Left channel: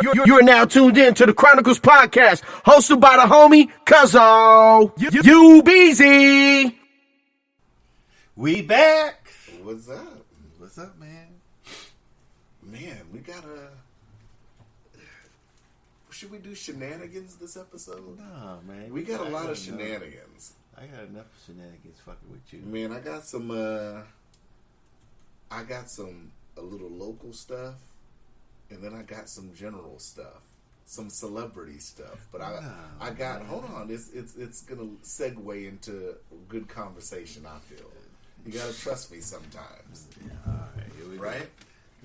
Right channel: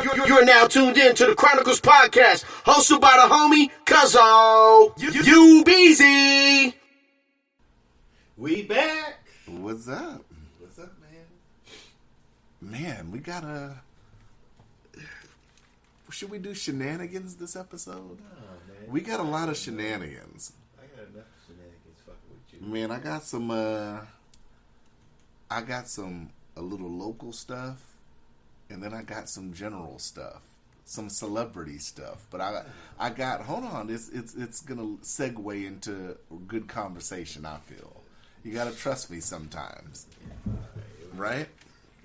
You're now tuned in to the Chronicles podcast, hosted by the homie Cuzzo. You busy? We back. What's up? What's up, man? Man, we gotta. Should we do shenanigans this episode? Oh, man. We got a lot of shenanigans. I got enough shenanigans fucking with you. Man, I got some a little local stuff, and then I got some general stuff, some celebrity stuff. But I got hold on, it's gonna segue into good conversation. I feel you gotta trust me sometimes, All right, right?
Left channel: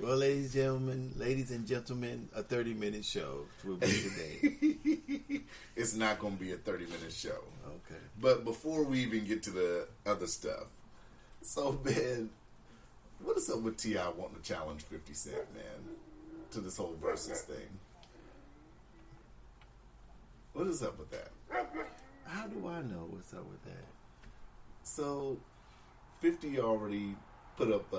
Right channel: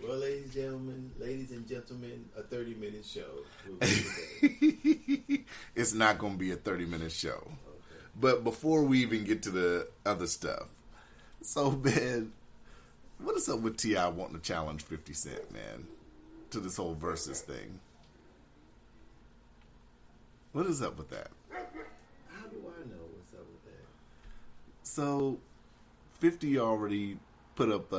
Well, ladies and gentlemen, a 30-minute show will be today. It's not gonna be a 30-minute show. Okay. But before we even get to the other stuff, so man, what is up with T.I. wanting to challenge 50 Cent, man, to this whole Verzuz thing? What is up with that? How do I know what's up with that? So, 50 already put up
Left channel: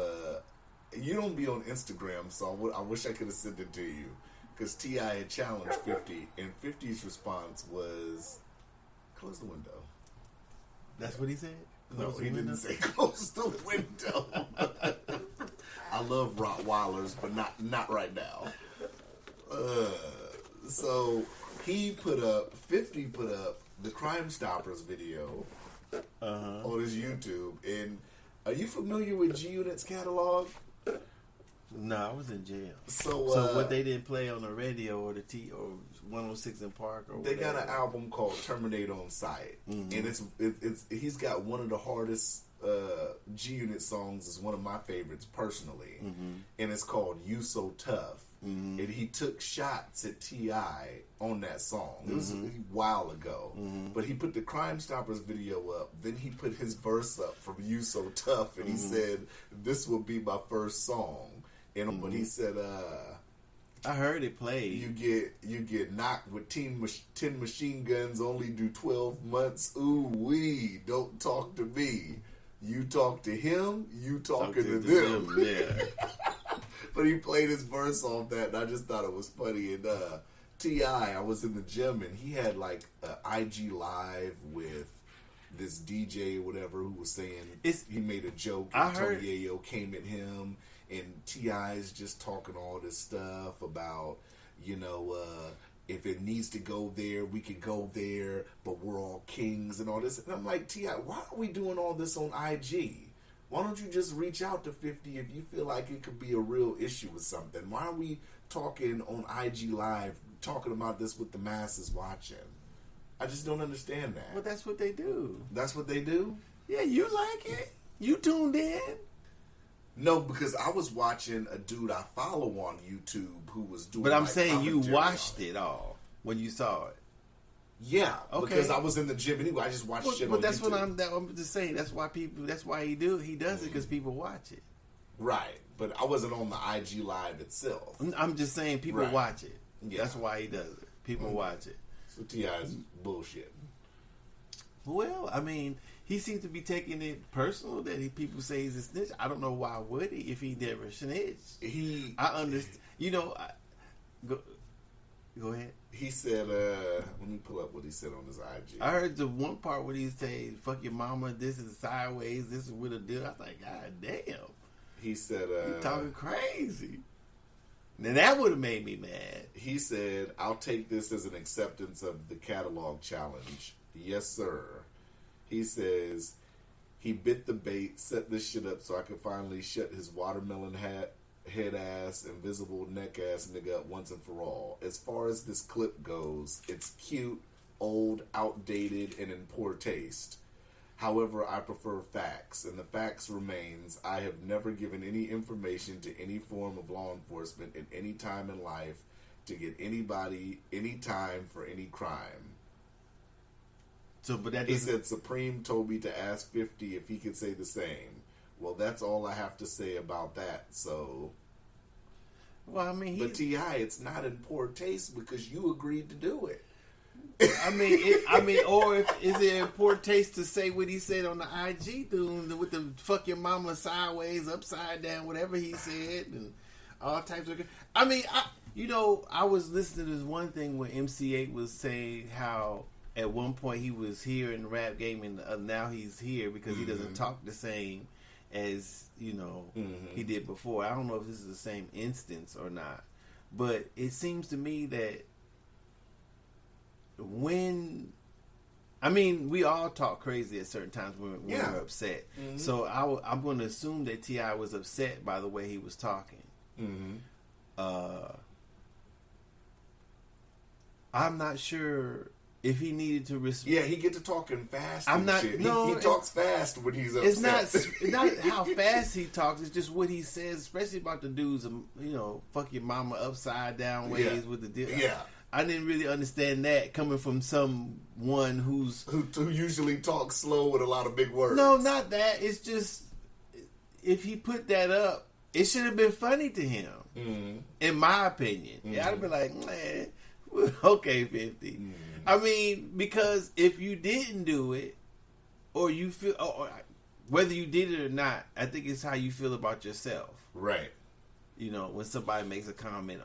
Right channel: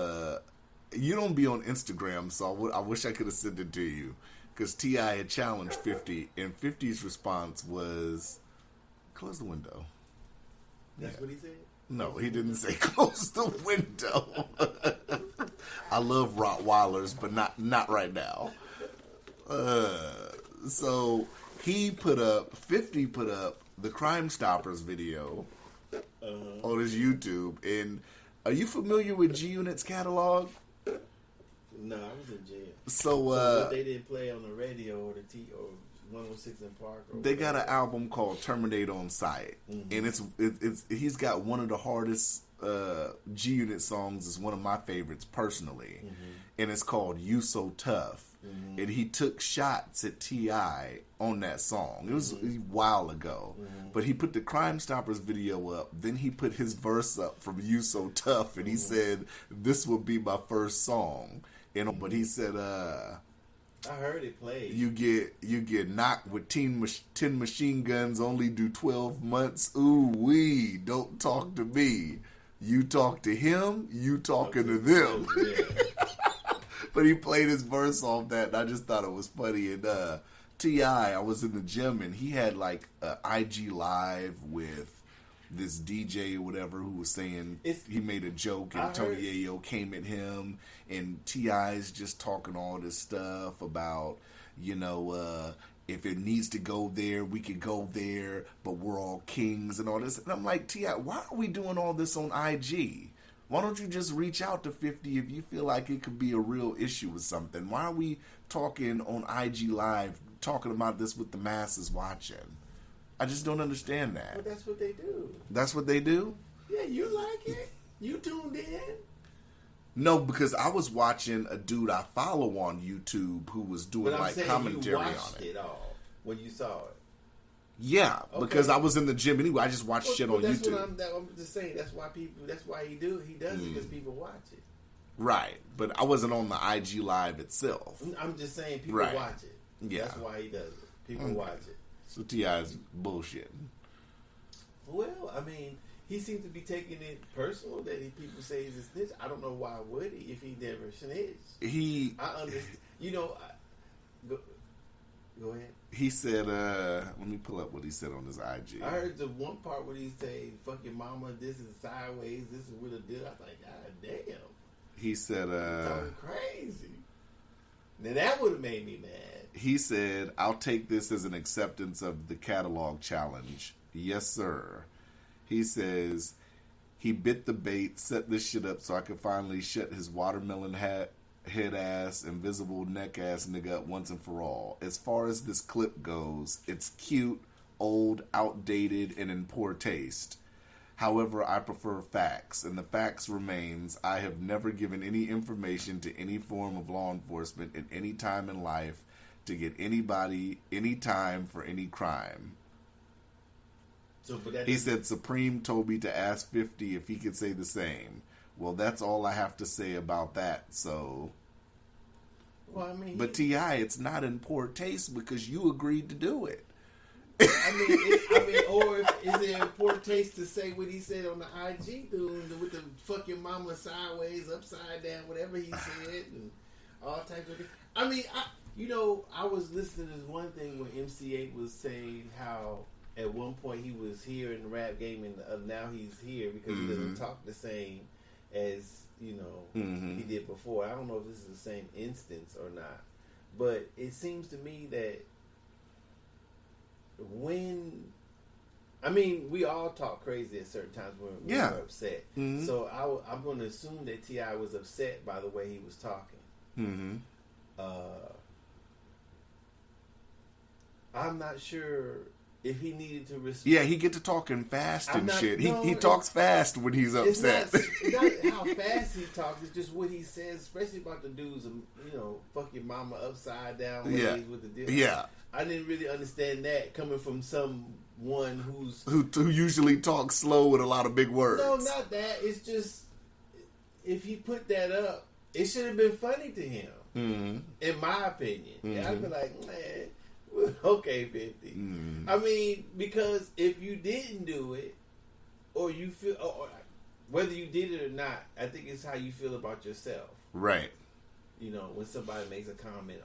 you don't be on Instagram, so I wish I could have sent it to you, because T.I. had challenged 50, and 50's response was, close the window. That's what he said? No, he didn't say close the window. I love Rottweilers, but not right now. So he 50 put up the Crime Stoppers video on his YouTube. And are you familiar with G Unit's catalog? No, I was in jail. So what they didn't play on the radio or or 106 in Park or they whatever. got an album called Terminate on Sight, and it's he's got one of the hardest G Unit songs. Is one of my favorites personally, and it's called "You So Tough." And he took shots at T.I. on that song. It was a while ago, but he put the Crime Stoppers video up. Then he put his verse up from "You So Tough," and he said, "This will be my first song." And but he said, I heard it played. You get knocked with 10 machine guns, only do 12 months. Ooh wee, don't talk to me. You talk to him, you talking to them. Yeah. But he played his verse off that, and I just thought it was funny. And T.I., I was in the gym, and he had like an IG live with this DJ or whatever who was saying he made a joke, and Tony Yayo came at him. And T.I.'s just talking all this stuff about, if it needs to go there, we can go there, but we're all kings and all this. And I'm like, T.I., why are we doing all this on IG? Why don't you just reach out to 50 if you feel like it could be a real issue with something? Why are we talking on IG Live, talking about this with the masses watching? I just don't understand that. Well, that's what they do. That's what they do? Yeah, you like it. You tuned in. No, because I was watching a dude I follow on YouTube who was doing. But I'm like saying you commentary watched it all when you saw it. Yeah, Okay. because I was in the gym anyway. I just watched shit on that's YouTube. what I'm just saying. That's why he does it because people watch it. Right, but I wasn't on the IG Live itself. I'm just saying people Right. watch it. Yeah. That's why he does it. People watch it. So T.I.'s bullshit. Well, I mean, he seems to be taking it personal that people say he's a snitch. I don't know why would he if he never snitched. I understand. Go ahead. He said, let me pull up what he said on his IG. I heard the one part where he said, "Fuck your mama, this is sideways, this is with a deal." I was like, God damn. He said, You're talking crazy. Now that would have made me mad. he said, I'll take this as an acceptance of the catalog challenge. Yes, sir. He says, he bit the bait, set this shit up so I could finally shut his watermelon head ass, invisible neck ass nigga up once and for all. As far as this clip goes, it's cute, old, outdated, and in poor taste. However, I prefer facts, and the facts remains I have never given any information to any form of law enforcement at any time in life to get anybody any time for any crime. But he said Supreme told me to ask 50 if he could say the same. Well, that's all I have to say about that. So, well, I mean, but T.I., it's not in poor taste because you agreed to do it. Or is it in poor taste to say what he said on the IG dude with the fucking mama sideways, upside down, whatever he said, and all types of. I was listening to this one thing where MC8 was saying how at one point he was here in the rap game and now he's here because he doesn't talk the same as he did before. I don't know if this is the same instance or not, but it seems to me that we all talk crazy at certain times when we're upset. Mm-hmm. So I'm going to assume that T.I. was upset by the way he was talking. Mm-hmm. I'm not sure if he needed to respond. Yeah, he get to talking fast and shit. He talks fast when he's upset. It's not how fast he talks. It's just what he says, especially about the dudes, fuck your mama upside down ways with the deal. Yeah. I didn't really understand that coming from someone who usually talks slow with a lot of big words. No, not that. It's just if he put that up, it should have been funny to him. Mm-hmm. In my opinion, I'd have been like, man, okay, 50. Mm-hmm. I mean, because if you didn't do it, or you feel, or whether you did it or not, I think it's how you feel about yourself. Right. When somebody makes a comment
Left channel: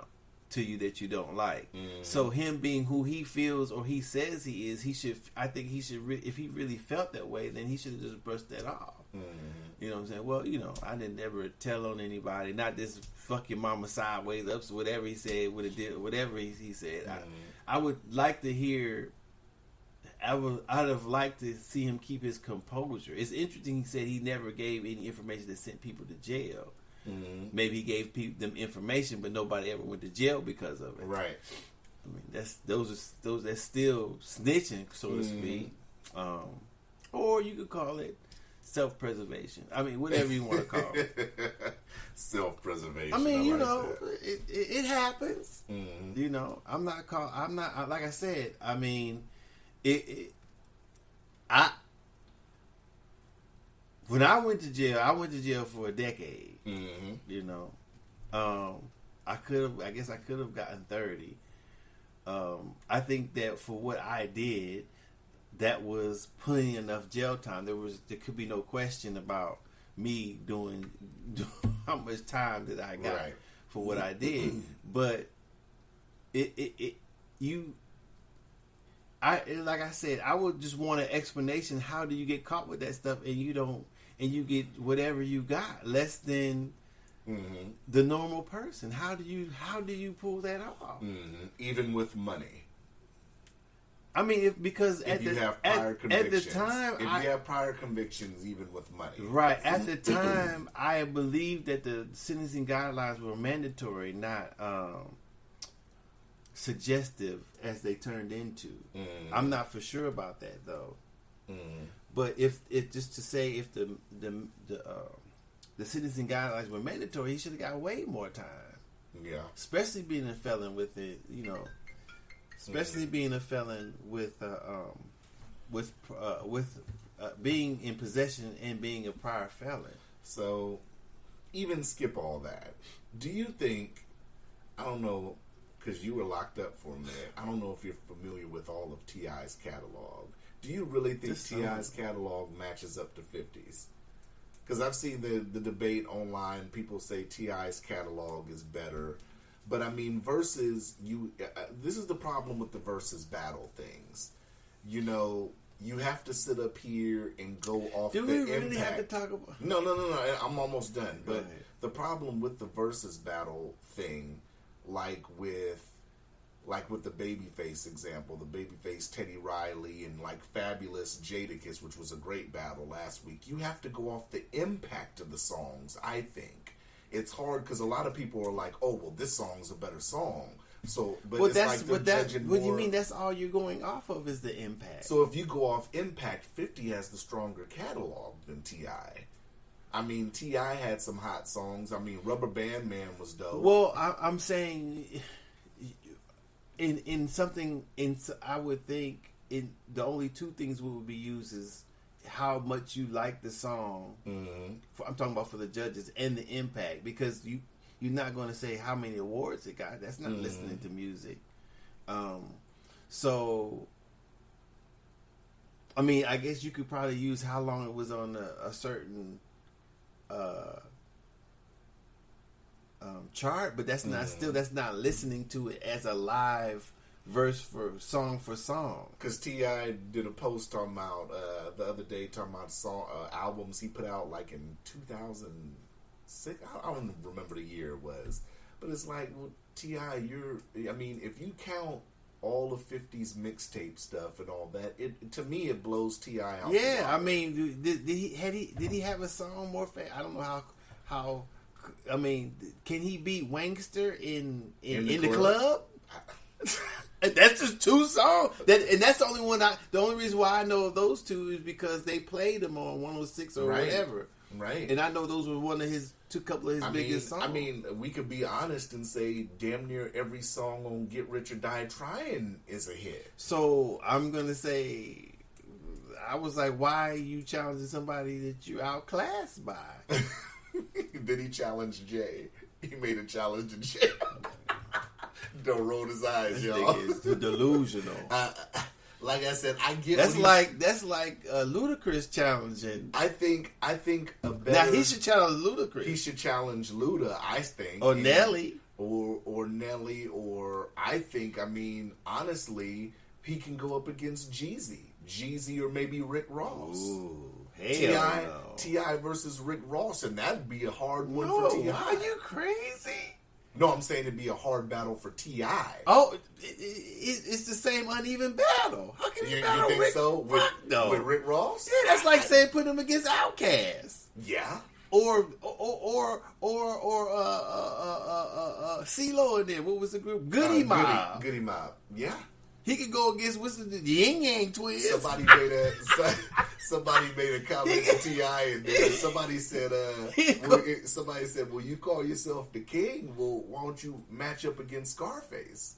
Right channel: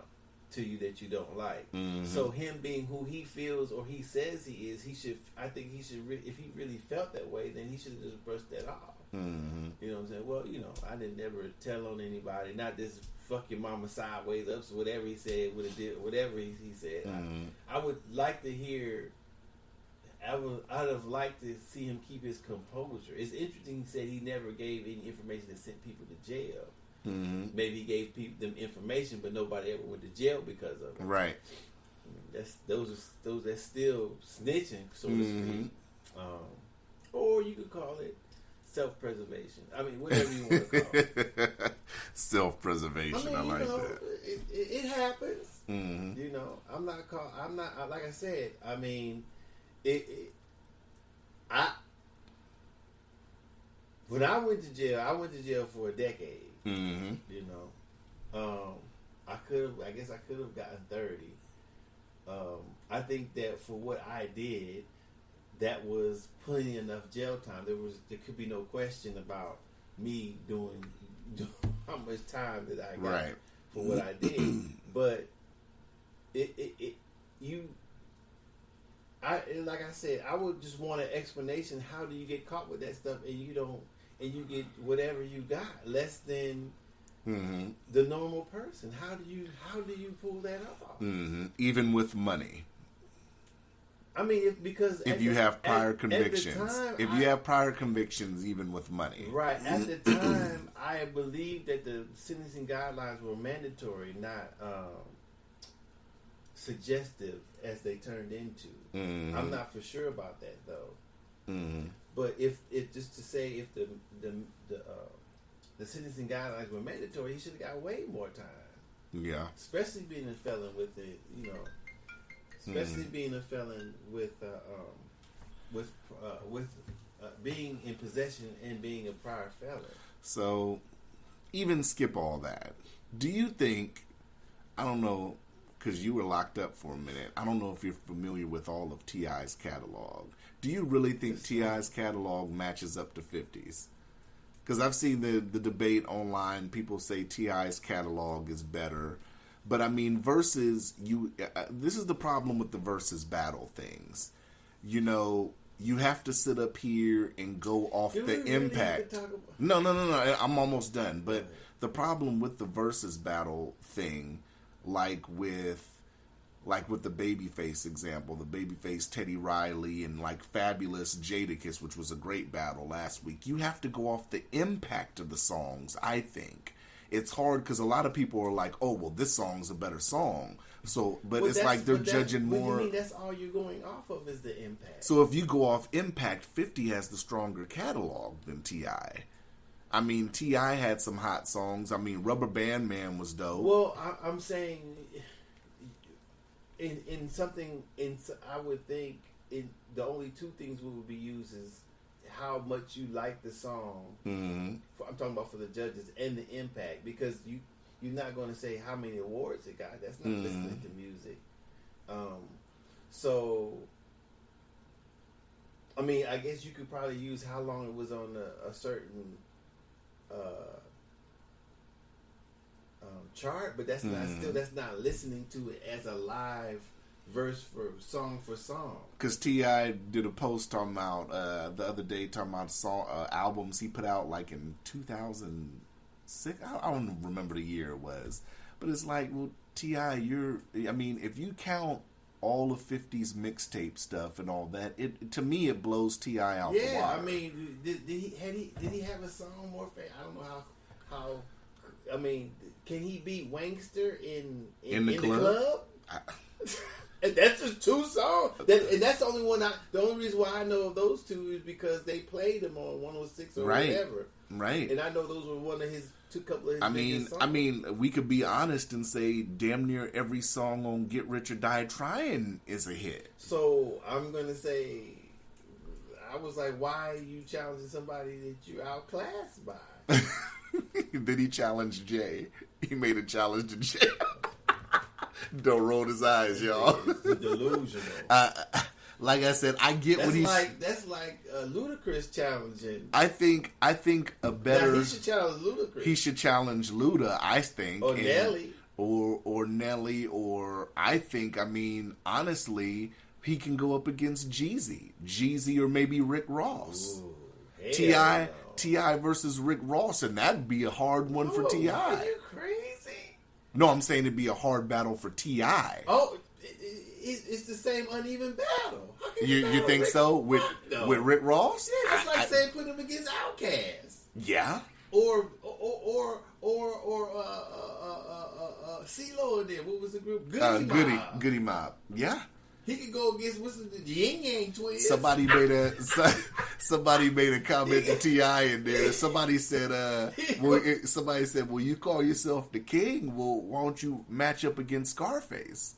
to you that you don't like. Mm-hmm. So him being who he feels or he says he is, I think he should, if he really felt that way, then he should have just brushed that off. Mm-hmm. You know what I'm saying? Well, I didn't ever tell on anybody, not this fuck your mama sideways ups, whatever he said, whatever he said. Mm-hmm. I would like to hear, I'd have liked to see him keep his composure. It's interesting he said he never gave any information that sent people to jail. Mm-hmm. Maybe he gave them information, but nobody ever went to jail because of it. Right. I mean, that's still snitching, so to speak. Or you could call it self-preservation. I mean, whatever you want to call it. Self-preservation. I mean, it happens. Mm-hmm. I'm not. Like I said. I mean, when I went to jail for a decade. Mm-hmm. I guess I could have gotten 30. I think that for what I did, that was plenty enough jail time. There could be no question about me doing how much time that I got for what I did. But like I said, I would just want an explanation. How do you get caught with that stuff and you don't? And you get whatever you got, less than the normal person. How do you pull that off? Mm-hmm. Even with money. I mean, because if you have prior convictions, have prior convictions, even with money, right? At the time, I believed that the sentencing guidelines were mandatory, not suggestive as they turned into. Mm-hmm. I'm not for sure about that though. Mm-hmm. But if just to say if the sentencing guidelines were mandatory, he should have got way more time. Yeah. Especially being a felon with it, Especially being a felon with being in possession and being a prior felon. So, even skip all that. Do you think? I don't know, because you were locked up for a minute. I don't know if you're familiar with all of T.I.'s catalog. Do you really think T.I.'s catalog matches up to 50's? Because I've seen the debate online. People say T.I.'s catalog is better. But I mean, Verzuz, this is the problem with the Verzuz battle things. You have to sit up here and go off the impact. Really have to talk about? No. I'm almost done. But the problem with the Verzuz battle thing, like with the Babyface example, the Babyface Teddy Riley and like Fabulous Jadakiss, which was a great battle last week. You have to go off the impact of the songs, I think. It's hard because a lot of people are like, oh, well, this song's a better song. So, but it's like they're judging more. What do you mean that's all you're going off of is the impact? So if you go off impact, 50 has the stronger catalog than T.I. I mean, T.I. had some hot songs. I mean, Rubber Band Man was dope. Well, I'm saying I would think the only two things we would be used is how much you like the song. Mm-hmm. I'm talking about for the judges and the impact, because you're not going to say how many awards it got. That's not listening to music. So, I mean, I guess you could probably use how long it was on a certain chart, but that's not that's not listening to it as a live verse for song. Because T.I. did a post talking about the other day talking about albums he put out like in 2006. I don't remember the year it was, but it's like, well, T.I., if you count all of 50's mixtape stuff and all that, to me it blows T.I. out. Yeah, I mean, did he have a song more? I don't know how. I mean, can he beat Wankster in the club? That's just 2 songs. And that's the only one. The only reason why I know of those 2 is because they played them on 106 or whatever. Right. And I know those were one of his couple of his biggest songs. I mean, we could be honest and say damn near every song on Get Rich or Die Trying is a hit. So I'm gonna say, I was like, why are you challenging somebody that you outclassed by? Then he challenged Jay. He made a challenge to Jay. Don't roll his eyes, y'all. It's delusional. Like I said, I get that's like Ludacris challenging. I think a better. Now he should challenge Ludacris. He should challenge Luda, I think, or Nelly, or Nelly, or I think. I mean, honestly, he can go up against Jeezy, or maybe Rick Ross. Ooh, T.I. versus Rick Ross, and that'd be a hard one for T.I. Are you crazy? No, I'm saying it'd be a hard battle for T.I. Oh, it's the same uneven battle. How can you think Rick? so with Rick Ross? Yeah, that's like saying putting him against Outkast. Yeah. Or CeeLo in there. What was the group? Goody Mob. Goody Mob. Yeah. He could go against what's the Yin Yang Twins. Somebody made a comment to T.I. in there. Somebody said, "Well, you call yourself the king. Well, why don't you match up against Scarface?"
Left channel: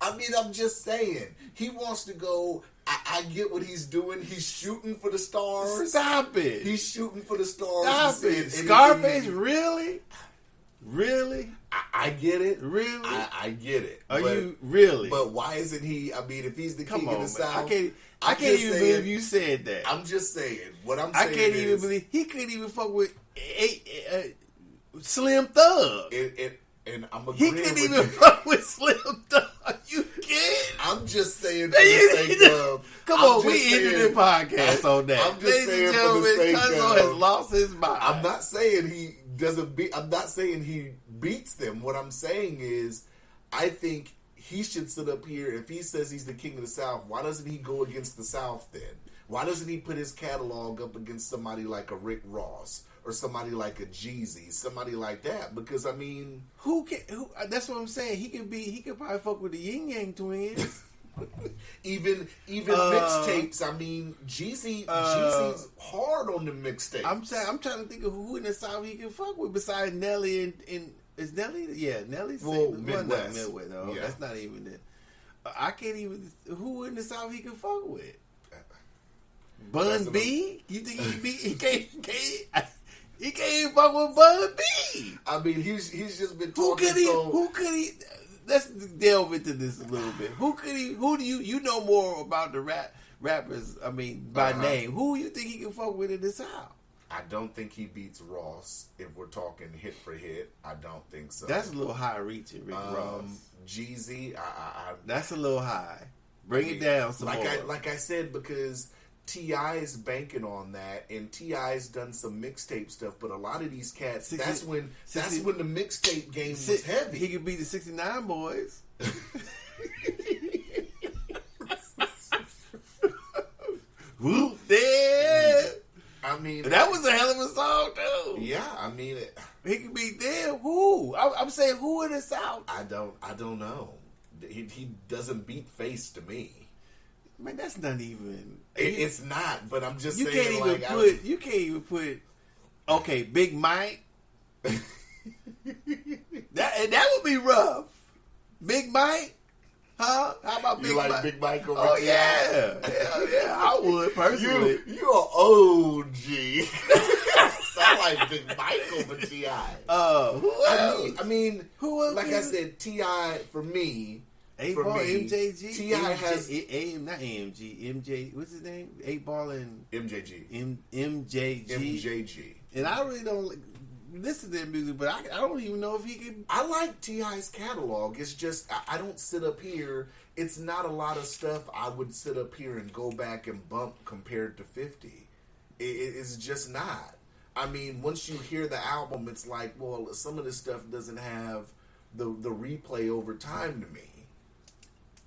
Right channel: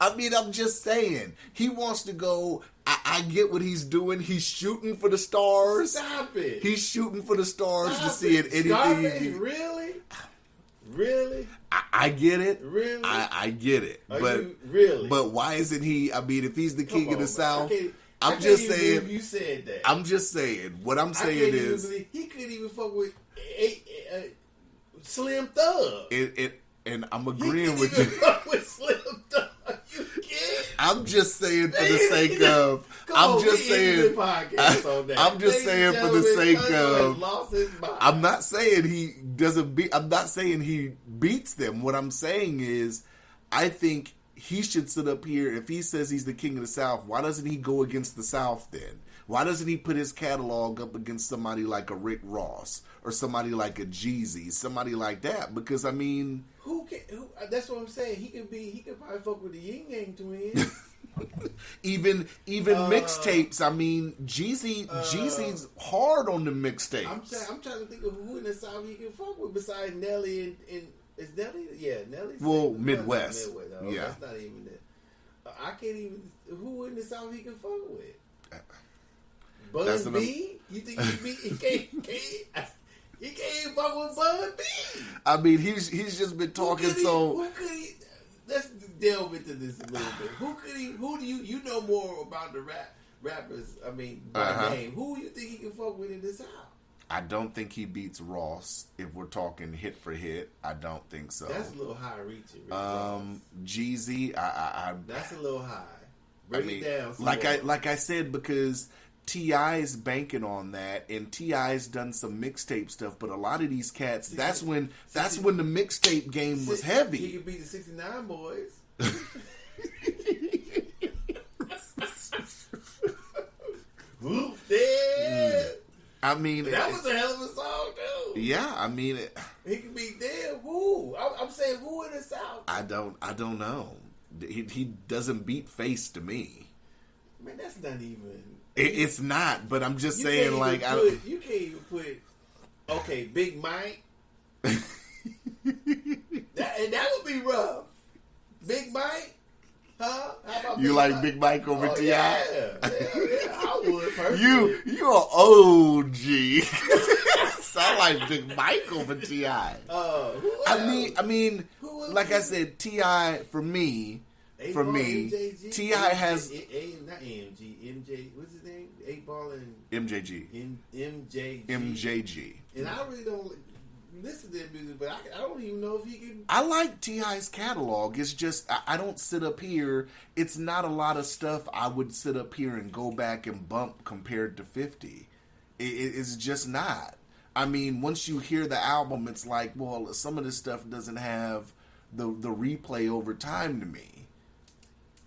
I mean, I'm just saying. He wants to go. I get what he's doing. He's shooting for the stars. Stop it. He's shooting for the stars. Stop to see it. it. Scarface, really? Really? I get it. Really? I get it. Are you really? But why isn't he? I mean, if he's the king of the South, I can't even believe you said that. I'm just saying. What I'm saying I can't is, even believe he couldn't even fuck with Slim Thug. And I'm agreeing with you. He couldn't even fuck with Slim Thug. You can't. I'm just saying for the sake of. Come on, we ended the podcast on that. I'm just saying for the sake Cuzzo of. has lost his mind. I'm not saying he doesn't beat. I'm not saying he beats them. What I'm saying is, I think he should sit up here. If he says he's the king of the South, why doesn't he go against the South then? Why doesn't he put his catalog up against somebody like a Rick Ross or somebody like a Jeezy, somebody like that? Because I mean, who? That's what I'm saying. He could probably fuck with the Yin Yang Twins. even mixtapes. I mean, Jeezy's hard on the mixtapes. I'm trying to think of who in the South he can fuck with besides Nelly and is Nelly? Yeah, Nelly's Midwest. Oh, yeah. That's not even it. I can't even. Who in the South he can fuck with? Bun B? You think he can't? He can't even fuck with Bun B. I mean, he's just been talking. Who could he? Let's delve into this a little bit. Who do you know more about the rappers? I mean, by name. Who you think he can fuck with in the South? I don't think he beats Ross. If we're talking hit for hit, I don't think so. That's a little high reaching, Rick Ross. Jeezy, that's a little high. Bring it down. Like I said, because T.I. is banking on that, and T.I.'s done some mixtape stuff. But a lot of these cats, that's when the mixtape game was heavy. He could beat the 69 Boys. Whoop there. I mean, that was a hell of a song too. Yeah, I mean, he could be there. Who? I'm saying who in the South? I don't know. He doesn't beat Face to me. Man, that's not even. It's not. But I'm just saying, you can't even put. Okay, Big Mike. that would be rough. Big Mike. Huh? How about you like Big Mike over T.I.? Yeah, I would personally. You're an OG. Sound like Big Mike over T.I. Who else? I mean, who else? Like I said, T.I. for me, MJG, T.I. has not AMG, MJ. What's his name? 8 Ball and MJG. MJG. MJG. And I really don't. listen to their music, but I don't even know if he can. I like T.I.'s catalog. It's just I don't sit up here. It's not a lot of stuff I would sit up here and go back and bump compared to 50. It's just not. I mean, once you hear the album, it's like, well, some of this stuff doesn't have the replay over time to me.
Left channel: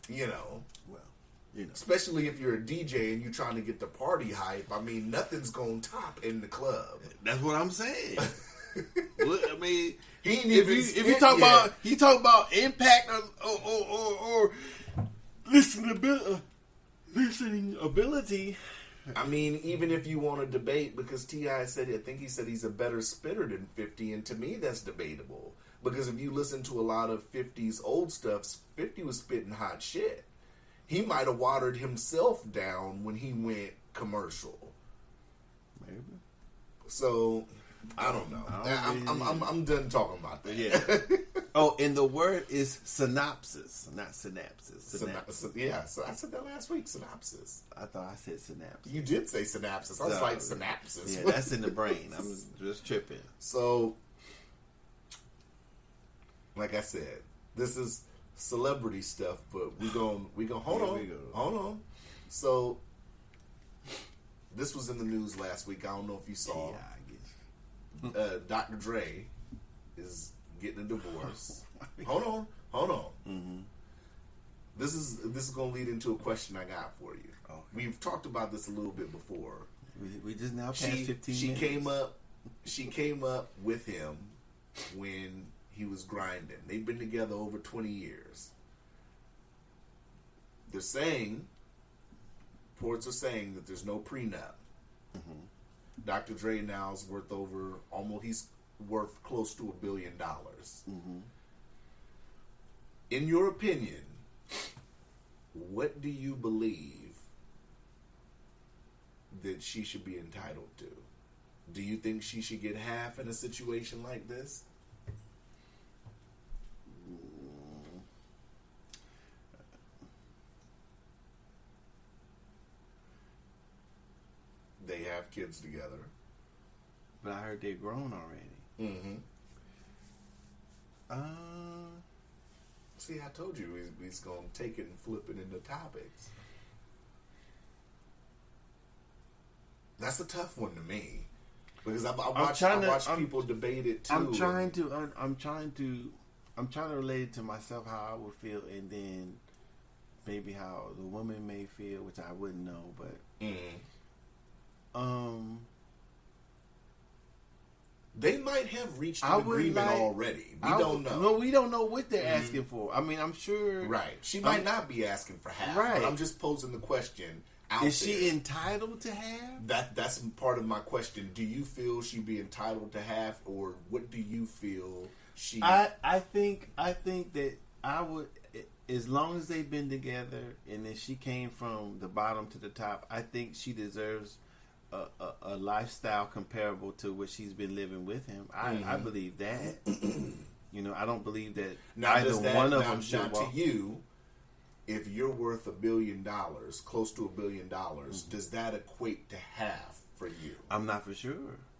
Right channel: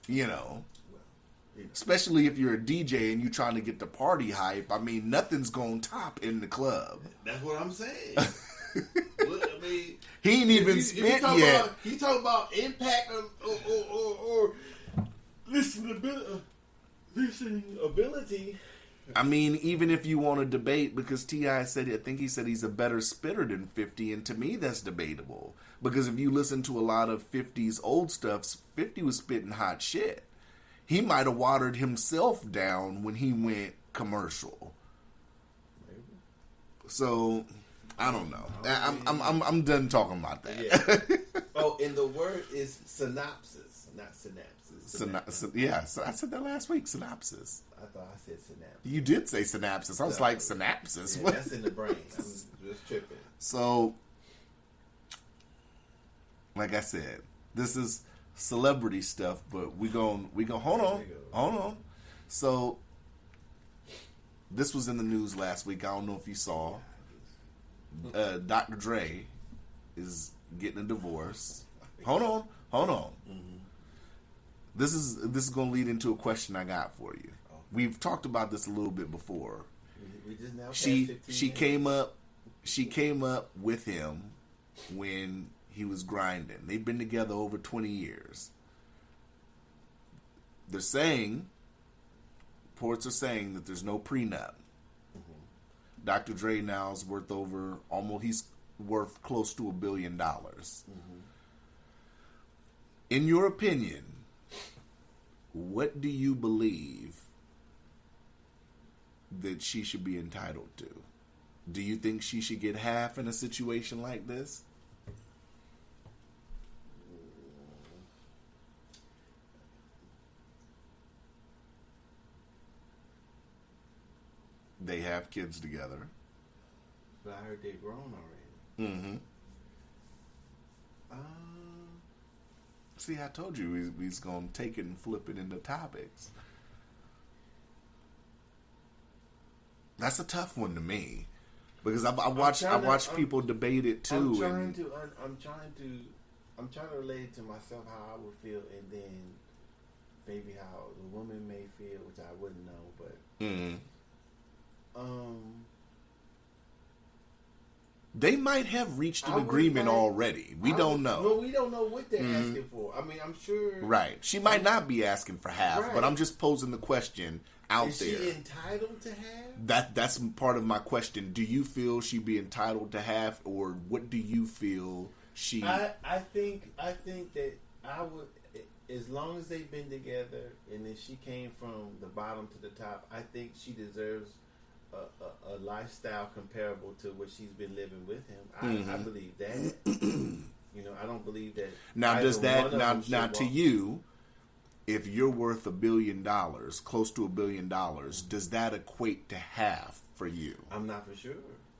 You know? Well, you know. Especially if you're a DJ and you're trying to get the party hype. I mean, nothing's going to top in the club. That's what I'm saying. I mean, he ain't even if you talk yet. about impact or listening ability. I mean, even if you want to debate, because T.I. said, I think he said he's a better spitter than 50, and to me that's debatable. Because if you listen to a lot of 50's old stuff, 50 was spitting hot shit. He might have watered himself down when he went commercial. Maybe. So, I don't know. I'm done talking about that. Yeah. Oh, and the word is synopsis, not synapses. Yeah, so I said that last week, synopsis. I thought I said synapsis. You did say synapsis. I was like, synapsis. Yeah, that's in the brain. I'm just tripping. So, like I said, this is celebrity stuff, but we gon' hold on. So, this was in the news last week. I don't know if you saw. Yeah, I guess. Dr. Dre is getting a divorce. Hold on. Mm-hmm. This is going to lead into a question I got for you. Okay. We've talked about this a little bit before. We just now passed She 15 minutes. came up with him when he was grinding. They've been together over 20 years. They're saying, reports are saying that there's no prenup. Mm-hmm. Dr. Dre now is he's worth close to $1 billion. Mm-hmm. In your opinion, what do you believe that she should be entitled to? Do you think she should get half in a situation like this? They have kids together. But I heard they're grown already. Mm-hmm. See, I told you he's going to take it and flip it into topics. That's a tough one to me, because I watch people debate it too. I'm trying to relate it to myself how I would feel, and then maybe how the woman may feel, which I wouldn't know. But they might have reached an agreement already. We don't know. Well, we don't know what they're asking for. I mean, I'm sure. Right. She might not be asking for half, right. but I'm just posing the question out Is there. she entitled to half? That's part of my question. Do you feel she'd be entitled to half, or what do you feel she? I think that I would, as long as they've been together, and then she came from the bottom to the top. I think she deserves a lifestyle comparable to what she's been living with him. I believe that. I don't believe that. Now, does that now to walk. you? If you're worth $1 billion, close to $1 billion, does that equate to half for you? I'm not for sure.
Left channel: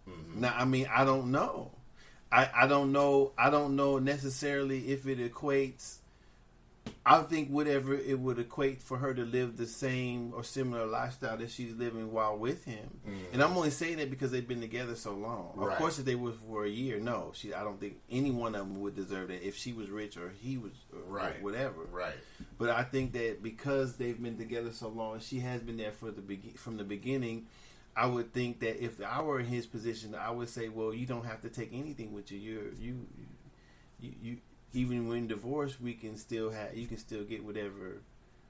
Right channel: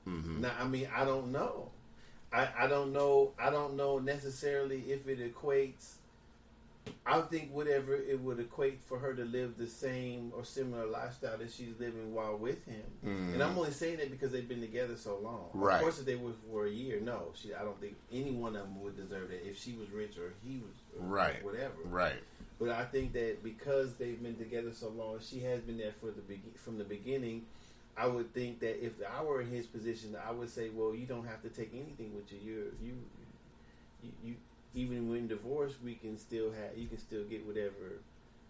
Mm-hmm. Now, I mean, I don't know. I don't know necessarily if it equates. I think whatever it would equate for her to live the same or similar lifestyle that she's living while with him. Mm-hmm. And I'm only saying that because they've been together so long. Right. Of course, if they were for a year, no. I don't think any one of them would deserve that if she was rich or he was, or whatever. Right. But I think that because they've been together so long, she has been there from the beginning. I would think that if I were in his position, I would say, well, you don't have to take anything with you. You even when divorced, you can still get whatever.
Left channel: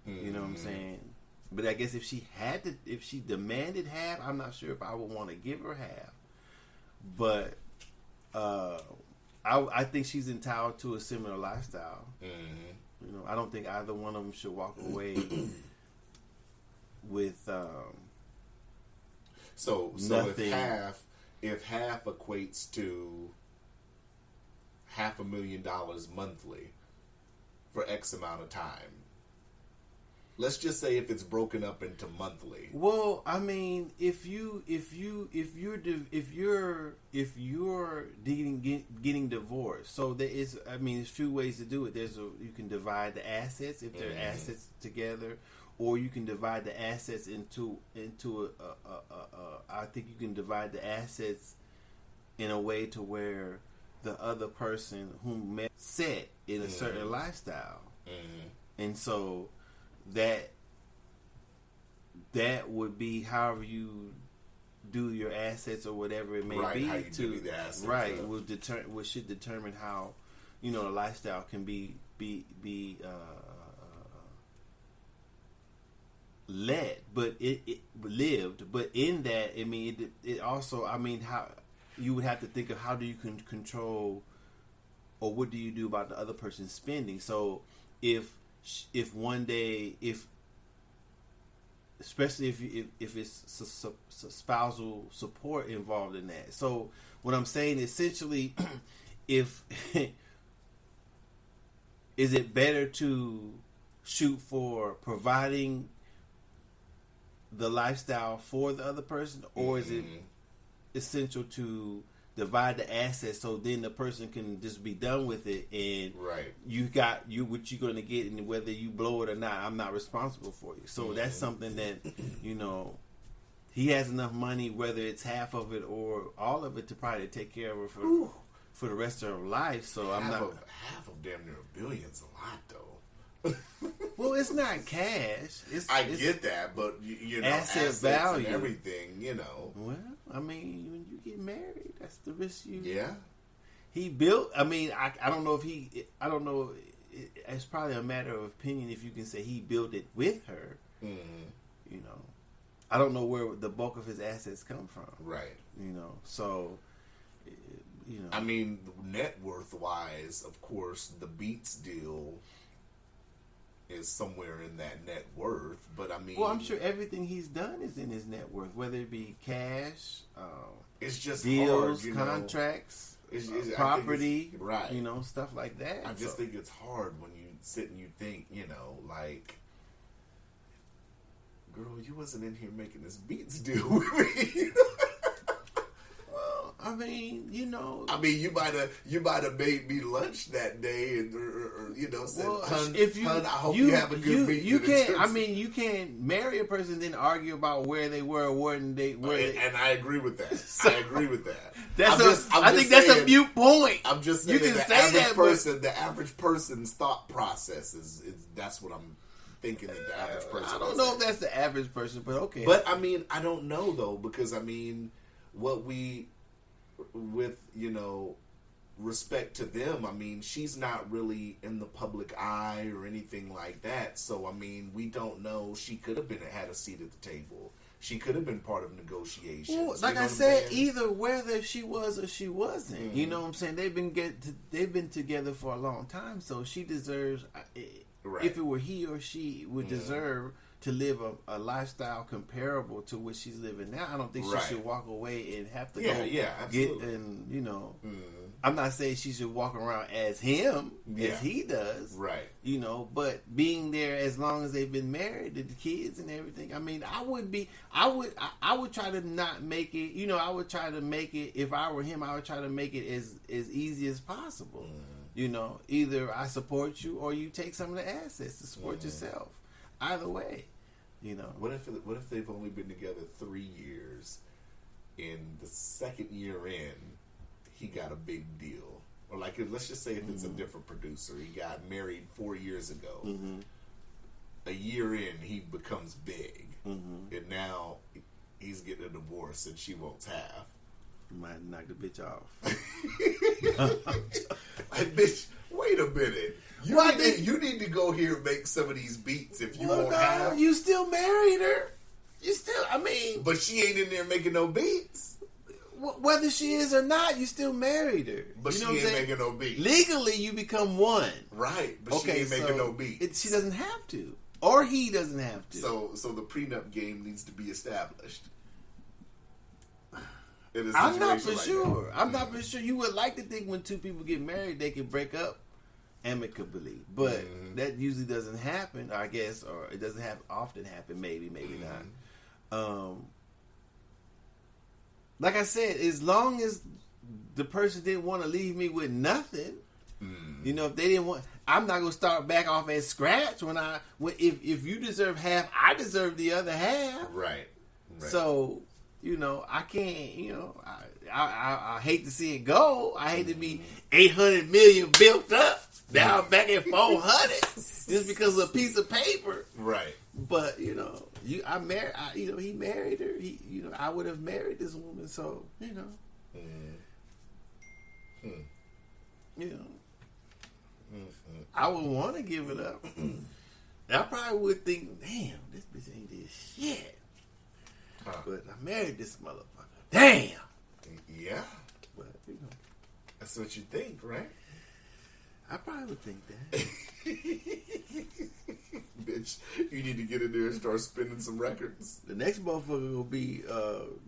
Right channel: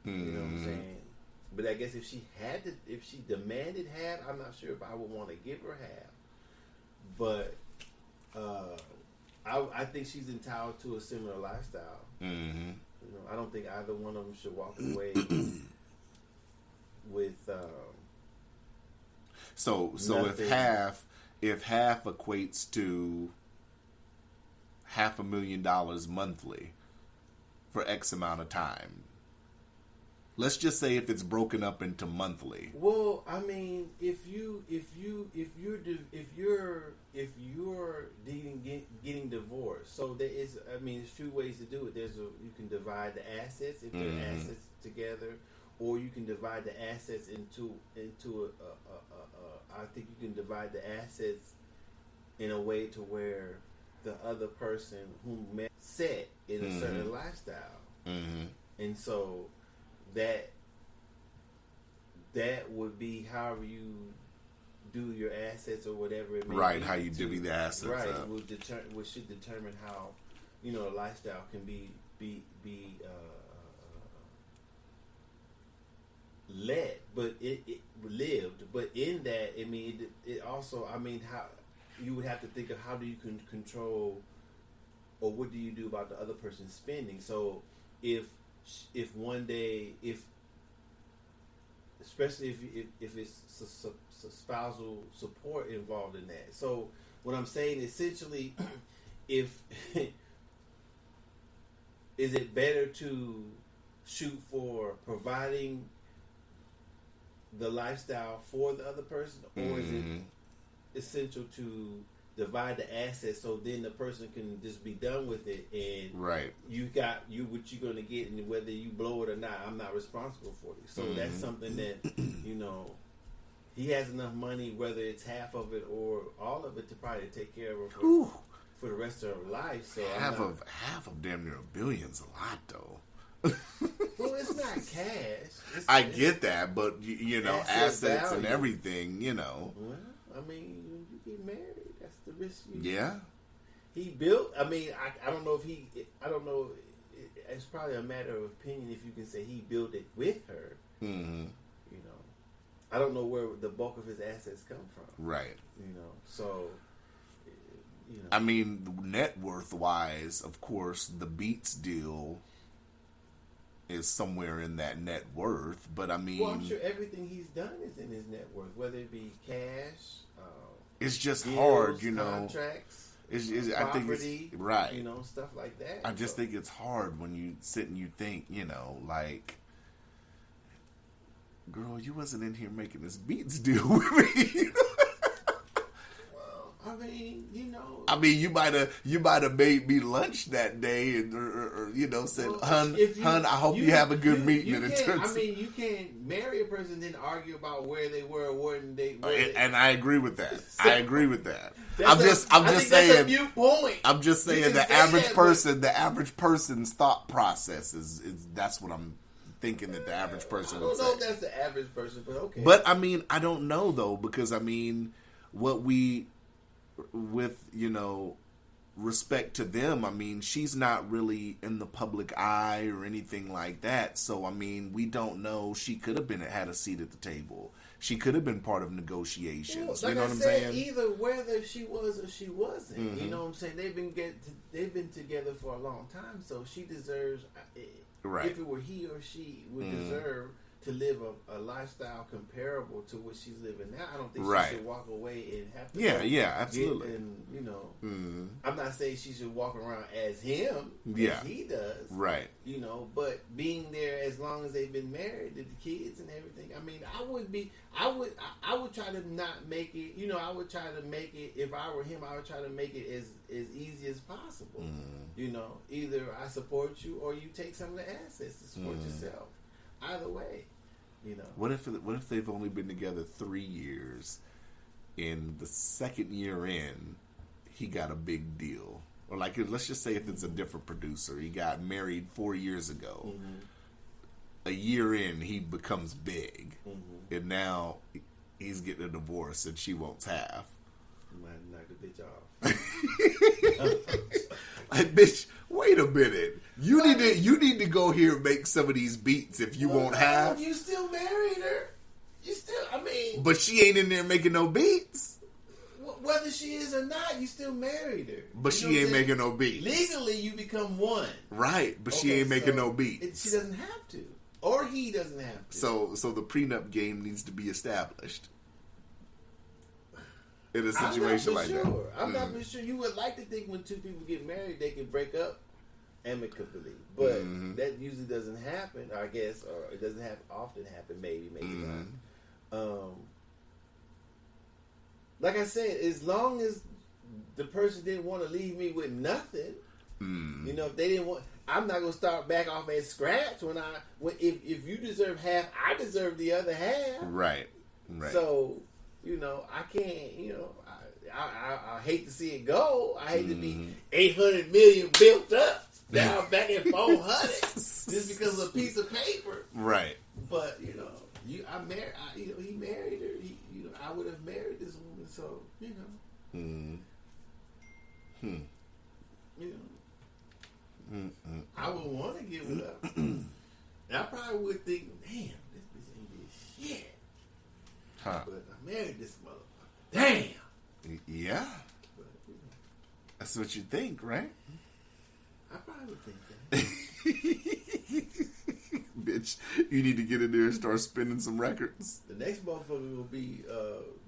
You know what I'm saying? But I guess if she demanded half, I'm not sure if I would want to give her half. But I think she's entitled to a similar lifestyle. Mm-hmm. I don't think either one of them should walk away with. So if half equates to $500,000 monthly for X amount of time, Let's just say if it's broken up into monthly. Well, I mean, if you're getting divorced, so there is. I mean, there's two ways to do it. You can divide the assets if they're assets together, or you can divide the assets into I think you can divide the assets in a way to where the other person who met set in a certain lifestyle, and so that would be however you do your assets or whatever it may be. Right, how you divvy the assets. Right, which should determine how the lifestyle can be led, but it lived. But in that, I mean, it also, I mean, how you would have to think of how do you control, or what do you do about the other person's spending? So if one day, especially if it's spousal support involved in that. So what I'm saying, essentially, is it better to shoot for providing the lifestyle for the other person, or is it essential to divide the assets so then the person can just be done with it, and you got what you're going to get, and whether you blow it or not, I'm not responsible for you. So that's something that he has enough money, whether it's half of it or all of it, to probably take care of her for the rest of her life. So half of damn near $1 billion's a lot though. Well, it's not cash. I get that, but assets value and everything. Well, I mean, when you get married, that's the risk you. Yeah. He built. I mean, I don't know if I don't know. It's probably a matter of opinion if you can say he built it with her. I don't know where the bulk of his assets come from. Right. So. I mean, net worth wise, of course, the Beats deal is somewhere in that net worth, but I mean, well, I'm sure everything he's done is in his net worth, whether it be cash, it's just deals, hard, contracts, I property, think right? Stuff like that. I just think it's hard when you sit and you think, like, girl, you wasn't in here making this Beats deal with me. I mean, you might have made me lunch that day, and or said, "Hun, I hope you have a good meeting." You can't. I mean, you can't marry a person and then argue about where they were, and I agree with that. I agree with that. I think that's a viewpoint. I'm just saying the average person's thought process is that's what I'm thinking that the average person. I don't know if that's the average person, but okay. But I mean, I don't know though, because I mean, with respect to them, I mean, she's not really in the public eye or anything like that. So I mean, we don't know. She could have had a seat at the table. She could have been part of negotiations. Well, like I said, either whether she was or she wasn't. You know what I'm saying? They've been together for a long time, so she deserves. Right. If it were he or she, would deserve to live a lifestyle comparable to what she's living now. I don't think she should walk away and have to absolutely. I'm not saying she should walk around as him, as he does. Right. But being there as long as they've been married, the kids and everything. I mean, I would try to not make it, I would try to make it, if I were him, I would try to make it as easy as possible. Either I support you or you take some of the assets to support yourself. Either way. What if they've only been together 3 years? In the second year in, he got a big deal, or like, let's just say if it's a different producer, he got married 4 years ago. A year in, he becomes big, and now he's getting a divorce, and she wants half. You might knock the bitch off. Like, bitch, wait a minute. You need to go here and make some of these beats if you won't have. You still married her. But she ain't in there making no beats. Whether she is or not, you still married her. But she ain't making no beats. Legally, you become one. Right, but she ain't making no beats. She doesn't have to. Or he doesn't have to. So the prenup game needs to be established. In a situation I'm not for sure. You would like to think when two people get married, they can break up amicably. But that usually doesn't happen, I guess, or it doesn't often happen. Maybe not. Like I said, as long as the person didn't want to leave me with nothing, you know, if they didn't want, I'm not gonna start back off at scratch. If you deserve half, I deserve the other half. Right. So, you know, I can't. You know, I hate to see it go. I hate to be 800 million built up down back at 400 just because of a piece of paper. Right. But you know, he married her. I would have married this woman. So you know, you know, I would want to give it up. I probably would think, damn, this bitch ain't did shit. But I married this motherfucker. Damn. Yeah. But you know, That's what you think, right? I probably would think that. Bitch, you need to get in there and start spinning some records. The next motherfucker will be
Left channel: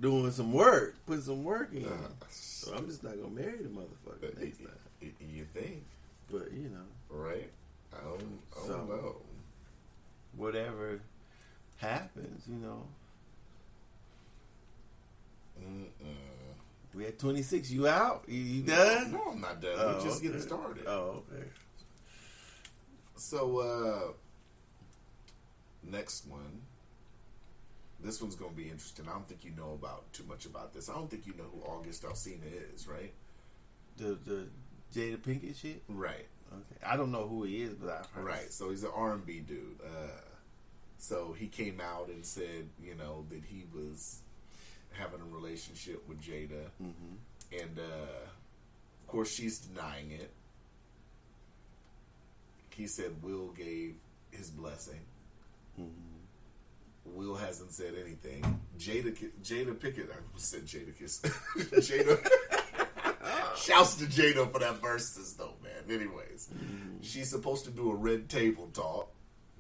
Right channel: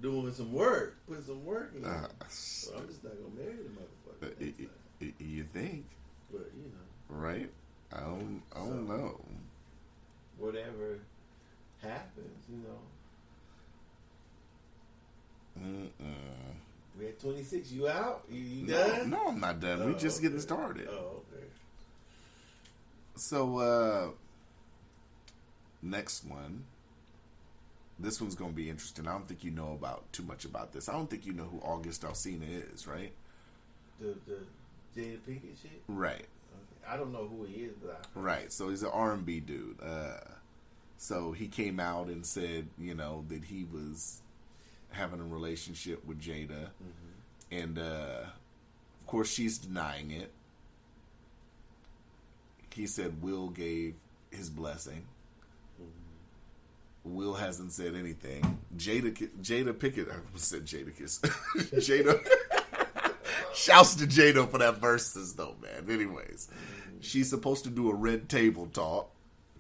doing some work, putting some work in. So I'm just not gonna marry the motherfucker next time. You think? But you know, Right? I don't know. Whatever happens, you know. We at 26. You out? You done? No, I'm not done. We're just getting started. Oh, okay. So, next one. This one's going to be interesting. I don't think you know too much about this. I don't think you know who August Alsina is, right? The Jada Pinkett shit? Right. Okay. I don't know who he is, but I've heard. Right. So he's an R&B dude. So he came out and said, you know, that he was having a relationship with Jada. And, of course, she's denying it. He said Will gave his blessing. Will hasn't said anything. Jada Pinkett, I said Jadakiss. Jada. Shouts to Jada for that verses though, man. Anyways, she's supposed to do a Red Table Talk.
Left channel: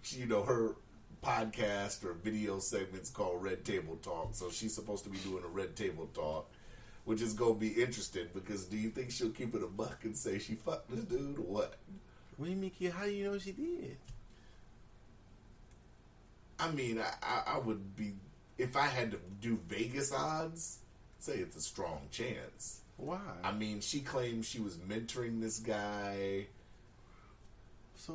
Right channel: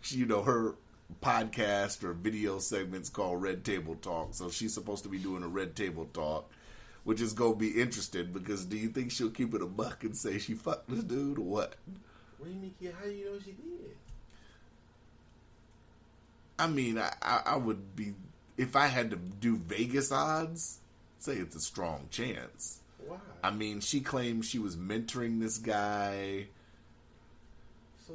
You know, her podcast or video segment's called Red Table Talk. So she's supposed to be doing a Red Table Talk, which is going to be interesting because do you think she'll keep it a buck and say she fucked this dude or what? What do you mean, how do you know she did? I mean, I would be, if I had to do Vegas odds, say it's a strong chance. Why? I mean, she claims she was mentoring this guy. So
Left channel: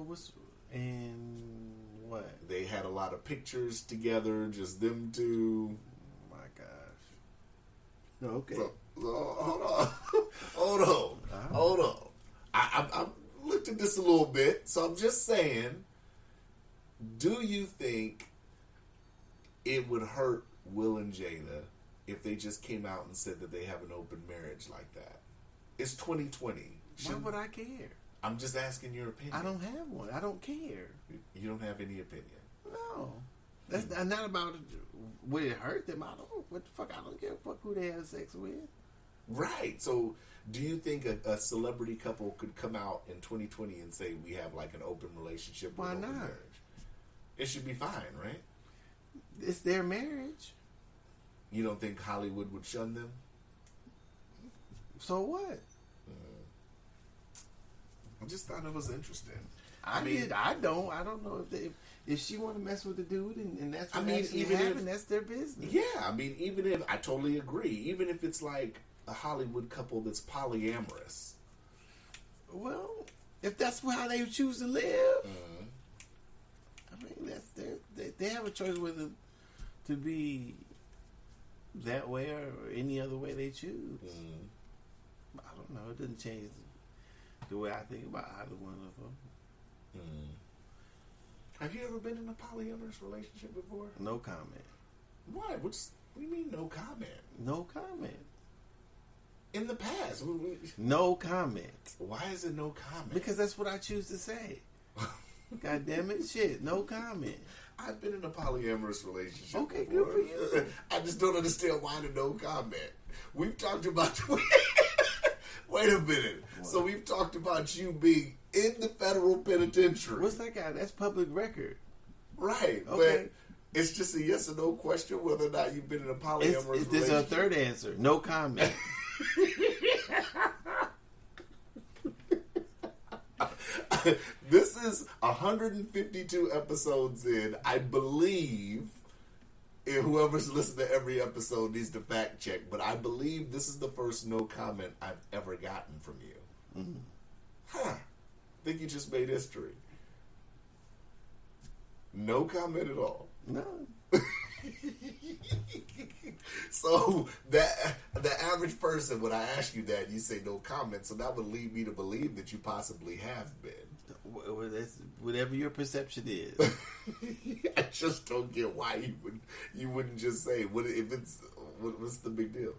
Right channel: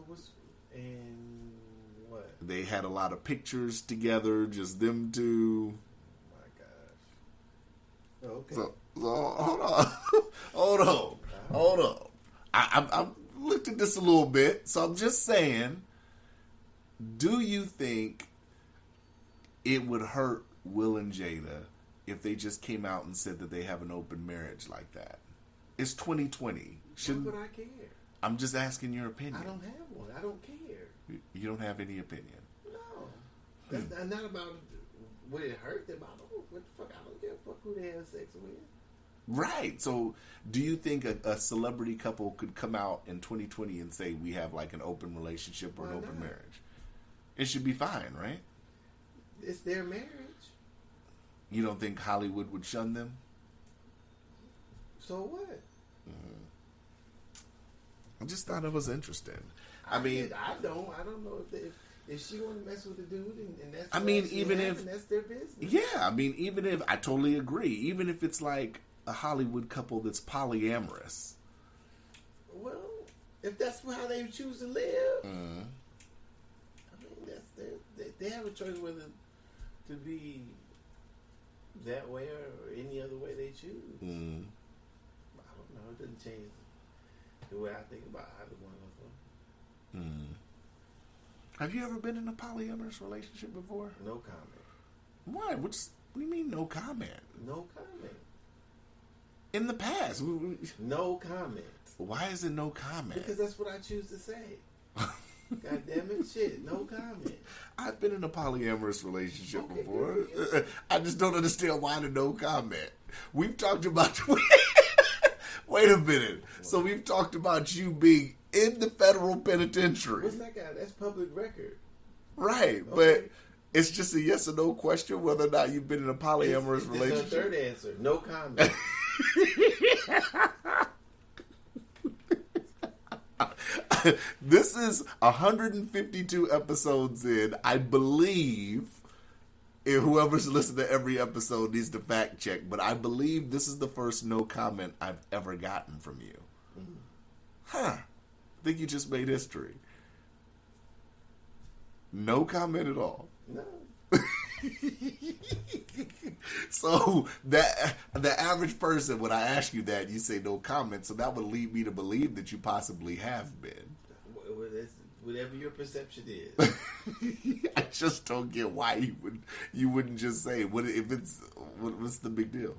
what? They had a lot of pictures together, just them two. Oh my gosh. No, okay. So hold on. I looked at this a little bit, so I'm just saying, do you think it would hurt Will and Jada if they just came out and said that they have an open marriage like that? It's 2020. Why would I care? I'm just asking your opinion. I don't have one. I don't care. You don't have any opinion? No. That's not about would it hurt them. I don't. What the fuck? I don't give a fuck who they have sex with. Right. So, do you think a celebrity couple could come out in 2020 and say we have like an open relationship or an open marriage? It should be fine, right? It's their marriage. You don't think Hollywood would shun them? So what? I just thought it was interesting. I don't know if she want to mess with the dude and that's that's their business. Yeah, I mean, even if I totally agree, even if it's like a Hollywood couple that's polyamorous. Well, if that's how they choose to live, I mean that's they have a choice whether to be that way or any other way they choose. I don't know. It doesn't change the way I think about either one of them. Have you ever been in a polyamorous relationship before? No comment. Why? What do you mean no comment? No comment. In the past. No comment. Why is it no comment? Because that's what I choose to say. God damn it, shit, no comment. I've been in a polyamorous relationship Okay, before. good for you. I just don't understand why the no comment. We've talked about... Wait a minute. What? So we've talked about you being in the federal penitentiary. What's that guy? That's public record. Right, okay. But it's just a yes or no question whether or not you've been in a polyamorous relationship. This is our third answer. No comment. This is 152 episodes in. I believe, and whoever's listened to every episode needs to fact check, but I believe this is the first no comment I've ever gotten from you. Mm-hmm. Huh. I think you just made history. No comment at all. No. So that the average person, when I ask you that, you say no comment. So that would lead me to believe that you possibly have been. Well, that's whatever your perception is. I just don't get why you wouldn't just say what if it's what's the big deal?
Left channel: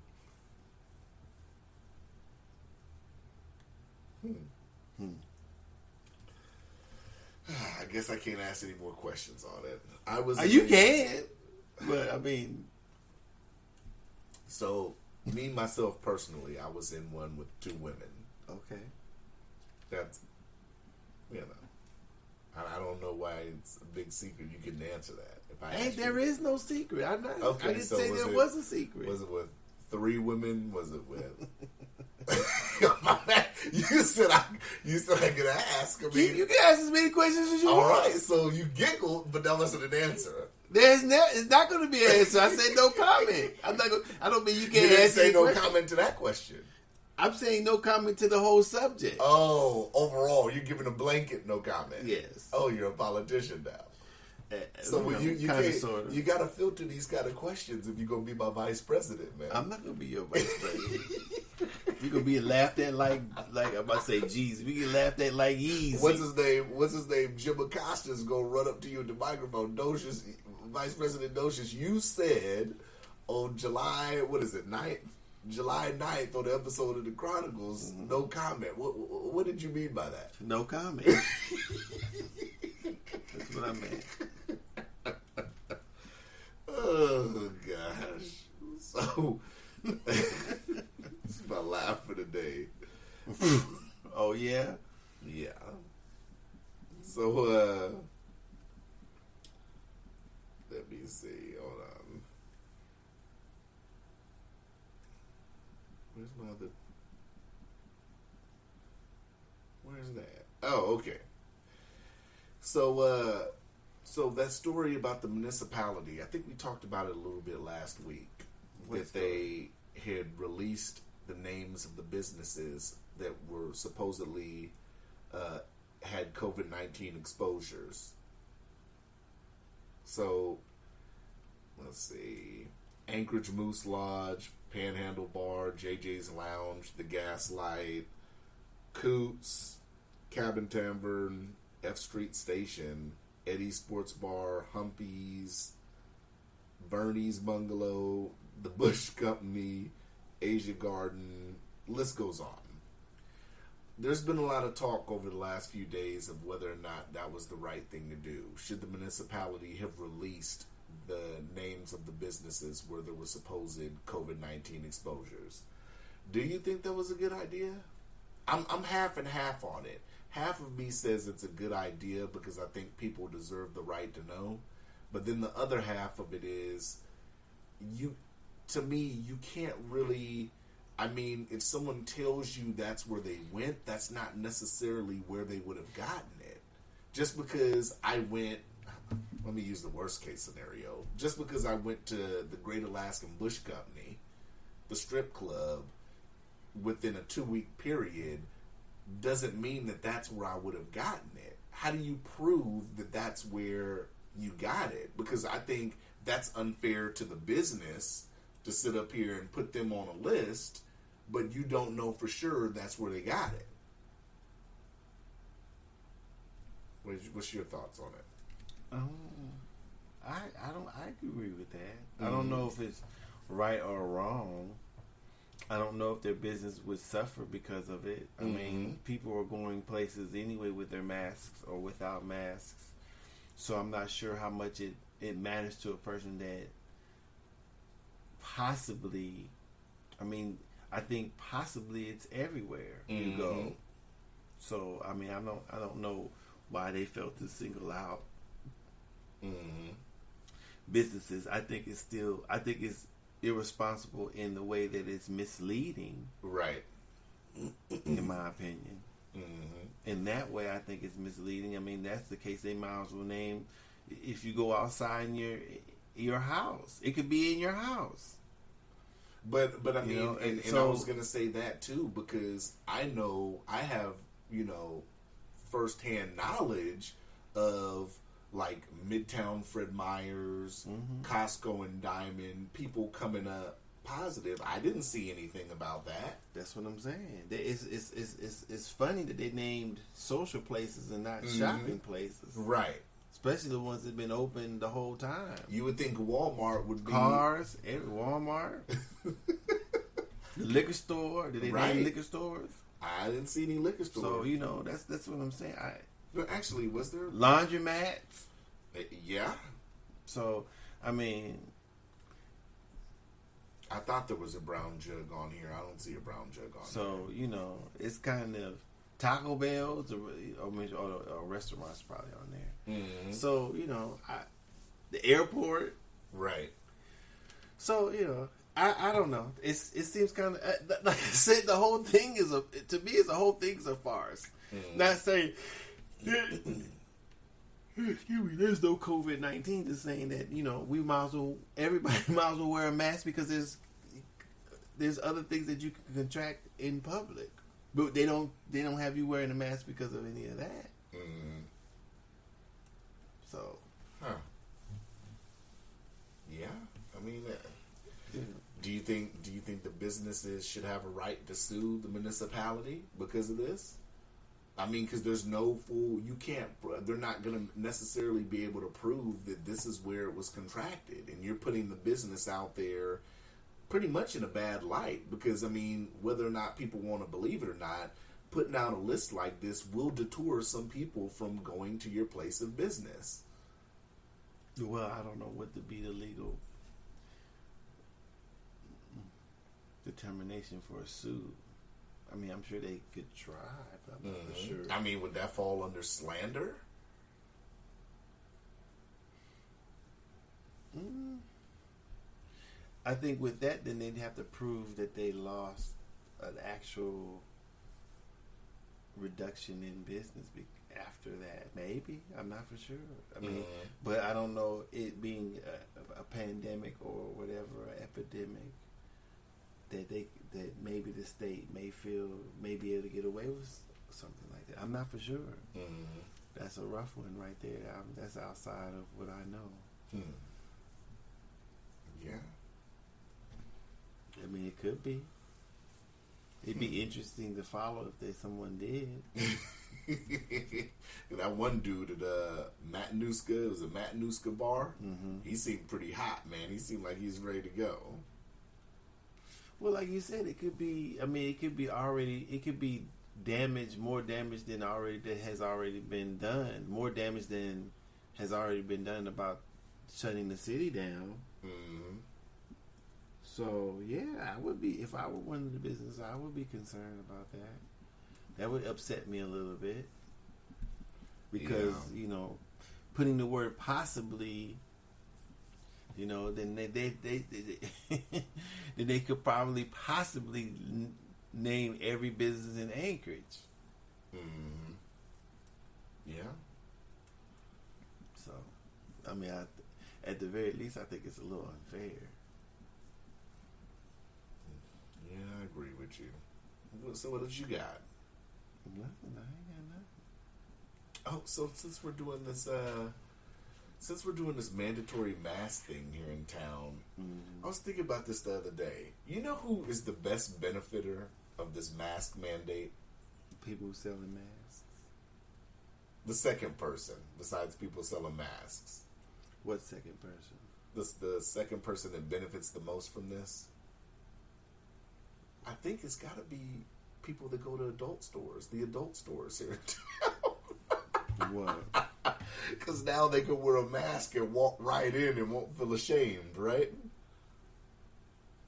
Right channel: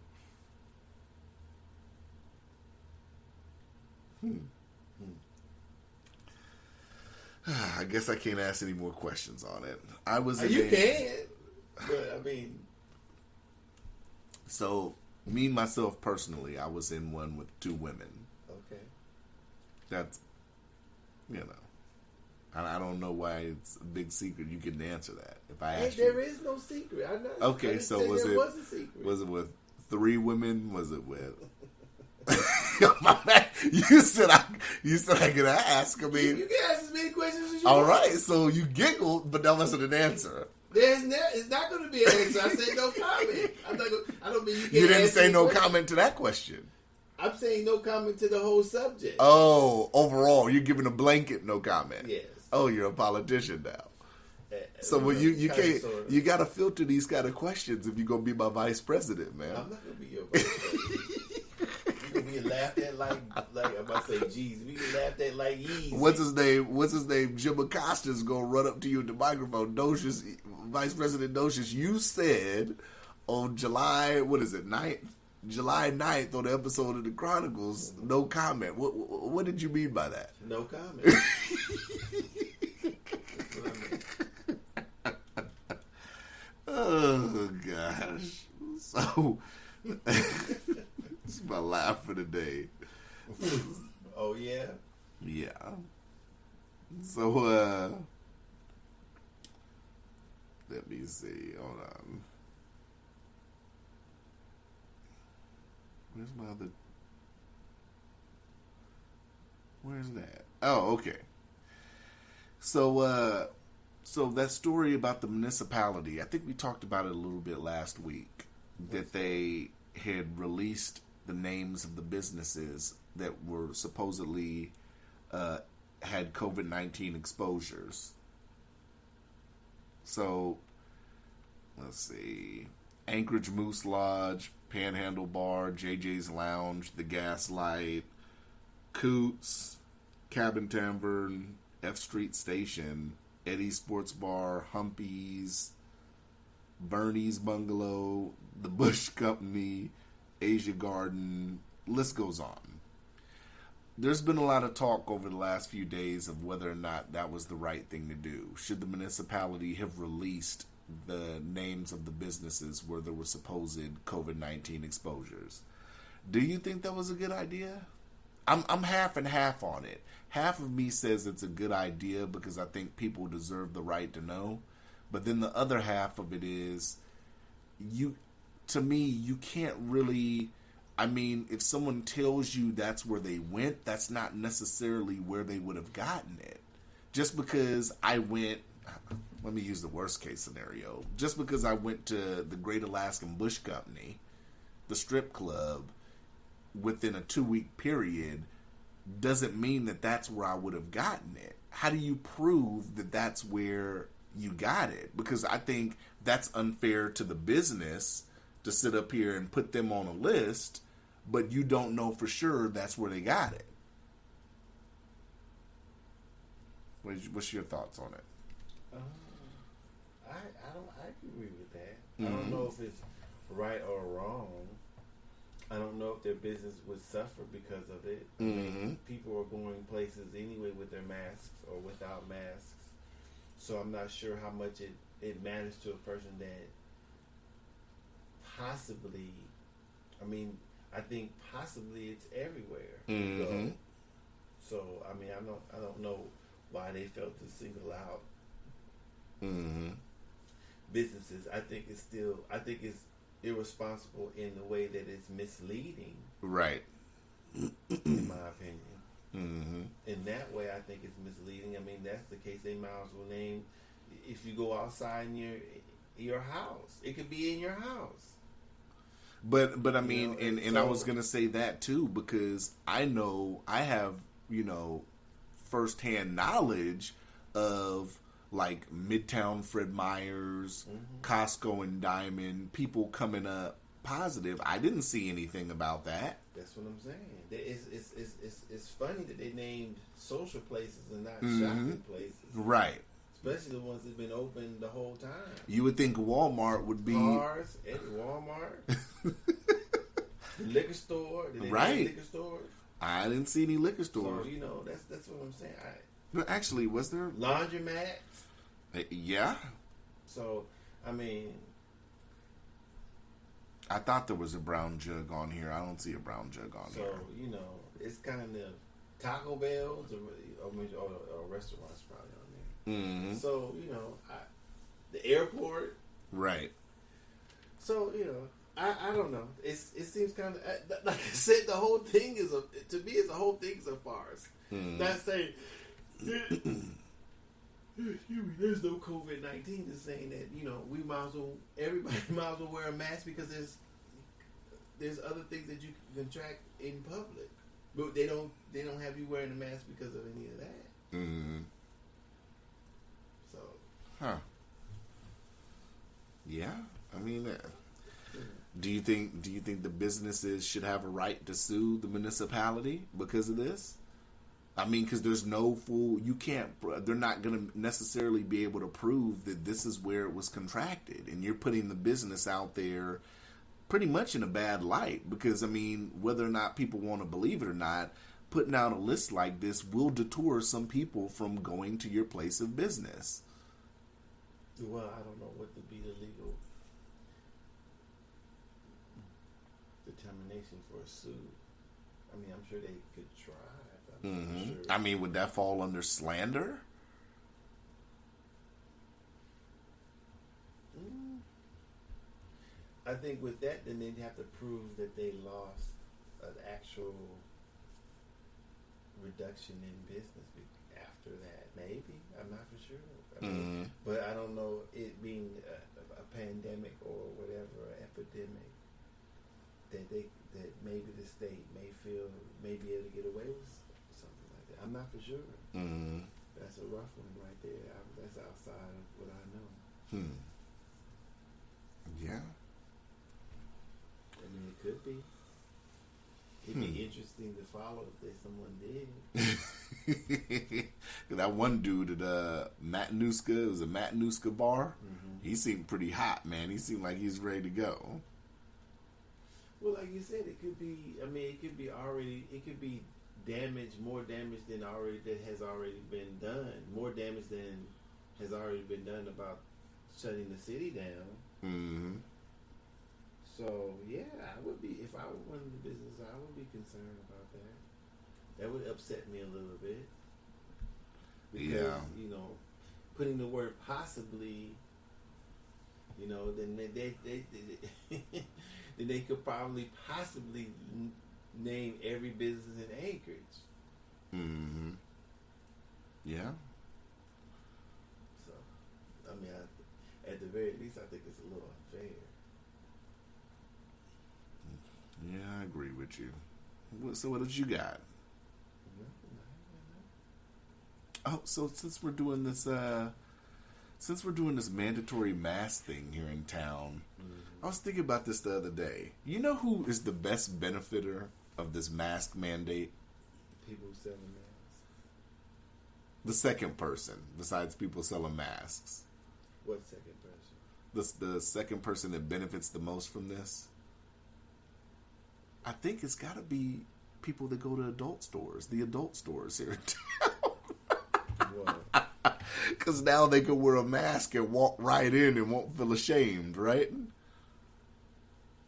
I guess I can't ask any more questions on it. I was. You can, but I mean, so me myself personally, I was in one with 2 women. okay. That's, you know, I don't know why it's a big secret. You couldn't answer that. If I asked There you. is no secret. I Okay, didn't so say was there it was a secret. Was it with 3 women? Was it with? My man, you said I could ask. I mean, you can ask as many questions as you all want. right. So you giggled, but that wasn't an answer. It's not going to be an answer. I said no comment. I don't mean you can't You didn't answer say any no question. comment to that question. I'm saying no comment to the whole subject. Oh, overall, you're giving a blanket no comment. Yes. Oh, you're a politician now. So Well, you kinda, can't sorta. you got to filter these kind of questions if you're gonna be my vice president, man. I'm not gonna be your vice president. You gonna be laughed at like I'm about to say Jesus. We get laughed at like easy. What's his name? Jim Acosta's gonna run up to you at the microphone. Docious, Vice President Docious, you said on July 9th on the episode of the Chronicles, no comment. What did you mean by that? No comment. That's what I meant. Oh gosh. So this is my laugh for the day. Oh yeah. Yeah. So let me see. Hold on. Where's my other? Where's that? Oh, okay. So that story about the municipality, I think we talked about it a little bit last week. That they had released the names of the businesses that were supposedly had COVID-19 exposures. So, let's see. Anchorage Moose Lodge, Panhandle Bar, JJ's Lounge, The Gaslight, Coots, Cabin Tavern, F Street Station, Eddie's Sports Bar, Humpy's, Bernie's Bungalow, The Bush Company, Asia Garden, list goes on. There's been a lot of talk over the last few days of whether or not that was the right thing to do. Should the municipality have released the names of the businesses where there were supposed COVID-19 exposures? Do you think that was a good idea? I'm half and half on it. Half of me says it's a good idea because I think people deserve the right to know. But then the other half of it is, you can't really, I mean, if someone tells you that's where they went, that's not necessarily where they would have gotten it. Just because I went, let me use the worst case scenario. Just because I went to the Great Alaskan Bush Company, the strip club, within a 2-week period, doesn't mean that that's where I would have gotten it. How do you prove that that's where you got it? Because I think that's unfair to the business to sit up here and put them on a list, but you don't know for sure that's where they got it. What's your thoughts on it? I agree with that. I don't know if it's right or wrong. I don't know if their business would suffer because of it. I mean, people are going places anyway with their masks or without masks. So I'm not sure how much it matters to a person that possibly, I mean, I think possibly it's everywhere you go. So I mean, I don't know why they felt to single out businesses. I think it's irresponsible in the way that it's misleading. Right. In my opinion. In that way, I think it's misleading. I mean, that's the case. They might as well name, if you go outside in your house, it could be in your house. But I mean, You know, and so, I was gonna say that too, because I know I have, firsthand knowledge of like Midtown Fred Meyer's, Costco and Diamond, people coming up positive. I didn't see anything about that. That's what I'm saying. It's funny that they named social places and not shopping places. Right. Especially the ones that have been open the whole time. You would think Walmart would be Cars, Walmart, the liquor store. Did they name liquor stores? I didn't see any liquor stores. So that's what I'm saying. But actually, was there laundromats? Yeah. So I mean, I thought there was a brown jug on here. I don't see a brown jug on here. So it's kind of Taco Bell's or restaurants probably on there. Mm-hmm. So the airport, right? So I don't know. It seems kind of like I said. The whole thing is a farce. Mm-hmm. Not saying excuse me. There's no COVID-19. Just saying that we everybody might as well wear a mask because there's other things that you can contract in public, but they don't have you wearing a mask because of any of that. Mm-hmm. So, yeah. I mean, do you think the businesses should have a right to sue the municipality because of this? I mean, because there's no they're not going to necessarily be able to prove that this is where it was contracted, and you're putting the business out there pretty much in a bad light. Because I mean, whether or not people want to believe it or not, putting out a list like this will deter some people from going to your place of business. Well, I don't know what would be the legal determination for a suit. I mean, I'm sure they could try, but I'm not sure. I mean, would that fall under slander? I think with that, then they'd have to prove that they lost an actual reduction in business after that. Maybe. I'm not for sure. I mean, but I don't know, it being a pandemic or whatever, an epidemic, that maybe the state may be able to get away with something like that. I'm not for sure. That's a rough one right there. That's outside of what I know. Yeah. I mean, it could be. It'd be interesting to follow if someone did. That one dude at Matanuska, it was a Matanuska bar. He seemed pretty hot, man. He seemed like he's ready to go. Well, like you said, it could be. I mean, it could be damage, more damage than has already been done. More damage than has already been done about shutting the city down. So yeah, I would be, if I were running the business, I would be concerned about that. That would upset me a little bit because putting the word possibly, then then they could probably possibly name every business in Anchorage. Yeah. So, I mean, at the very least, I think it's a little unfair. Yeah, I agree with you. So what did you got? Nothing. I ain't got nothing. Oh, so since we're doing this mandatory mask thing here in town, I was thinking about this the other day. You know who is the best benefiter of this mask mandate? People who selling masks. The second person, besides people selling masks. What second person? The second person that benefits the most from this? I think it's got to be people that go to adult stores, the adult stores here in town. What? Because now they can wear a mask and walk right in and won't feel ashamed, right?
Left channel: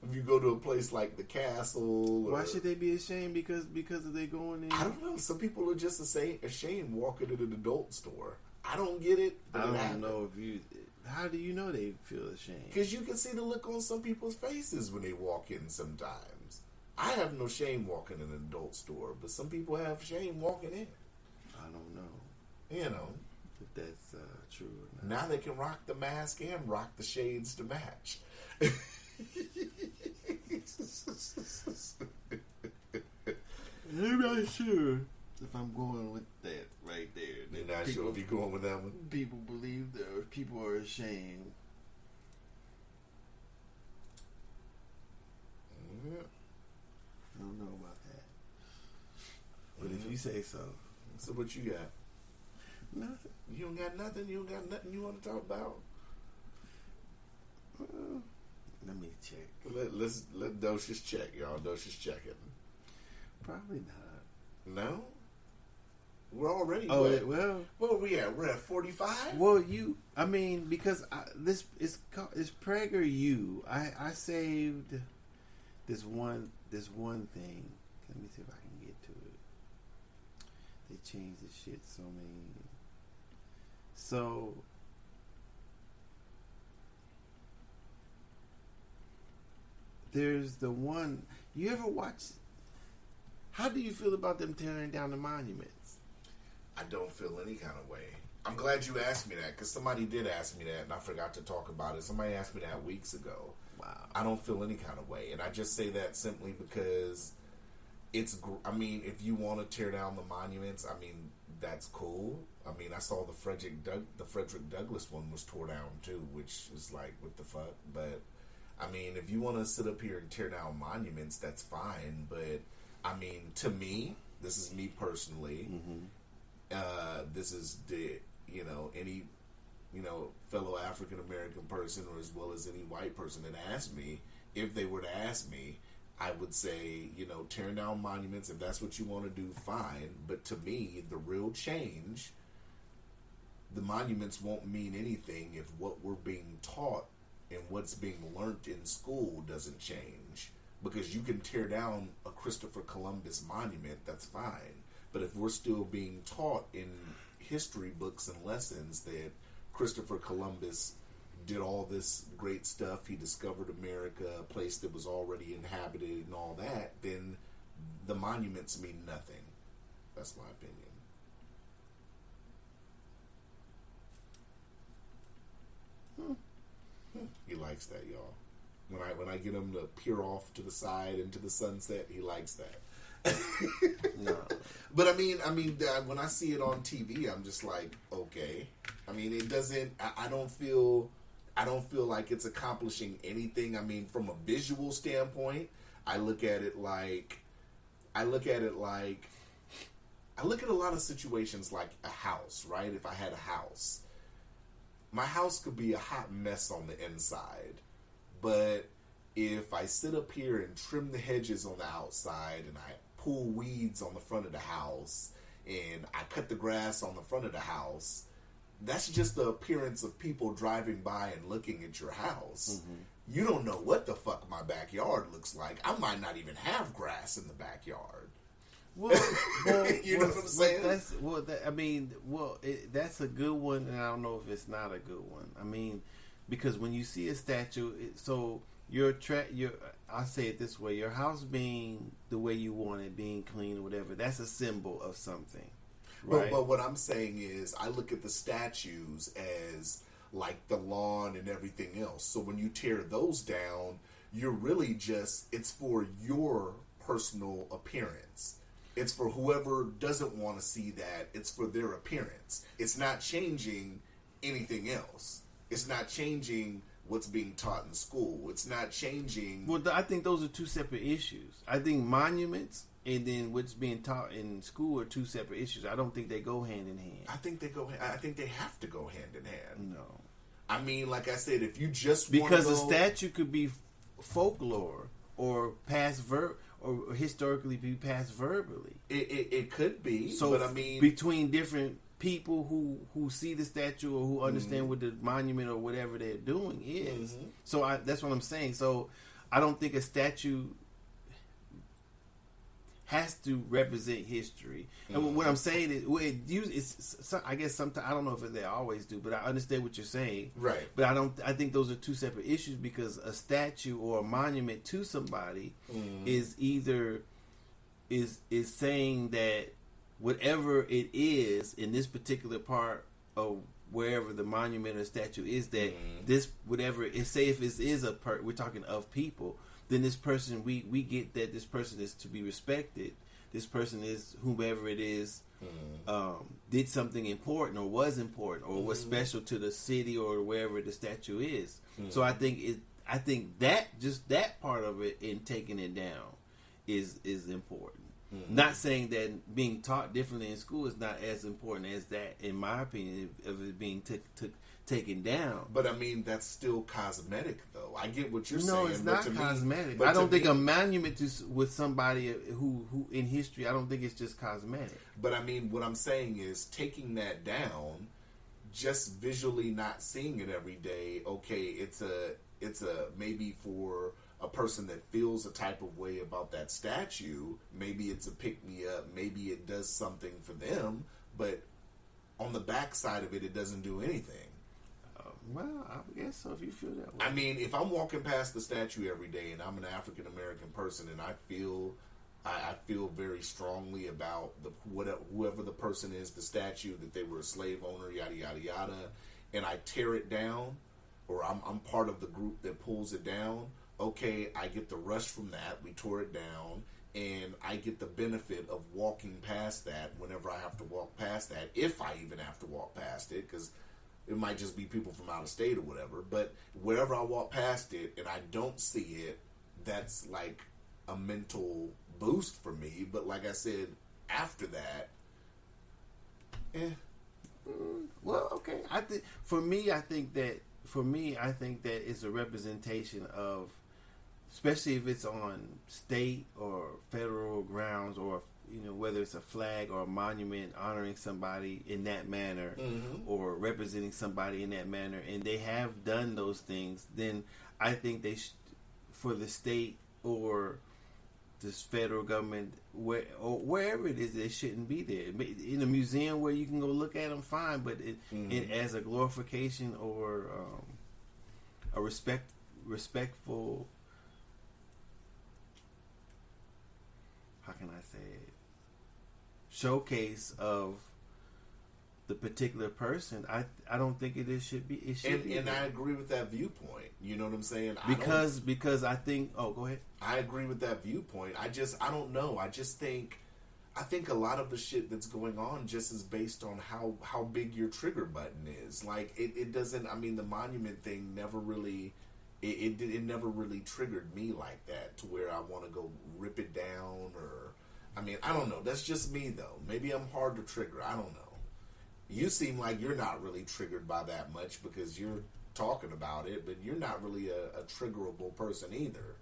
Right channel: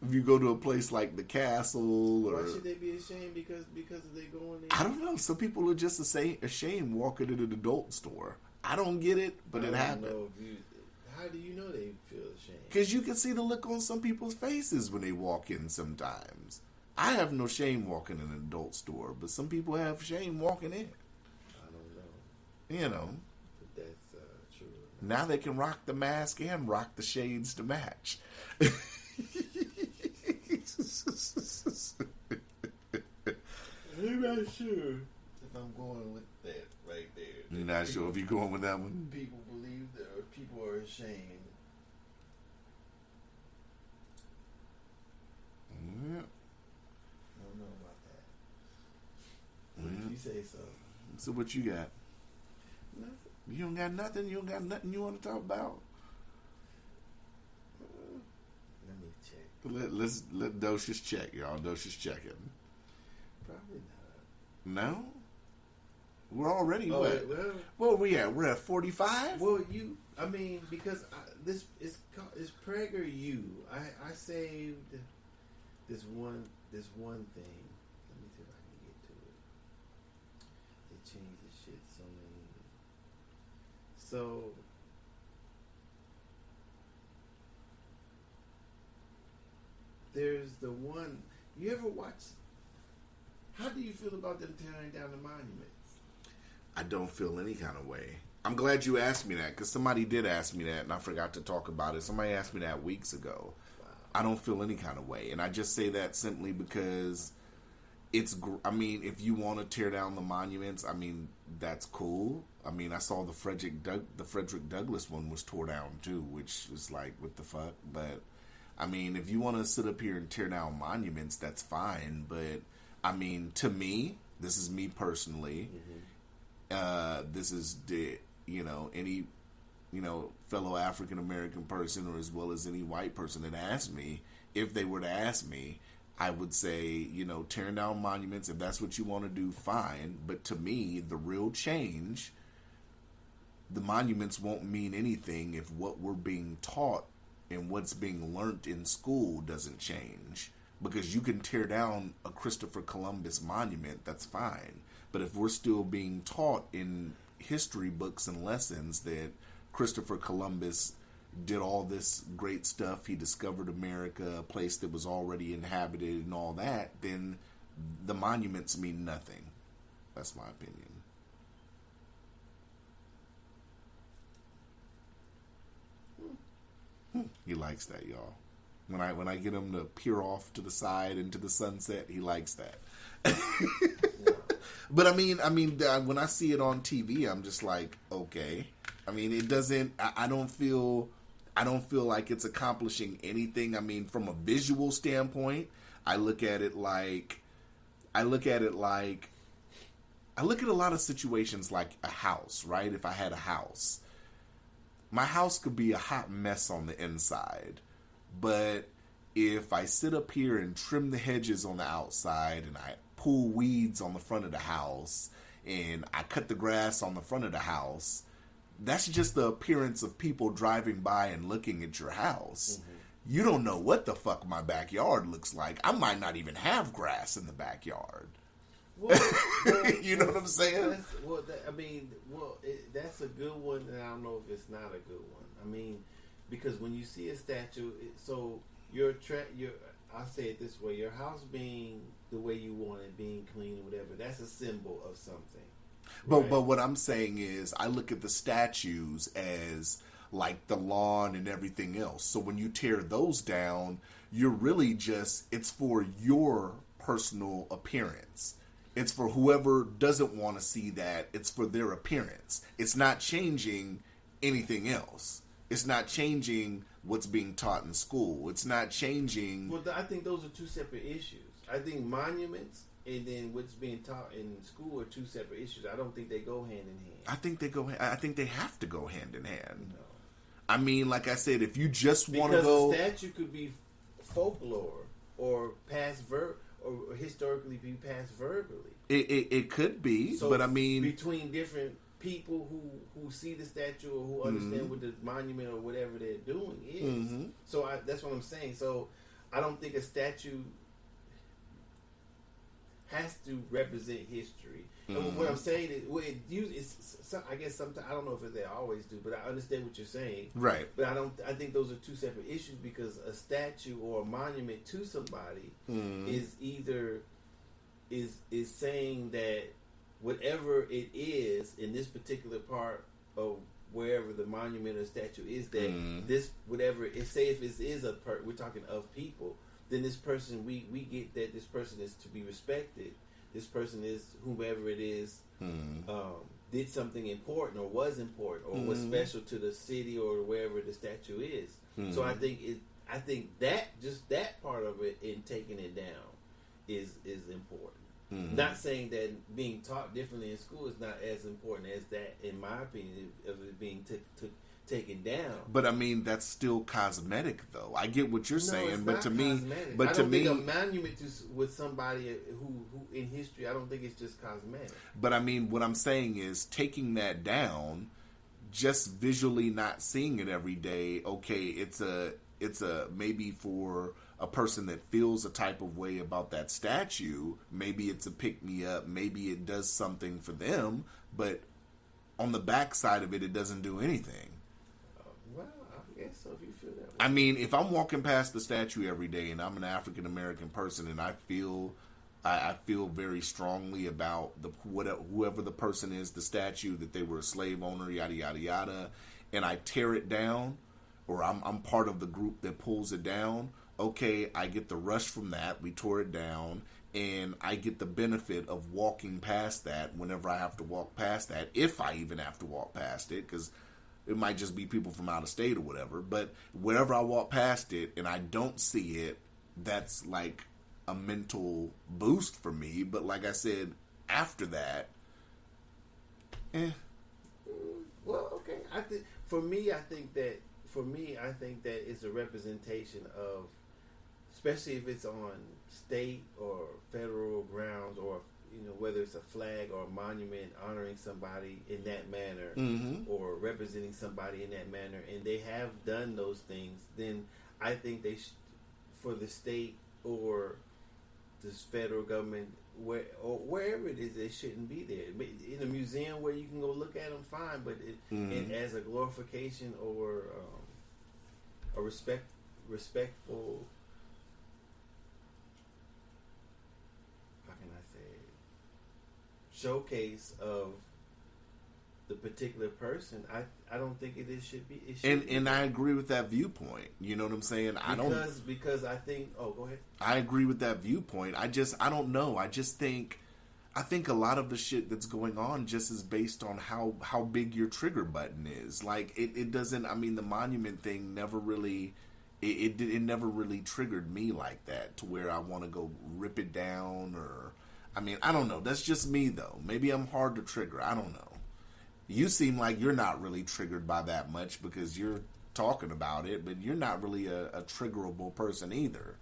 If you go to a place like the Castle, why should they be ashamed because they going in? I don't know. Some people are just ashamed walking into an adult store. I don't get it, but I it don't happens. know how do you know they feel ashamed? Because you can see the look on some people's faces when they walk in sometimes. I have no shame walking in an adult store, but some people have shame walking in. I don't know. You know. If that's true or not. Now they can rock the mask and rock the shades to match. I'm not sure if I'm going with that right there. You're not sure if you're going with that one? People believe that, or people are ashamed. Yeah. I don't know about that. But if you say so. So what you got? Nothing. You don't got nothing? You don't got nothing you want to talk about? Let me check. Let Docious check, y'all. Docious checking. Probably not. No? We're already well, we at? We're at 45? Well, because it's PragerU. I saved this one thing. Let me see if I can get to it. They changed the shit so many. So there's the one. You ever watch? How do you feel about them tearing down the monuments? I don't feel any kind of way. I'm glad you asked me that, because somebody did ask me that, and I forgot to talk about it. Somebody asked me that weeks ago. Wow. I don't feel any kind of way, and I just say that simply because if you want to tear down the monuments, that's cool. I saw the Frederick Douglass one was tore down too, which was like, what the fuck? But if you want to sit up here and tear down monuments, that's fine. But to me, this is me personally. This is any fellow African American person, or as well as any white person that asked me, if they were to ask me, I would say, tearing down monuments, if that's what you want to do, fine. But to me, the real change, the monuments won't mean anything if what we're being taught and what's being learned in school doesn't change. Because you can tear down a Christopher Columbus monument, that's fine. But if we're still being taught in history books and lessons that Christopher Columbus did all this great stuff, he discovered America, a place that was already inhabited and all that, then the monuments mean nothing. That's my opinion. He likes that, y'all. When I get him to peer off to the side into the sunset, he likes that. Yeah. But when I see it on TV, I'm just like, okay. It doesn't. I don't feel like it's accomplishing anything. From a visual standpoint, I look at a lot of situations like a house, right? If I had a house, my house could be a hot mess on the inside, but if I sit up here and trim the hedges on the outside, and I pull weeds on the front of the house, and I cut the grass on the front of the house, that's just the appearance of people driving by and looking at your house. You don't know what the fuck my backyard looks like. I might not even have grass in the backyard. Well, you know what I'm saying? That's a good one, and I don't know if it's not a good one. Because when you see a statue, I'll say it this way: your house being the way you want it, being clean or whatever, that's a symbol of something. Right? But what I'm saying is, I look at the statues as like the lawn and everything else. So when you tear those down, you're really it's for your personal appearance. It's for whoever doesn't want to see that. It's for their appearance. It's not changing anything else. It's not changing what's being taught in school. It's not changing. Well, I think those are two separate issues. I think monuments and then what's being taught in school are two separate issues. I don't think they go hand in hand. I think they have to go hand in hand. No. Like I said, if you just want to go, a statue could be folklore or or historically be passed verbally. It could be. So, but between different people who see the statue or who understand what the monument or whatever they're doing is. So that's what I'm saying. So I don't think a statue. has to represent history. And what I'm saying is, I guess sometimes I don't know if they always do, but I understand what you're saying. Right. But I think those are two separate issues, because a statue or a monument to somebody is either is saying that whatever it is in this particular part of wherever the monument or statue is, that this whatever it say, if it is we're talking of people, then this person, we get that this person is to be respected. This person is whomever it is, did something important or was important or was special to the city or wherever the statue is. So I think that just that part of it in taking it down is important. Not saying that being taught differently in school is not as important as that, in my opinion, of it being taken down. But I mean, that's still cosmetic, though. I get what you're saying, it's but not to cosmetic. me, but I don't think me, a monument with somebody who in history, I don't think it's just cosmetic. But I mean, what I'm saying is taking that down, just visually not seeing it every day. Okay, it's a maybe for a person that feels a type of way about that statue, maybe it's a pick-me-up, maybe it does something for them, but on the backside of it, it doesn't do anything. Well, I guess so, if you feel that way. I mean, if I'm walking past the statue every day and I'm an African American person and I feel very strongly about whoever the person is, the statue, that they were a slave owner, yada yada yada, and I tear it down, or I'm part of the group that pulls it down. Okay, I get the rush from that. We tore it down, and I get the benefit of walking past that whenever I have to walk past that, if I even have to walk past it, because it might just be people from out of state or whatever. But whenever I walk past it and I don't see it, that's like a mental boost for me. But like I said, after that, Well, okay. I think that it's a representation of, especially if it's on state or federal grounds, or whether it's a flag or a monument honoring somebody in that manner, or representing somebody in that manner, and they have done those things, then I think they for the state or this federal government, wherever it is, they shouldn't be there. In a museum where you can go look at them, fine, but it as a glorification or a respectful, how can I say it, showcase of the particular person, I don't think it should be. It should and I agree with that viewpoint. You know what I'm saying? Because I think. Oh, go ahead. I agree with that viewpoint. I don't know. I think a lot of the shit that's going on just is based on how big your trigger button is. Like it doesn't. I mean, the monument thing never really. It never really triggered me like that to where I want to go rip it down, or I mean, I don't know. That's just me though. Maybe I'm hard to trigger. I don't know. You seem like you're not really triggered by that much because you're talking about it, but you're not really a triggerable person either.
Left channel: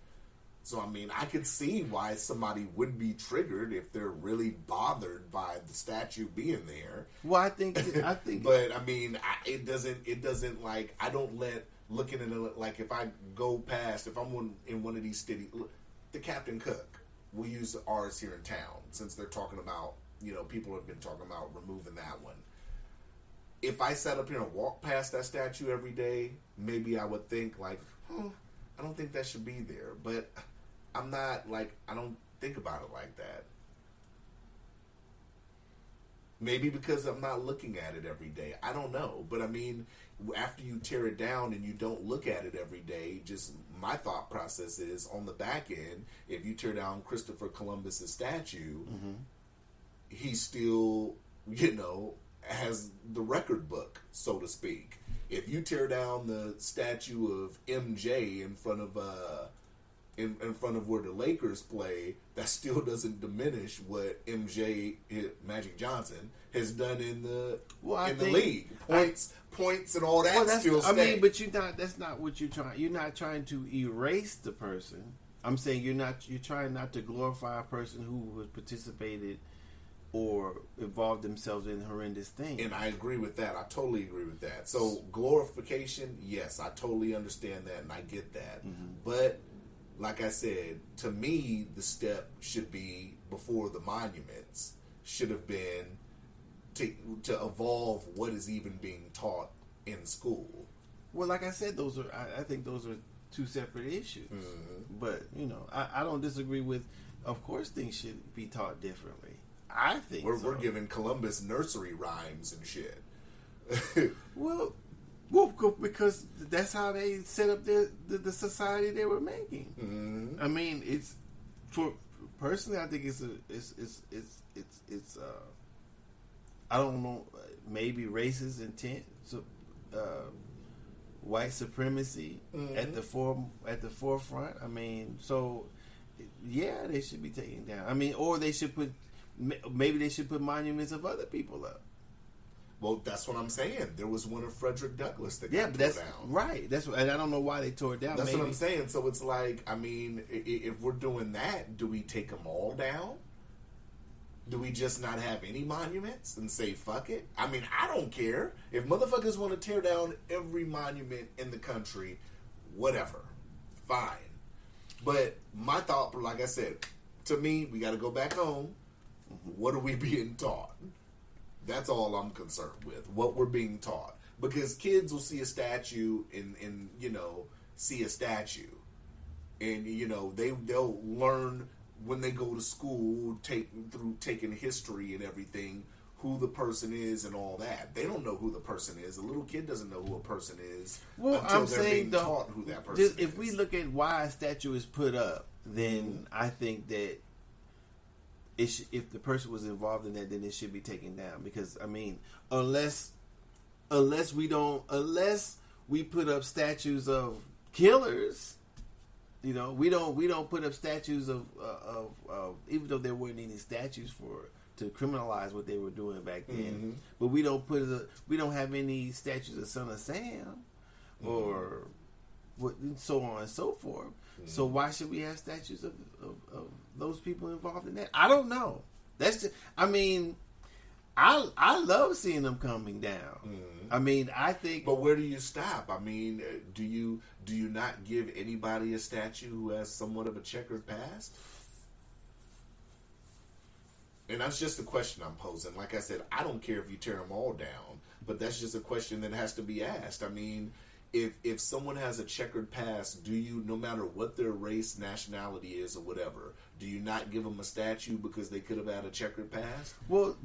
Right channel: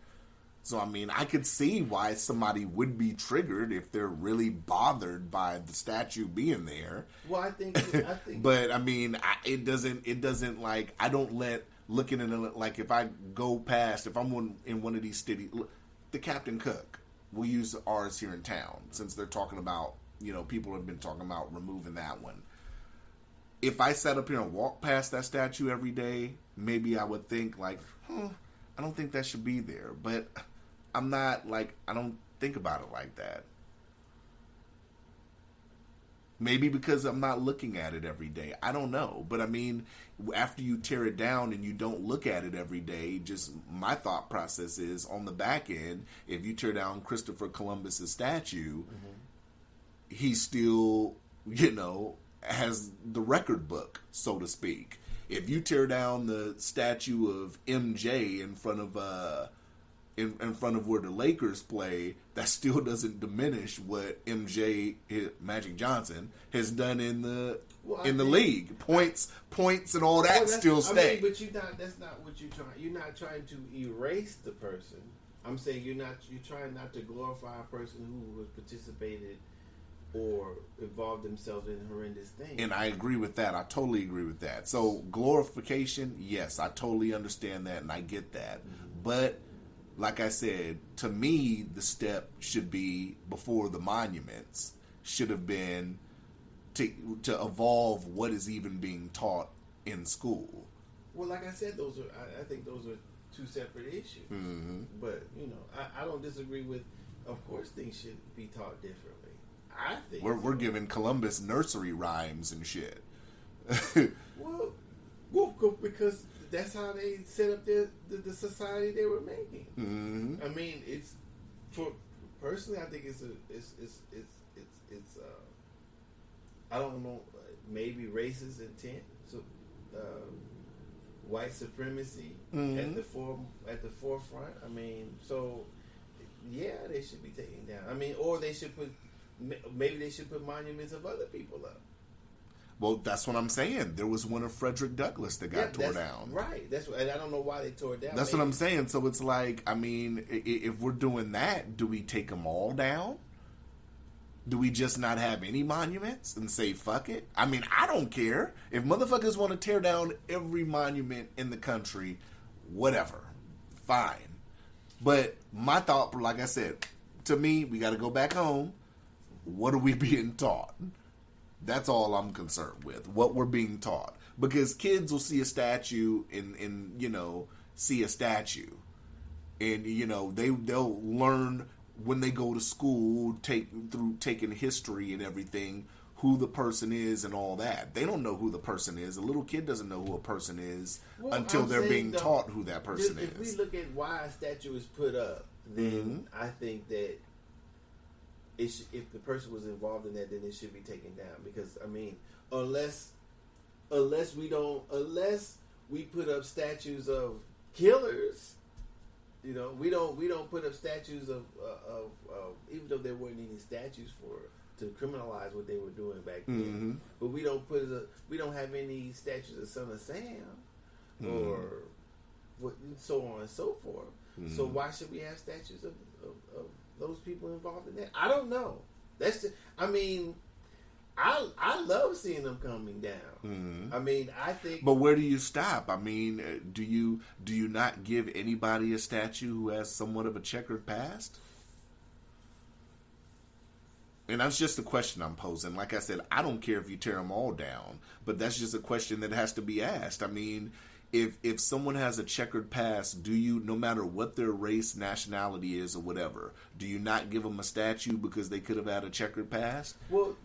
So, I mean, I could see why somebody would be triggered if they're really bothered by the statue being there. Well, I think, but I mean, it doesn't like, I don't let looking at it, like if I go past, if I'm in one of these cities, the Captain Cook, we'll use ours here in town since they're talking about, people have been talking about removing that one. If I sat up here and walked past that statue every day, maybe I would think like, I don't think that should be there. But I'm not like, I don't think about it like that. Maybe because I'm not looking at it every day. I don't know. But I mean, after you tear it down and you don't look at it every day, just my thought process is on the back end, if you tear down Christopher Columbus's statue, he still, has the record book, so to speak. If you tear down the statue of MJ in front of where the Lakers play, that still doesn't diminish what MJ, Magic Johnson, has done in the league. Points and all that still stay. I mean, but that's not what you're trying. You're not trying to erase the person. I'm saying you're trying not to glorify a person who has participated or involved themselves in horrendous things. And I agree with that. I totally agree with that. So glorification, yes, I totally understand that and I get that. But like I said, to me, the step should be before the monuments should have been to evolve what is even being taught in school. Well, like I said, I think those are two separate issues. But I don't disagree with. Of course, things should be taught differently. I think we're giving Columbus nursery rhymes and shit. well, because that's how they set up the society they were making. Mm-hmm. I mean, it's personally, I think it's I don't know, maybe racist intent, so white supremacy at the forefront. I mean, so yeah, they should be taken down. I mean, or they should maybe they should put monuments of other people up. Well, that's what I'm saying. There was one of Frederick Douglass that got tore down. Right. And I don't know why they tore it down. That's what I'm saying. So it's like, I mean, if we're doing that, do we take them all down? Do we just not have any monuments and say fuck it? I mean, I don't care. If motherfuckers want to tear down every monument in the country, whatever. Fine. But my thought, like I said, to me, we got to go back home. What are we being taught? That's all I'm concerned with. What we're being taught. Because kids will see a statue and see a statue. And, they'll learn when they go to school, taking history and everything, who the person is and all that. They don't know who the person is. A little kid doesn't know who a person is until they're being taught who that person is. If we look at why a statue is put up, then I think that if the person was involved in that, then it should be taken down. Because I mean, unless we put up statues of killers, we don't put up statues of even though there weren't any statues to criminalize what they were doing back then. But we don't have any statues of Son of Sam or so on and so forth. So why should we have statues of those people involved in that? I don't know. I love seeing them coming down. I mean, I think. But where do you stop? I mean, do you not give anybody a statue who has somewhat of a checkered past? And that's just the question I'm posing. Like I said, I don't care if you tear them all down, but that's just a question that has to be asked. I mean, if someone has a checkered past, do you, no matter what their race, nationality is, or whatever, do you not give them a statue because they could have had a checkered past? Well,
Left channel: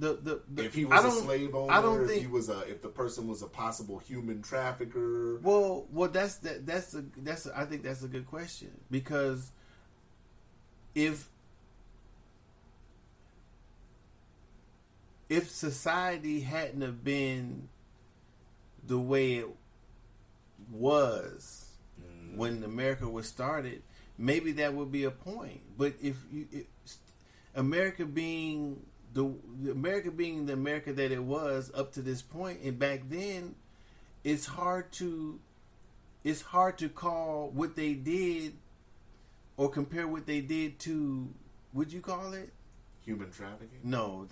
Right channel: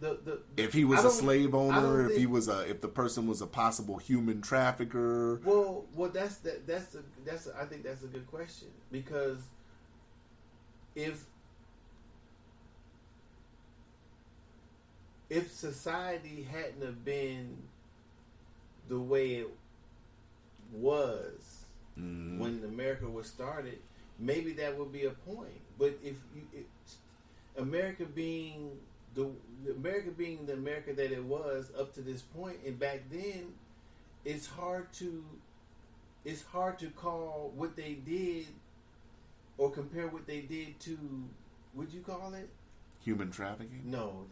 if he was a slave owner, if the person was a possible human trafficker. Well, I think that's a good question, because if society hadn't have been the way it was when America was started, maybe that would be a point. But America being the America that it was up to this point, and back then, it's hard to call what they did or compare what they did to, what'd you call it? Human trafficking? No,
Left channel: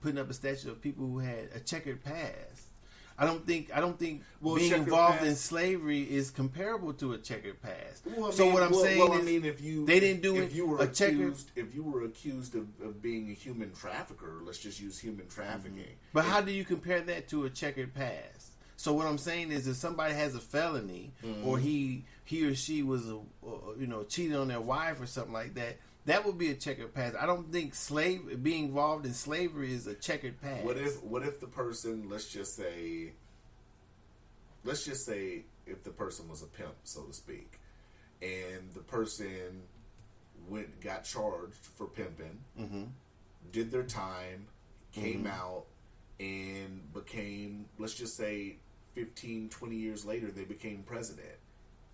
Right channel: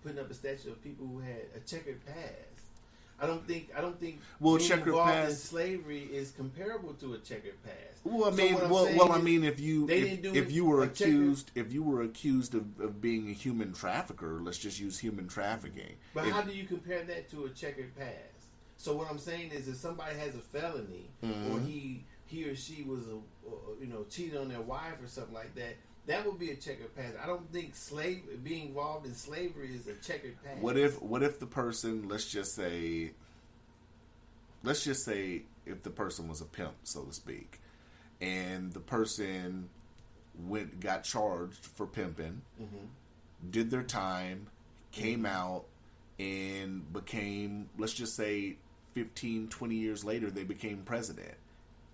putting up a statue of people who had a checkered past. I don't think being involved in slavery is comparable to a checkered past. Well, if you were accused of being a human trafficker, let's just use human trafficking. But how do you compare that to a checkered past? So what I'm saying is, if somebody has a felony, or he or she was cheated on their wife or something like that, that would be a checkered past. I don't think being involved in slavery is a checkered past. What if the person, let's just say if the person was a pimp, so to speak, and the person got charged for pimping, did their time, came out, and became, let's just say 15, 20 years later, they became president.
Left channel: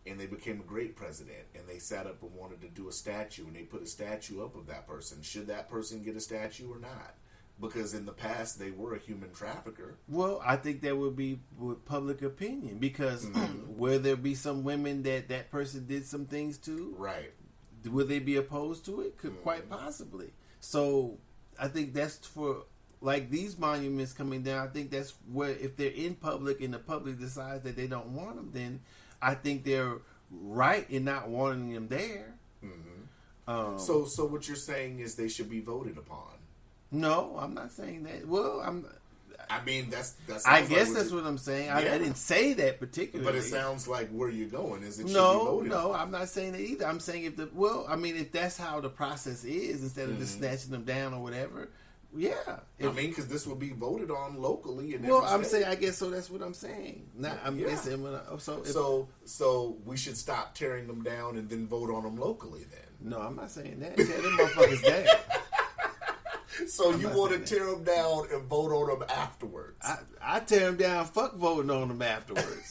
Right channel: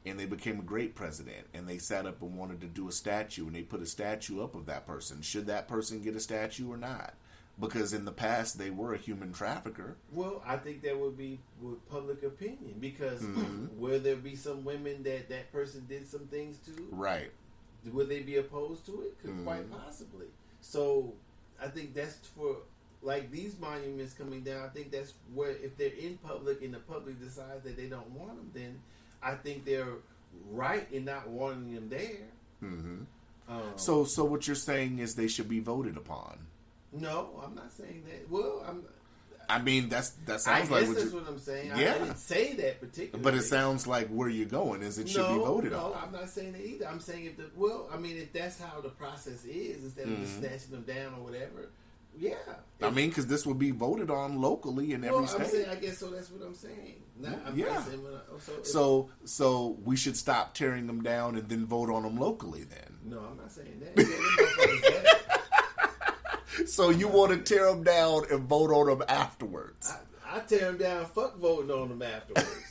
And they became a great president, and they sat up and wanted to do a statue, and they put a statue up of that person. Should that person get a statue or not? Because in the past, they were a human trafficker. Well, I think that would be with public opinion, because will there be some women that person did some things to? Right. Will they be opposed to it? Quite possibly. So I think that's for, like, these monuments coming down, I think that's where, if they're in public and the public decides that they don't want them, then I think they're right in not wanting them there. Mm-hmm. So what you're saying is they should be voted upon? No, I'm not saying that. Well, I mean, that's. I guess that's what I'm saying. I didn't say that particularly. But it sounds like where you're going is it should be voted on. No, I'm not saying that either. I'm saying if that's how the process is, instead of just snatching them down or whatever, yeah. Because this will be voted on locally in every state. I'm saying, I guess so. That's what I'm saying. Now, I'm guessing so we should stop tearing them down and then vote on them locally. Then no, I'm not saying that. Tear them motherfuckers down. So you want to tear them down and vote on them afterwards? I tear them down. Fuck voting on them afterwards.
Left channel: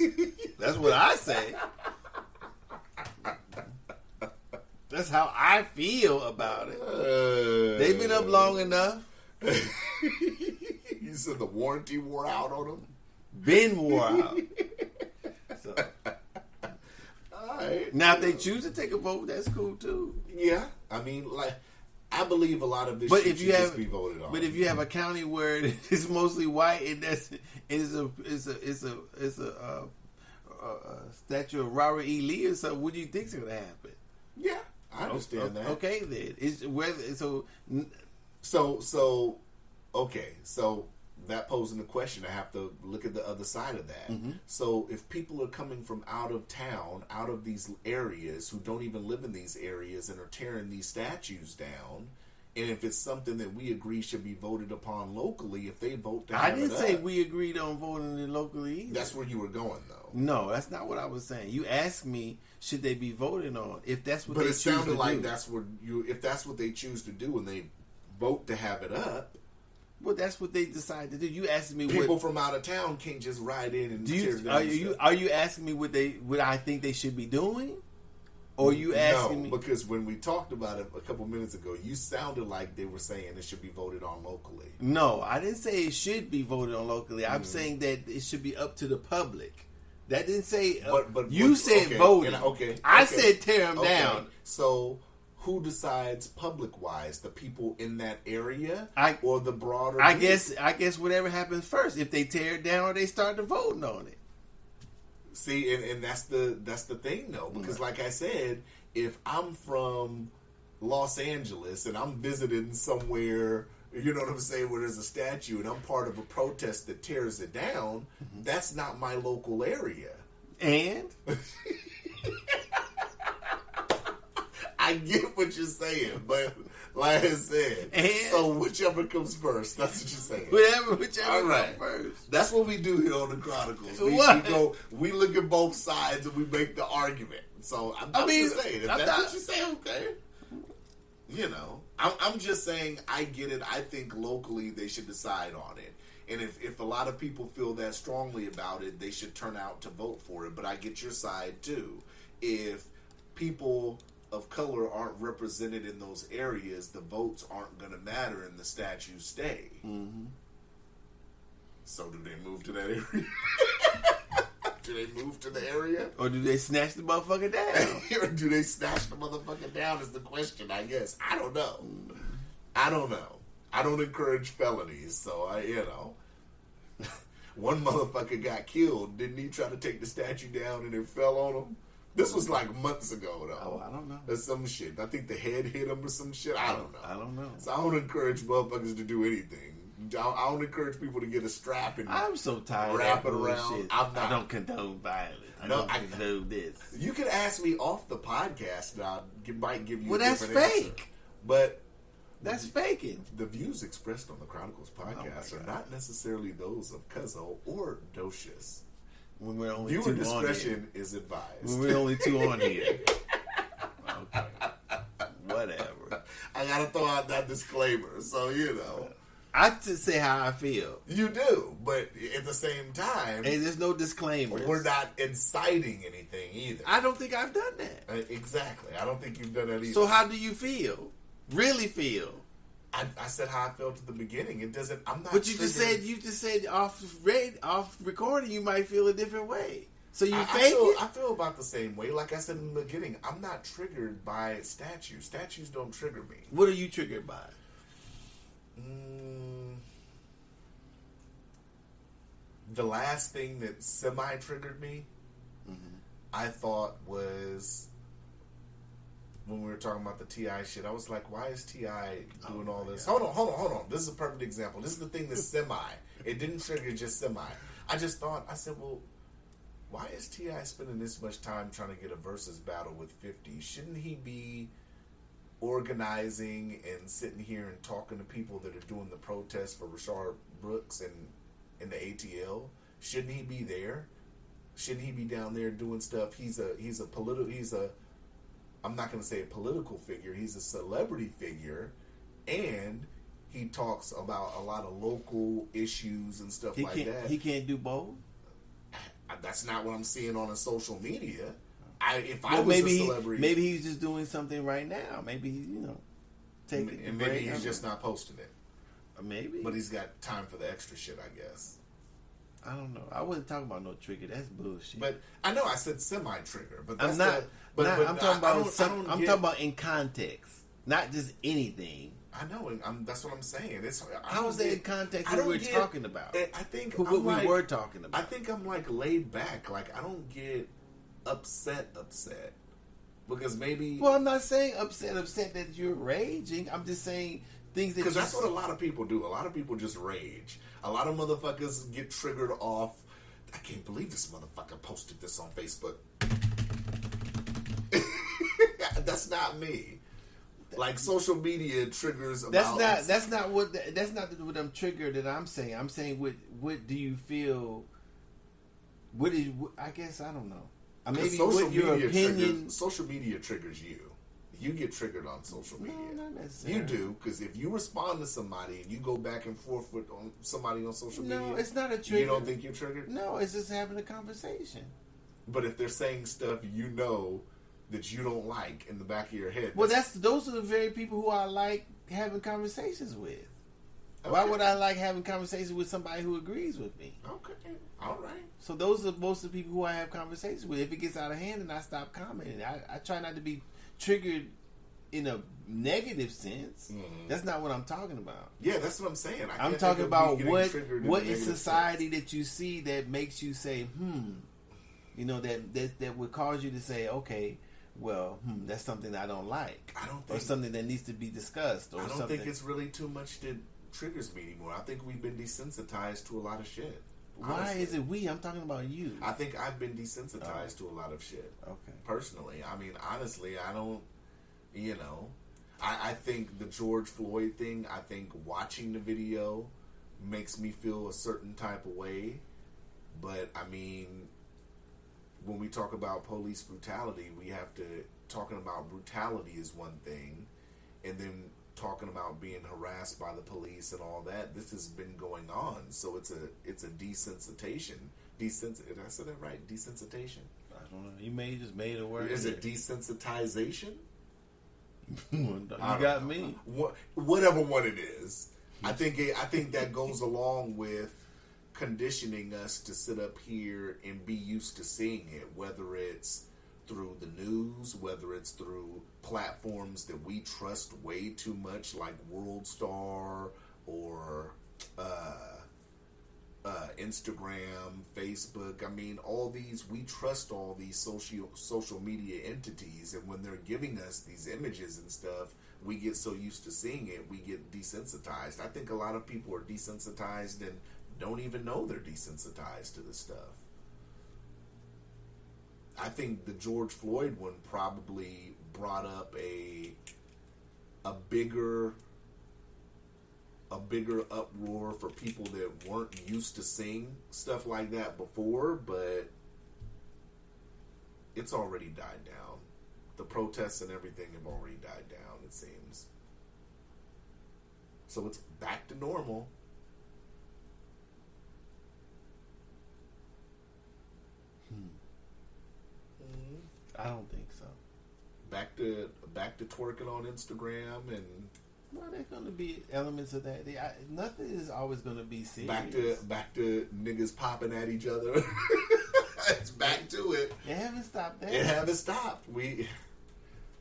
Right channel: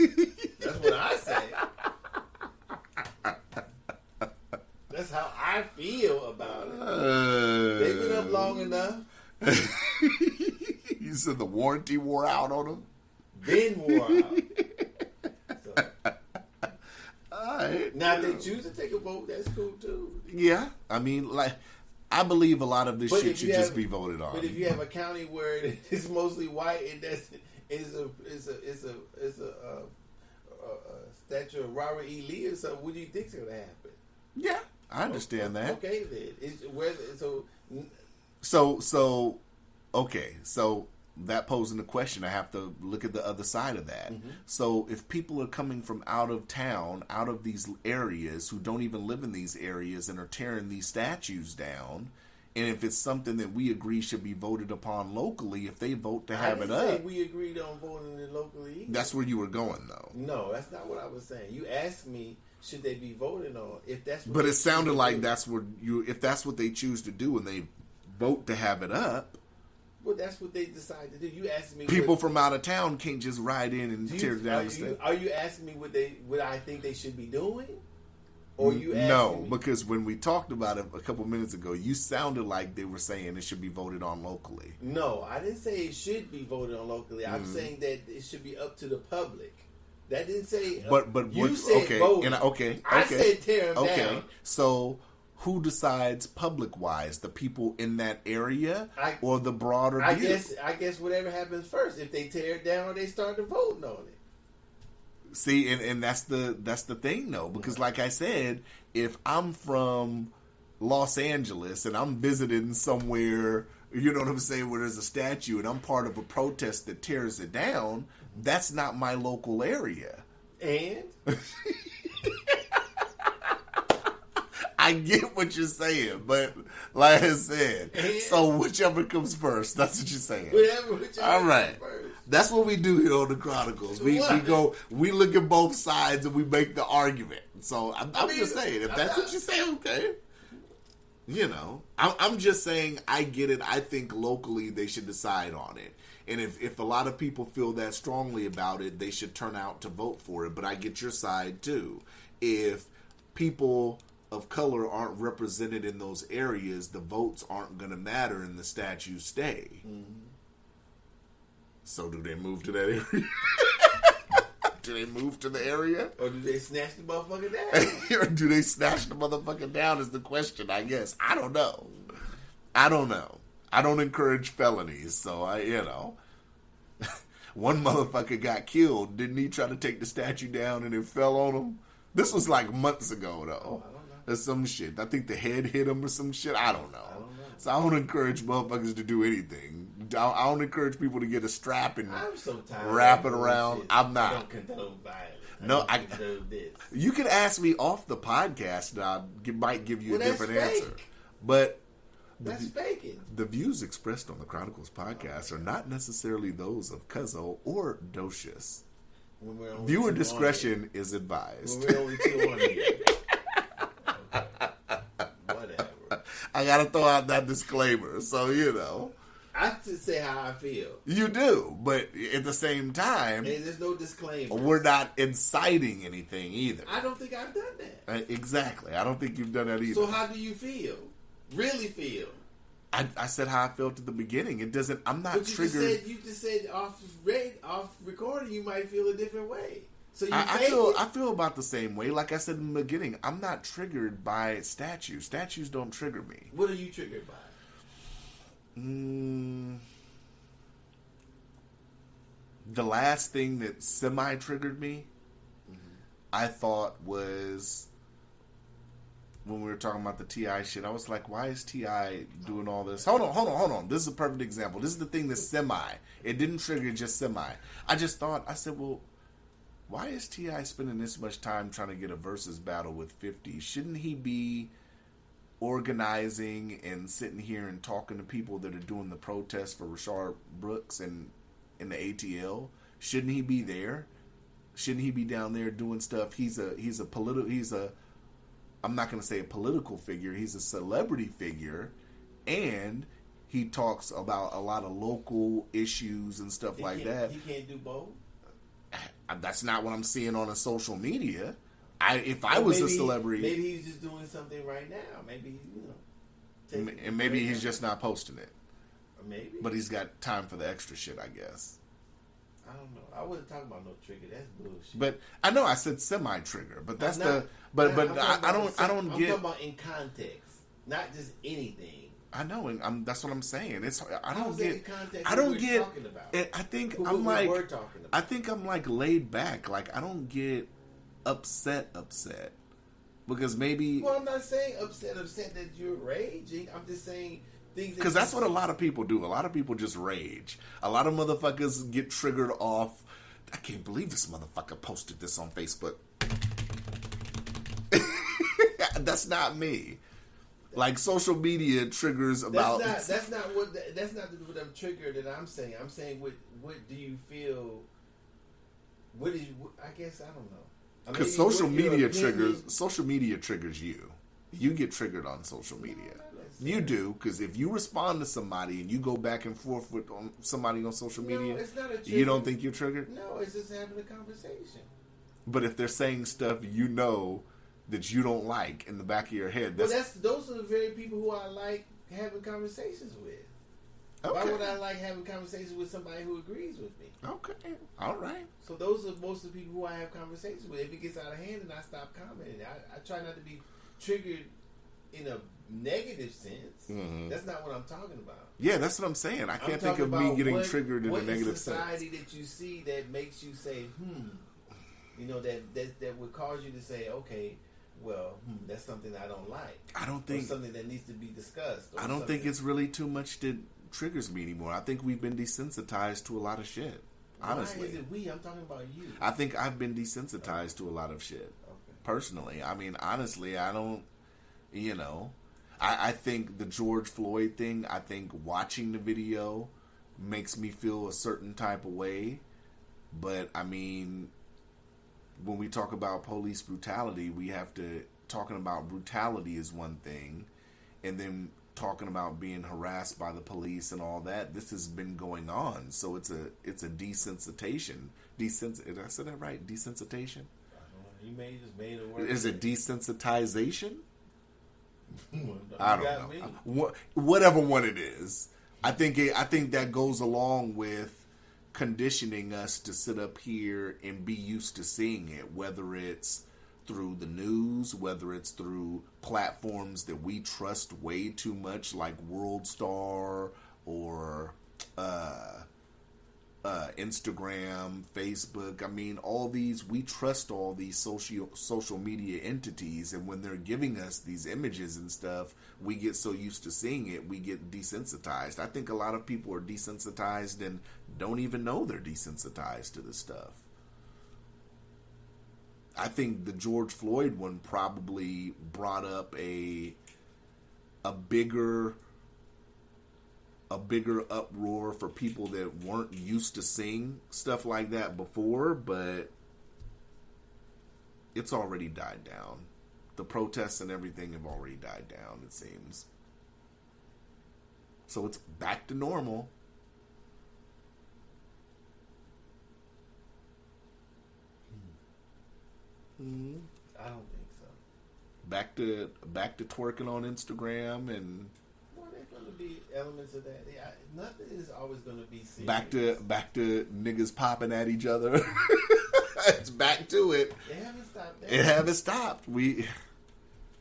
That's what I say. That's how I feel about it. They've been up long enough. You said the warranty wore out on them? Been wore out. So. All right. Now, if they choose to take a vote, that's cool too. Yeah. I mean, I believe a lot of this shit should just be voted on. But if you have a county where it's mostly white and it's a statue of Robert E. Lee or something, what do you think's gonna happen? Yeah, I understand that. Okay, then So that posing the question, I have to look at the other side of that. Mm-hmm. So if people are coming from out of town, out of these areas, who don't even live in these areas and are tearing these statues down, and if it's something that we agree should be voted upon locally, if they vote to have it up. I didn't say we agreed on voting it locally either. That's where you were going, though. No, that's not what I was saying. You asked me, should they be voted on? If that's what but it sounded like that's what if that's what they choose to do and they vote to have it up. Well, that's what they decide to do. You asked me. People from out of town can't just ride in and tear down. Are you asking me what I think they should be doing, or you asking me? No, because when we talked about it a couple minutes ago, you sounded like they were saying it should be voted on locally. No, I didn't say it should be voted on locally. I'm saying that it should be up to the public. That didn't say. But you said vote. I said tear them down. So. Who decides public-wise? The people in that area or the broader? I guess whatever happens first. If they tear it down or they start to voting on it. See, and that's the thing though, because like I said, if I'm from Los Angeles and I'm visiting somewhere, you know what I'm saying, where there's a statue and I'm part of a protest that tears it down, that's not my local area. And I get what you're saying, but like I said, so whichever comes first, that's what you're saying. Whichever All right. comes first. That's what we do here on the Chronicles. We look at both sides and we make the argument. So I'm just saying, if that's what you say, okay. You know, I'm just saying, I get it. I think locally they should decide on it. And if a lot of people feel that strongly about it, they should turn out to vote for it. But I get your side too. If people of color aren't represented in those areas, the votes aren't going to matter and the statues stay. Mm-hmm. So do they move to that area? Do they move to the area? Or do they snatch the motherfucker down? Or do they snatch the motherfucker down is the question, I guess. I don't know. I don't encourage felonies, so one motherfucker got killed. Didn't he try to take the statue down and it fell on him? This was like months ago, though. Oh, I don't know. Or some shit. I think the head hit him or some shit. I don't know. So I don't encourage motherfuckers to do anything. I don't encourage people to get a strap and I'm so tired wrap it around. Shit. I'm not. I don't condone violence. I condone this. You can ask me off the podcast, and I might give you a different that's answer. Fake. But that's faking. The views expressed on the Chronicles podcast are not necessarily those of Cuzzo or Docious. Viewer discretion is advised. When we're only two on here. Okay. Whatever. I gotta throw out that disclaimer, so I just say how I feel. You do, but at the same time, and there's no disclaimer. We're not inciting anything either. I don't think I've done that. Exactly. I don't think you've done that either. So how do you feel? Really feel? I said how I felt at the beginning. It doesn't. I'm not. But you just said off recording, you might feel a different way. So you fake it. I feel about the same way. Like I said in the beginning, I'm not triggered by statues. Statues don't trigger me. What are you triggered by? The last thing that semi-triggered me I thought was when we were talking about the T.I. shit. I was like, why is T.I. doing all this? Hold on. This is a perfect example. This is the thing that's semi. It didn't trigger just semi. I said, well, why is T.I. spending this much time trying to get a versus battle with 50? Shouldn't he be organizing and sitting here and talking to people that are doing the protest for Rashard Brooks and in the ATL? Shouldn't he be there? Shouldn't he be down there doing stuff? He's a I'm not going to say a political figure. He's a celebrity figure, and he talks about a lot of local issues and stuff like that. He can't do both. That's not what I'm seeing on a social media. If I was a celebrity, maybe he's just doing something right now. Maybe and maybe he's just not posting it. Maybe, but he's got time for the extra shit, I guess. I don't know. I wasn't talking about no trigger. That's bullshit. But I know I said semi-trigger, but that's I'm talking about in context, not just anything. I know, and that's what I'm saying. I don't say in context. I don't get talking about. I think what we were talking about. I think I'm like laid back. Like I don't get upset because maybe. Well, I'm not saying upset that you're raging. I'm just saying things that because that's what a lot of people do. A lot of people just rage. A lot of motherfuckers get triggered off. I can't believe this motherfucker posted this on Facebook. That's not me. Like social media triggers about. That's not what I'm triggered that I'm saying. I'm saying what do you feel? I guess I don't know. Because social media triggers you. You get triggered on social media. No, you do, because if you respond to somebody and you go back and forth with somebody on social media, no, it's not a trigger. You don't think you're triggered? No, it's just having a conversation. But if they're saying stuff that you don't like in the back of your head, those are the very people who I like having conversations with. Okay. Why would I like having conversations with somebody who agrees with me? Okay, all right. So those are most of the people who I have conversations with. If it gets out of hand, then I stop commenting. I try not to be triggered in a negative sense. Mm-hmm. That's not what I'm talking about. Yeah, that's what I'm saying. I'm talking about what in society that you see that makes you say, that would cause you to say, okay, well, that's something I don't like. I don't think, or something that needs to be discussed. Or I don't think it's really too much that triggers me anymore. I think we've been desensitized to a lot of shit. Honestly. Why is it we? I'm talking about you. I think I've been desensitized to a lot of shit. Okay. Personally, I mean, honestly, I don't. I think the George Floyd thing. I think watching the video makes me feel a certain type of way. But I mean, when we talk about police brutality, we have to talking about brutality is one thing, and then talking about being harassed by the police and all that. This has been going on, so it's a desensitization. Did I say that right? Desensitization. I don't know. You just made a word. Is it desensitization? You got me. Whatever one it is, I think that goes along with conditioning us to sit up here and be used to seeing it, whether it's through the news, whether it's through platforms that we trust way too much, like World Star or Instagram, Facebook. I mean, we trust all these social media entities, and when they're giving us these images and stuff, we get so used to seeing it, we get desensitized. I think a lot of people are desensitized and don't even know they're desensitized to this stuff. I think the George Floyd one probably brought up a bigger uproar for people that weren't used to seeing stuff like that before, but it's already died down. The protests and everything have already died down, it seems. So it's back to normal. I don't think so. Back to twerking on Instagram and. Well, there's going to be elements of that. Nothing is always going to be serious. Back to niggas popping at each other. It's back to it. They haven't stopped that. It haven't stopped.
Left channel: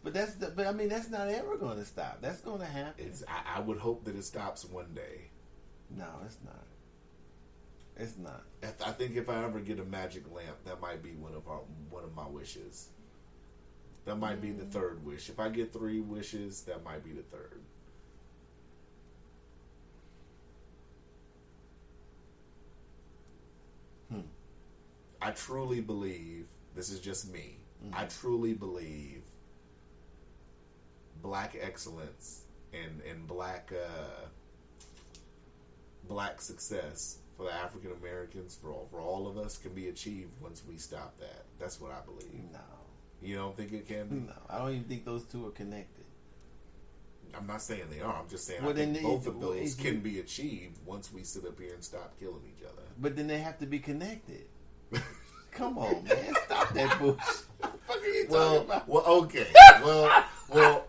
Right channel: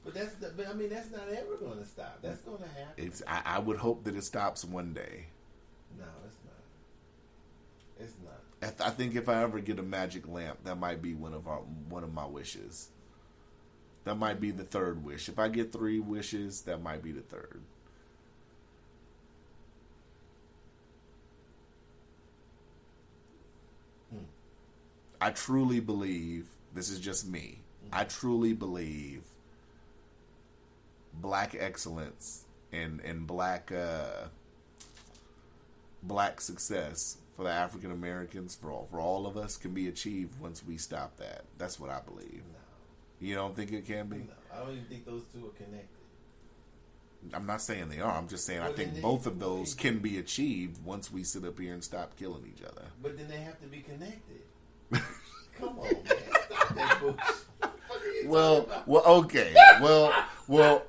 But I mean, that's not ever going to stop. That's going to happen. I would hope that it stops one day. No, it's not. It's not. I think if I ever get a magic lamp, that might be one of my wishes. That might be the third wish. If I get 3 wishes, that might be the third. I truly believe, this is just me, I truly believe black excellence and black success for the African Americans, for all of us, can be achieved once we stop that. That's what I believe. No. You don't think it can be? No. I don't even think those two are connected. I'm not saying they are. I'm just saying Well, I think then both of those can be achieved once we sit up here and stop killing each other. But then they have to be connected. Come on, man. Stop that bullshit. What the fuck are you talking about? Well, okay. Well,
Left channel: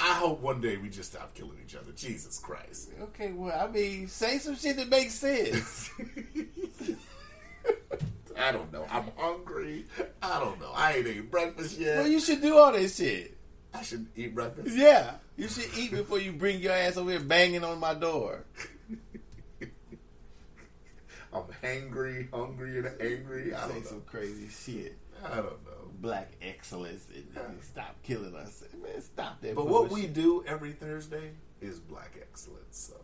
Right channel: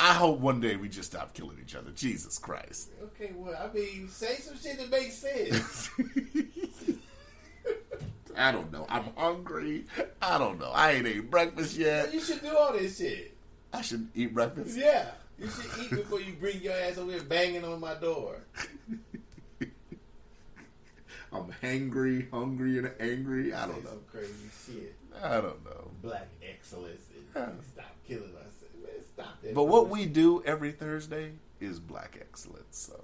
I hope one day we just stop killing each other. Jesus Christ. Okay, well, I mean, say some shit that makes sense. I don't know. I'm hungry. I don't know. I ain't eaten breakfast yet. Well, you should do all this shit. I should eat breakfast. Yeah. You should eat before you bring your ass over here banging on my door. I'm hungry and angry. I don't Say know. some crazy shit. I don't know. Black excellence and stop killing us. Man, stop that. But what we do every Thursday is black excellence. So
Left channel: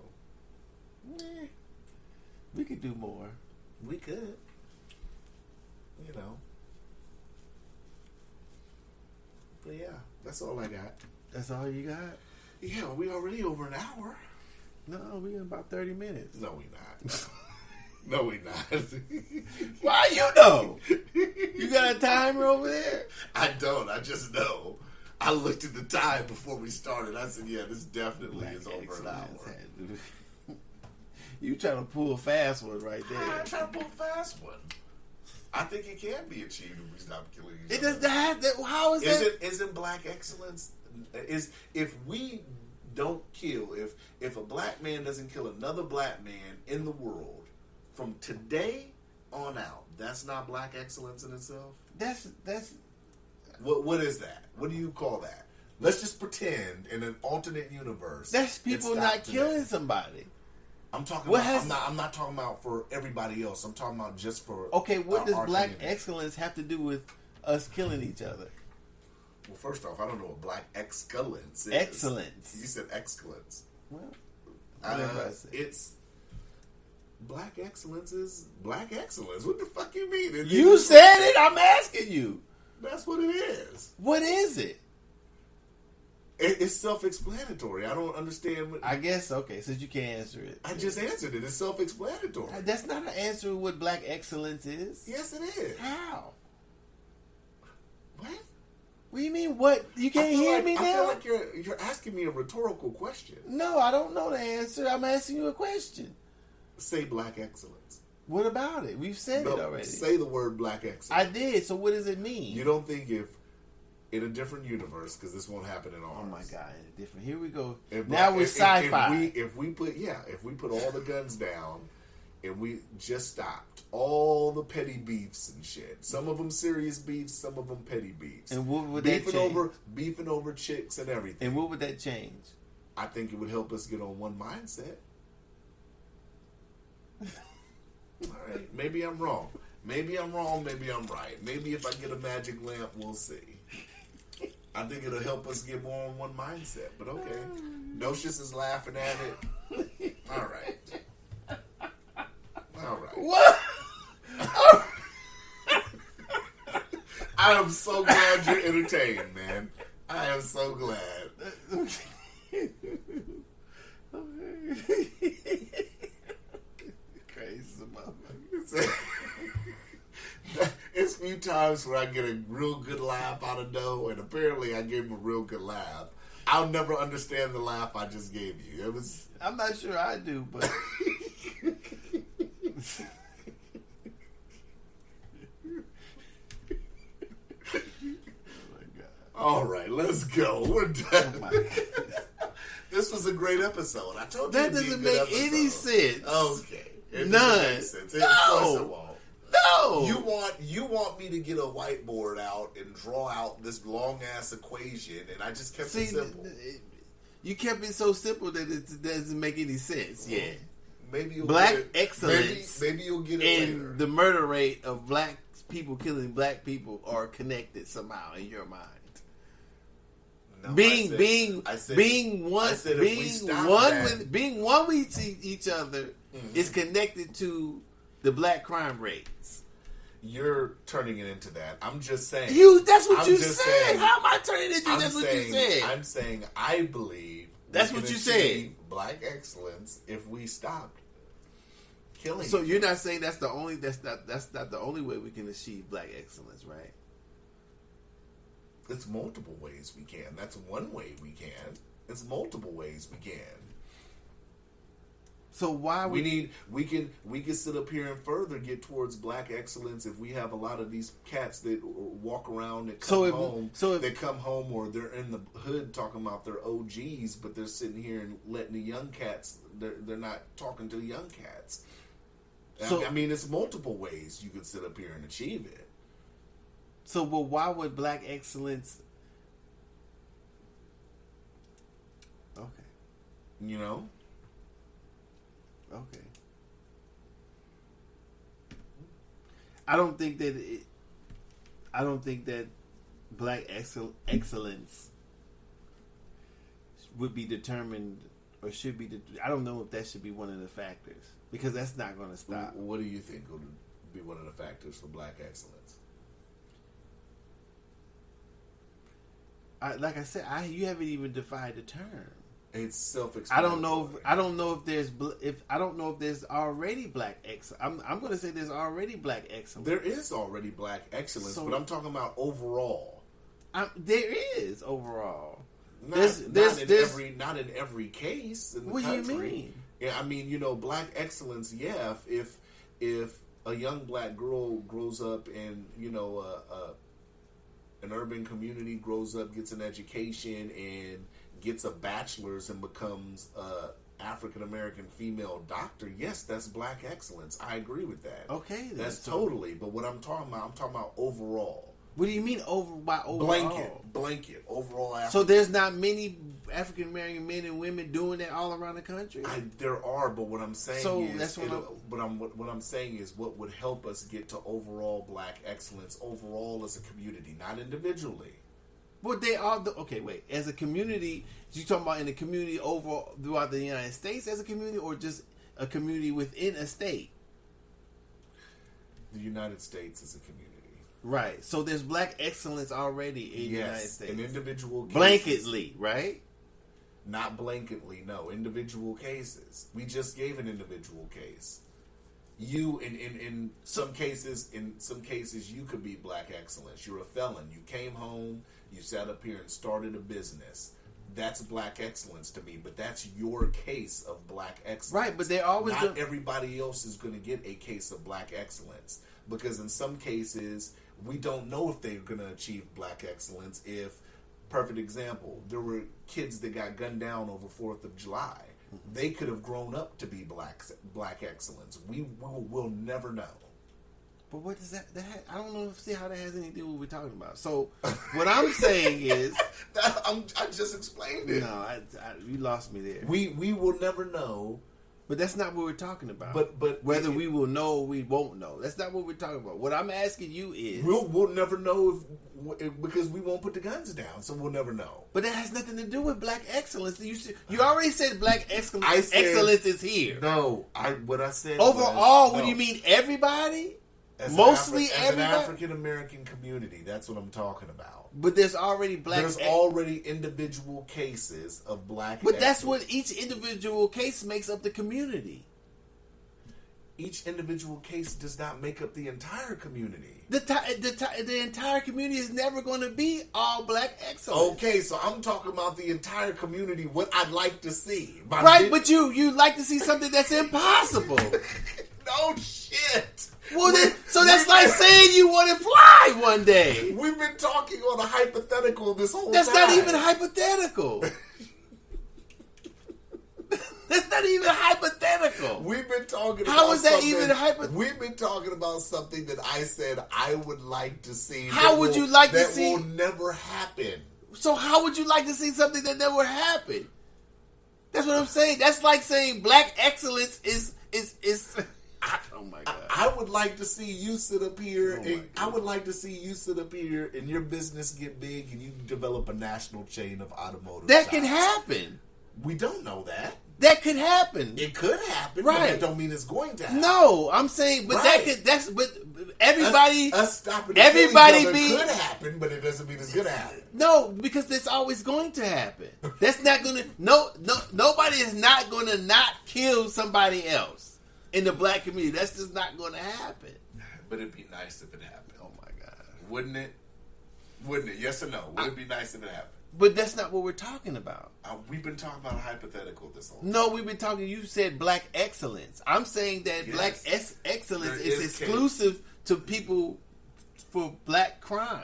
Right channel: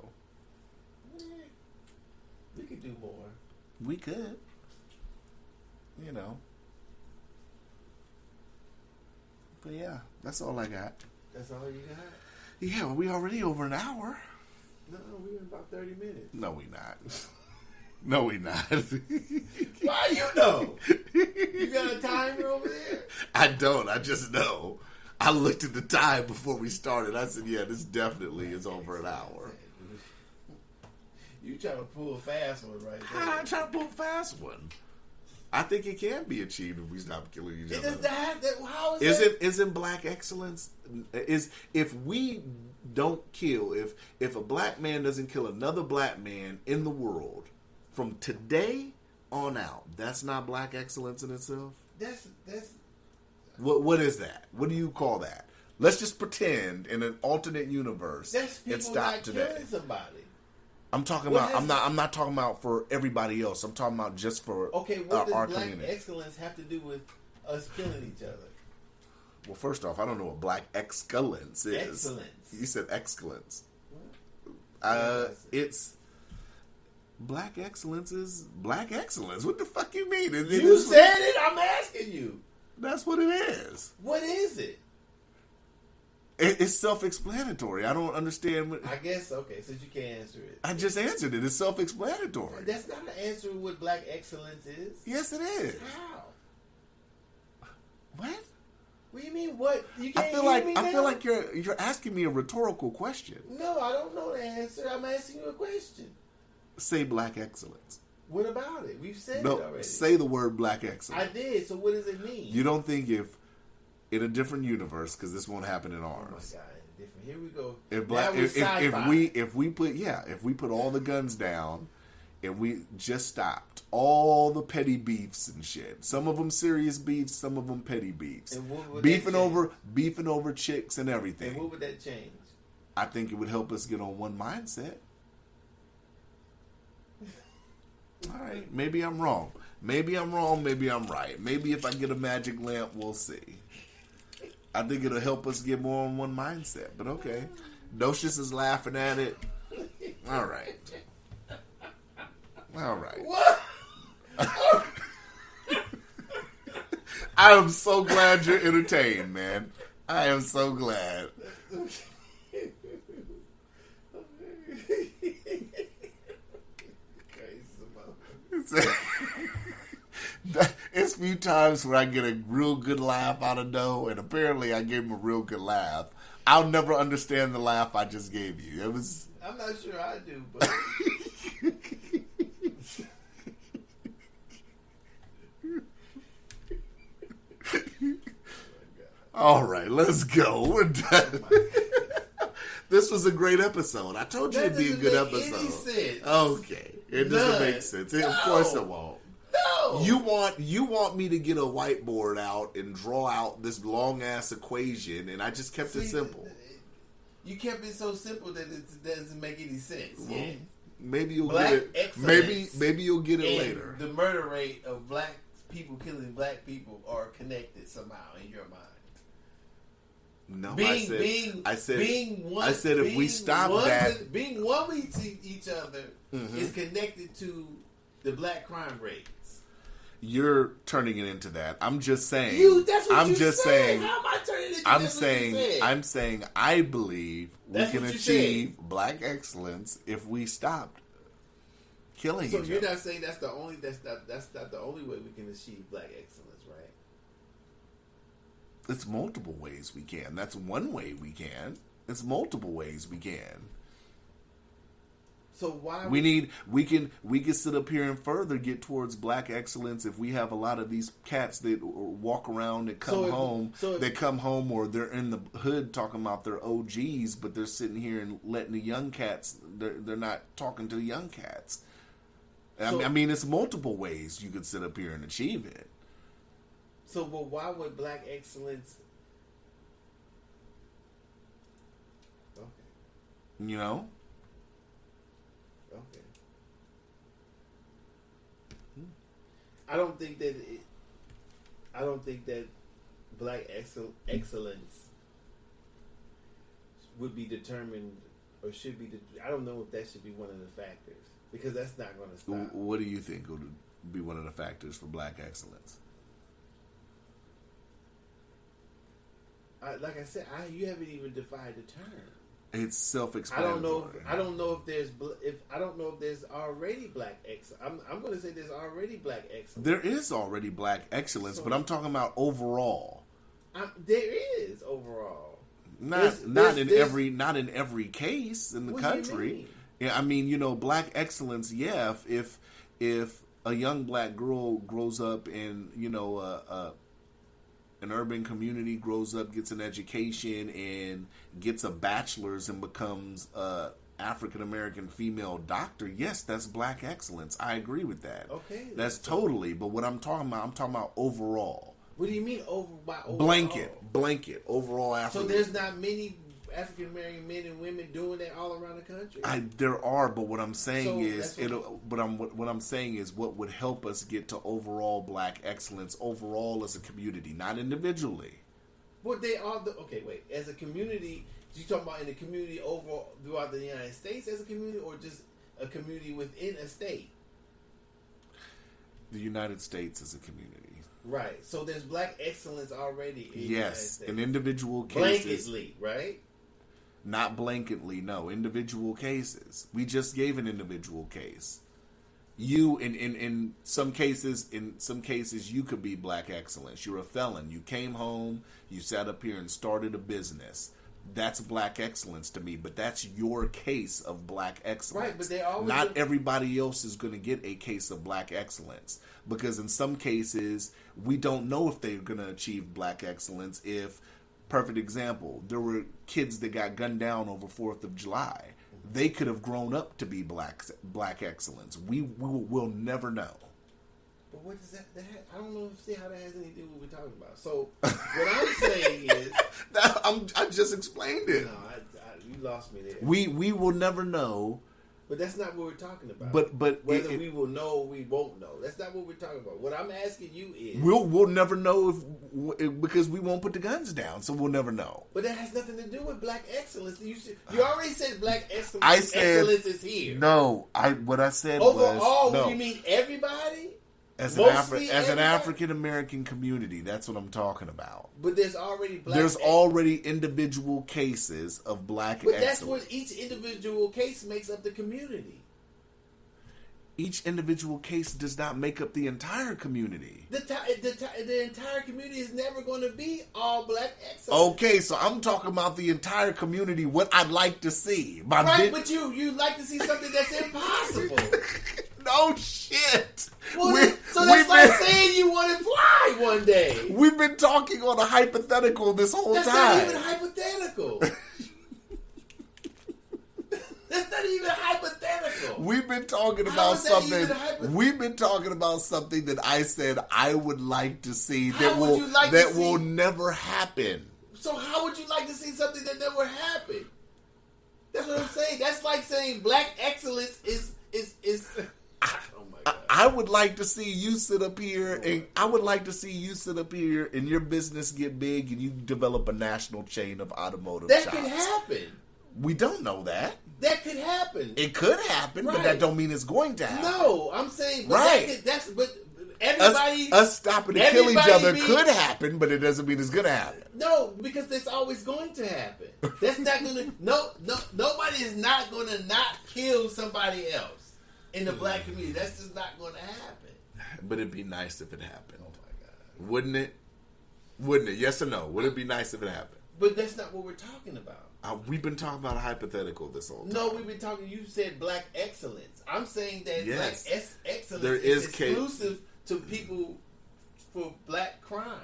we could do more. we could, you know. But yeah, that's all I got. That's all you got? Yeah, we already over an hour. No, we in about 30 minutes. No, we not. No, we not. Why you know? You got a timer over there? I don't. I just know. I looked at the time before we started. I said, yeah, this definitely is over an hour. You trying to pull a fast one right there. I'm not trying to pull a fast one. I think it can be achieved if we stop killing each other. It does have that. How is that? Isn't black excellence? If we don't kill, if a black man doesn't kill another black man in the world from today on out, that's not black excellence in itself? That's What is that? What do you call that? Let's just pretend in an alternate universe. that's people it not stopped killing today. somebody. I'm talking What about. I'm not talking about for everybody else. I'm talking about just for. Okay, what does our black community. excellence have to do with us killing each other? Well, first off, I don't know what black excellence is. Excellence. You said excellence. Well, It's black excellence is black excellence. What the fuck you mean? you said it. I'm asking you. That's what it is. What is it? It's self-explanatory. I don't understand. I guess okay. Since you can't answer it, I just answered it. It's self-explanatory. that's not an answer to what black excellence is. Yes, it is. How? What? What do you mean? What? You can't hear me now? I feel like you're asking me a rhetorical question. No, I don't know the answer. I'm asking you a question. Say black excellence. What about it? We've said No, it already. say the word black excellence. I did. So what does it mean? You don't think if in a different universe, because this won't happen in ours. Oh my God, different. Here we go. If Now we're sci-fi. if we put all the guns down and we just stopped all the petty beefs and shit. Some of them serious beefs, some of them petty beefs. And what would beefing that beefing over chicks and everything. And what would that change? I think it would help us get on one mindset. All right, maybe I'm wrong. Maybe I'm wrong. Maybe I'm right. Maybe if I get a magic lamp, we'll see. I think it'll help us get more on one mindset. But okay, Nocious is laughing at it. All right. All right. What? I am so glad you're entertained, man. I am so glad. It's few times where I get a real good laugh out of Doe, and apparently I gave him a real good laugh. I'll never understand the laugh I just gave you. It was. I'm not sure I do, but. All right, let's go. We're done. Oh This was a great episode. I told you that it'd be a doesn't good make episode. any sense. Okay, it None. doesn't make sense. Of course it won't. No. You want me to get a whiteboard out and draw out this long ass equation, and I just kept it simple. You kept it so simple that it doesn't make any sense. Yeah. Maybe you'll Black get it. excellence Maybe you'll get it and later. the murder rate of black people killing black people are connected somehow in your mind. No, Being if we stop that, being one with each other Mhm. is connected to the black crime rates. you're turning it into that. I'm just saying. That's what I'm you just said. saying- How am I turning it into that's what you said? I'm saying I believe That's we what can you said. achieve black excellence if we stopped killing. So each you're other. not saying that's not the only way we can achieve black excellence, right? It's multiple ways we can. That's one way we can. It's multiple ways we can. So why We can sit up here and further get towards black excellence if we have a lot of these cats that walk around that come home. They come home or they're in the hood talking about their OGs, but they're sitting here and letting the young cats. They're not talking to the young cats. I mean, it's multiple ways you could sit up here and achieve it. So, but why would black excellence? Okay. You know. Okay. I don't think that black excellence would be determined or should be. I don't know if that should be one of the factors because that's not going to stop. What do you think would be one of the factors for black excellence? Like I said, you haven't even defined the term. It's self-explanatory. I don't know if there's already black excellence. I'm going to say there's already black excellence. There is already black excellence, but I'm talking about overall. There is overall. Not in every case in the what country. Do you mean? Yeah, I mean, black excellence. Yeah, if a young black girl grows up in an urban community, grows up, gets an education, and gets a bachelor's and becomes a African American female doctor, yes, that's black excellence. I agree with that. Okay, that's totally. But what I'm talking about overall. What do you mean by overall? Blanket overall. So there's not many African American men and women doing that all around the country. There are, but what I'm saying what I'm saying is what would help us get to overall black excellence overall as a community, not individually. But they are as a community, you talking about in the community overall throughout the United States as a community, or just a community within a state? The United States is a community. Right. So there's black excellence already in the United States. In individual cases. Blanketly, right? Not blanketly, no. Individual cases. We just gave an individual case. You in some cases you could be black excellence. You're a felon. You came home, you sat up here and started a business. That's black excellence to me, but that's your case of black excellence. Right, but they always not everybody else is going to get a case of black excellence, because in some cases we don't know if they're going to achieve black excellence. If, perfect example, there were kids that got gunned down over 4th of July. They could have grown up to be black excellence. We will never know. But what does that I don't know how that has anything to do with what we're talking about. So what I'm saying is I just explained it. No, you lost me there. We will never know. But that's not what we're talking about. But whether we will know or we won't know. That's not what we're talking about. What I'm asking you is we'll never know if because we won't put the guns down, so we'll never know. But that has nothing to do with black excellence. You already said black excellence. Excellence is here. No, what I said overall. Was, what do you mean everybody? As Mostly an African American community, that's what I'm talking about. But there's already already individual cases of black. But that's what each individual case makes up the community. Each individual case does not make up the entire community. The entire community is never going to be all black excellence. Okay, so I'm talking about the entire community. What I'd like to see, but you like to see something that's impossible. No shit. Well, that's like saying you want to fly one day. We've been talking on a hypothetical this whole time. That's not even hypothetical. That's not even hypothetical. We've been talking about How is that something. Even hypothetical? We've been talking about something that I said I would like to see. How would you like to see? That will never happen. So how would you like to see something that never happened? That's what I'm saying. That's like saying black excellence is. Oh my God. I would like to see you sit up here, and I would like to see you sit up here, and your business get big, and you develop a national chain of automotive. That shops. could happen. We don't know that. That could happen. It could happen, but Right. that don't mean it's going to happen. No, I'm saying, but Right. but everybody, us stopping to kill each everybody other be- could happen, but it doesn't mean it's gonna happen. no, because that's always going to happen. That's not gonna. Nobody is not gonna not kill somebody else in the black community. That's just not gonna happen. But it'd be nice if it happened. Oh my God. Wouldn't it? Wouldn't it? Yes or no? Would it be nice if it happened? But that's not what we're talking about. We've been talking about a hypothetical this whole time. No, we've been talking. You said black excellence. I'm saying that Yes. black excellence There is is exclusive to people for black crime.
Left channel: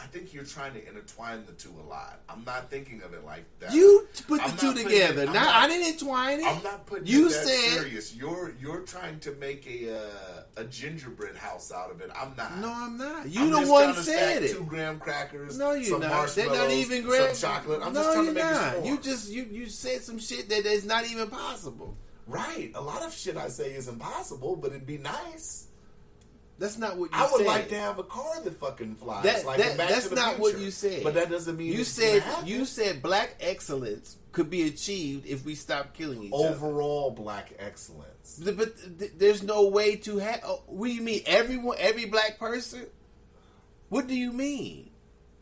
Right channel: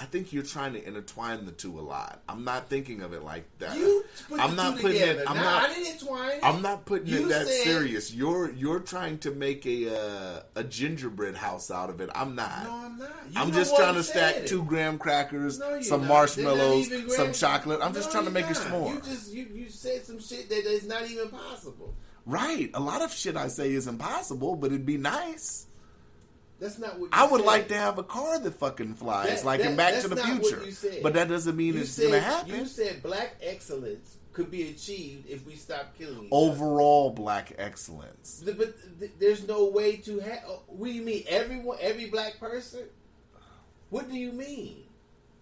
I think you're trying to intertwine the two a lot. I'm not thinking of it like that. You put I'm the not two putting together. it- I'm Now not- I didn't entwine it. I'm not putting You it that said- serious. You're trying to make a gingerbread house out of it. I'm not. No, I'm not. You I'm the just one trying to said stack it. 2 graham crackers, No, you're some not. marshmallows, They're not even some graham- chocolate. I'm just No, trying to you're make it not. s'more. You said some shit that is not even possible. Right. A lot of shit I say is impossible, but it'd be nice. That's not what you I would said. like to have a car that fucking flies, That- like that- in Back that's to the not Future. what you said. But that doesn't mean You it's gonna said happen. black excellence could be achieved if we stop killing each other. Overall black excellence. But there's no way to have. What do you mean? Every black person? What do you mean?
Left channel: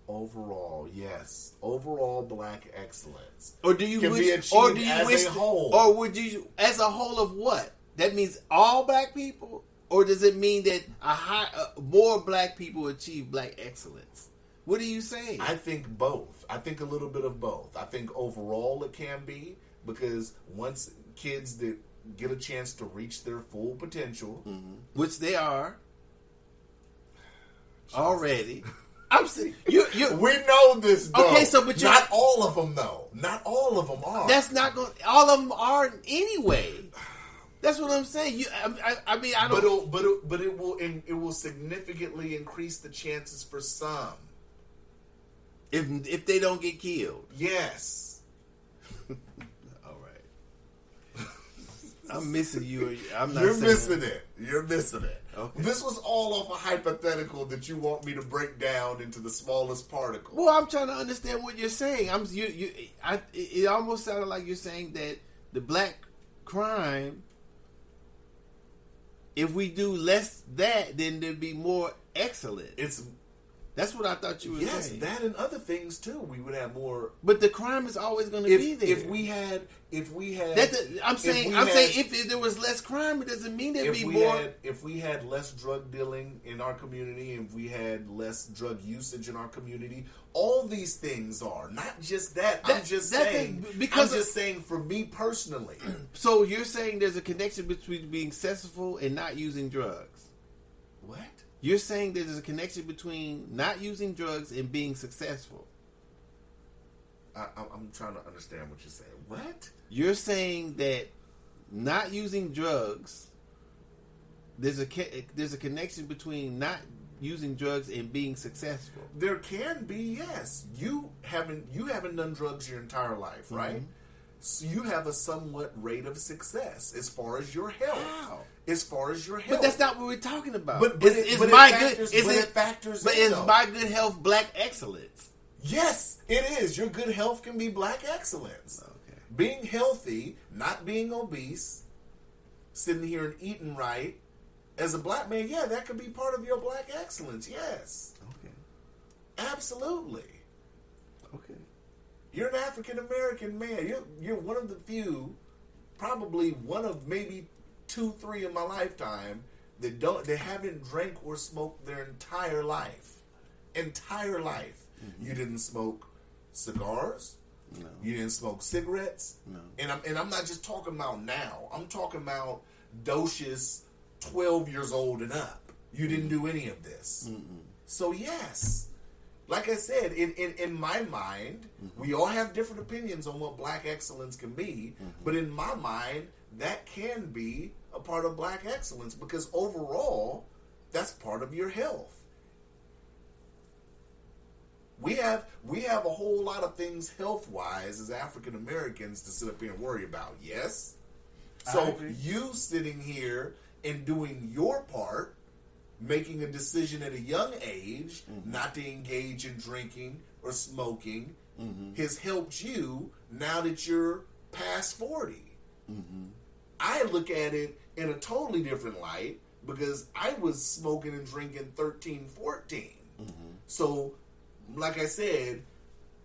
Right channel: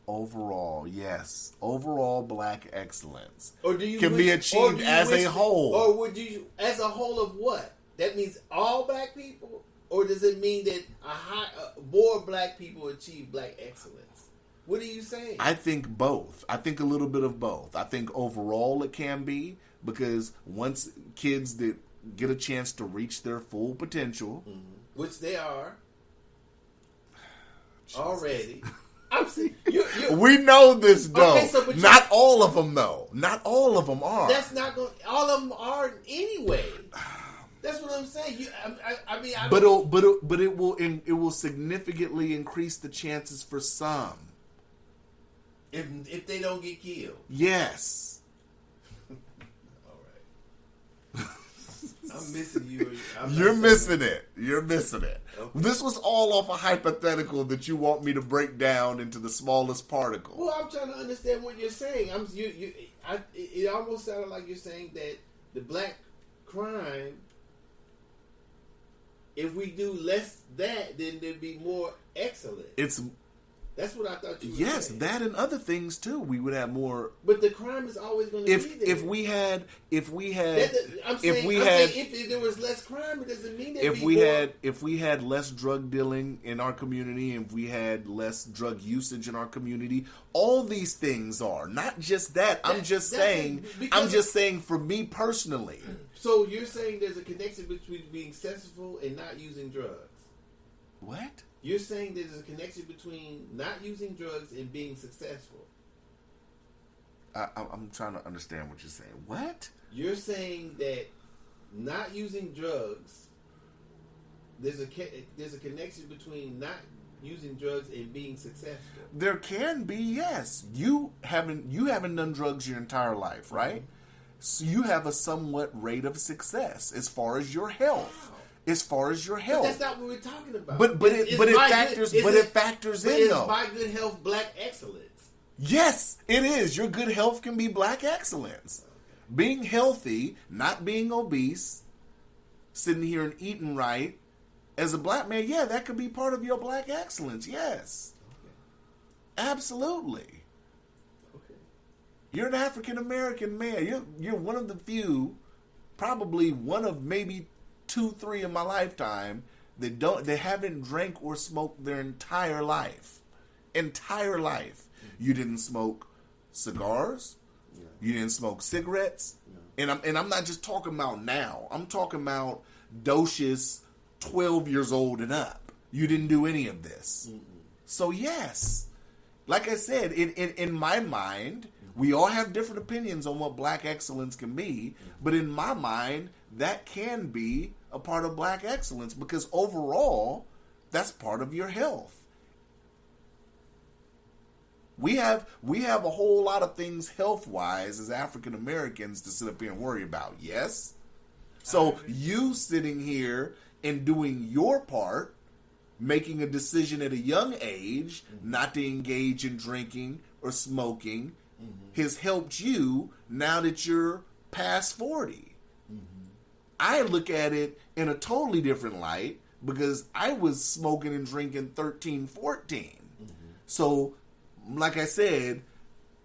Overall, yes. Overall black excellence. Or do you Can be wish- achieved or do you as wish- a whole. Or would you, as a whole of what? That means all black people, or does it mean that more black people achieve black excellence? What are you saying? I think both. I think a little bit of both. I think overall it can be, because once kids that get a chance to reach their full potential, Which they are already. I'm saying you. we know this though. Okay, so but not all of them though. Not all of them are. That's not going. All of them are anyway. That's what I'm saying. I mean, I don't. But it will significantly increase the chances for some. If they don't get killed. Yes. All right. I'm missing you. I'm not You're saying- missing it. You're missing it. Okay. This was all off a hypothetical that you want me to break down into the smallest particle. Well, I'm trying to understand what you're saying. It almost sounded like you're saying that the black crime, if we do less that, then there'd be more excellent. That's what I thought you were saying. That and other things too. We would have more. But the crime is always going to be there. If we had, I'm saying if there was less crime, it doesn't mean there'd be more. If we had less drug dealing in our community, and if we had less drug usage in our community, all these things are not just that. I'm just saying for me personally. So you're saying there's a connection between being successful and not using drugs? What? You're saying there's a connection between not using drugs and being successful? I'm trying to understand what you're saying. What? You're saying that not using drugs, there's a connection between not using drugs and being successful. There can be, yes. You haven't done drugs your entire life, right? Mm-hmm. So you have a somewhat rate of success as far as your health. Wow. As far as your health. But that's not what we're talking about. But it factors But in, is though. by good health black excellence? Yes, it is. Your good health can be black excellence. Okay. Being healthy, not being obese, sitting here and eating right, as a black man, yeah, that could be part of your black excellence. Yes. Okay. Absolutely. Okay. You're an African American man. You're one of the few, probably one of maybe 2-3 in my lifetime that haven't drank or smoked their entire life. Entire life. You didn't smoke cigars. No. You didn't smoke cigarettes. No. And I'm not just talking about now. I'm talking about docious 12 years old and up. You didn't do any of this. Mm-mm. So yes, like I said, in my mind, we all have different opinions on what black excellence can be, but in my mind, that can be a part of black excellence, because overall, that's part of your health. We have a whole lot of things health wise as African Americans to sit up here and worry about. Yes. So you sitting here and doing your part, making a decision at a young age not to engage in drinking or smoking, has helped you now that you're past 40. I look at it in a totally different light because I was smoking and drinking 13, 14. So, like I said,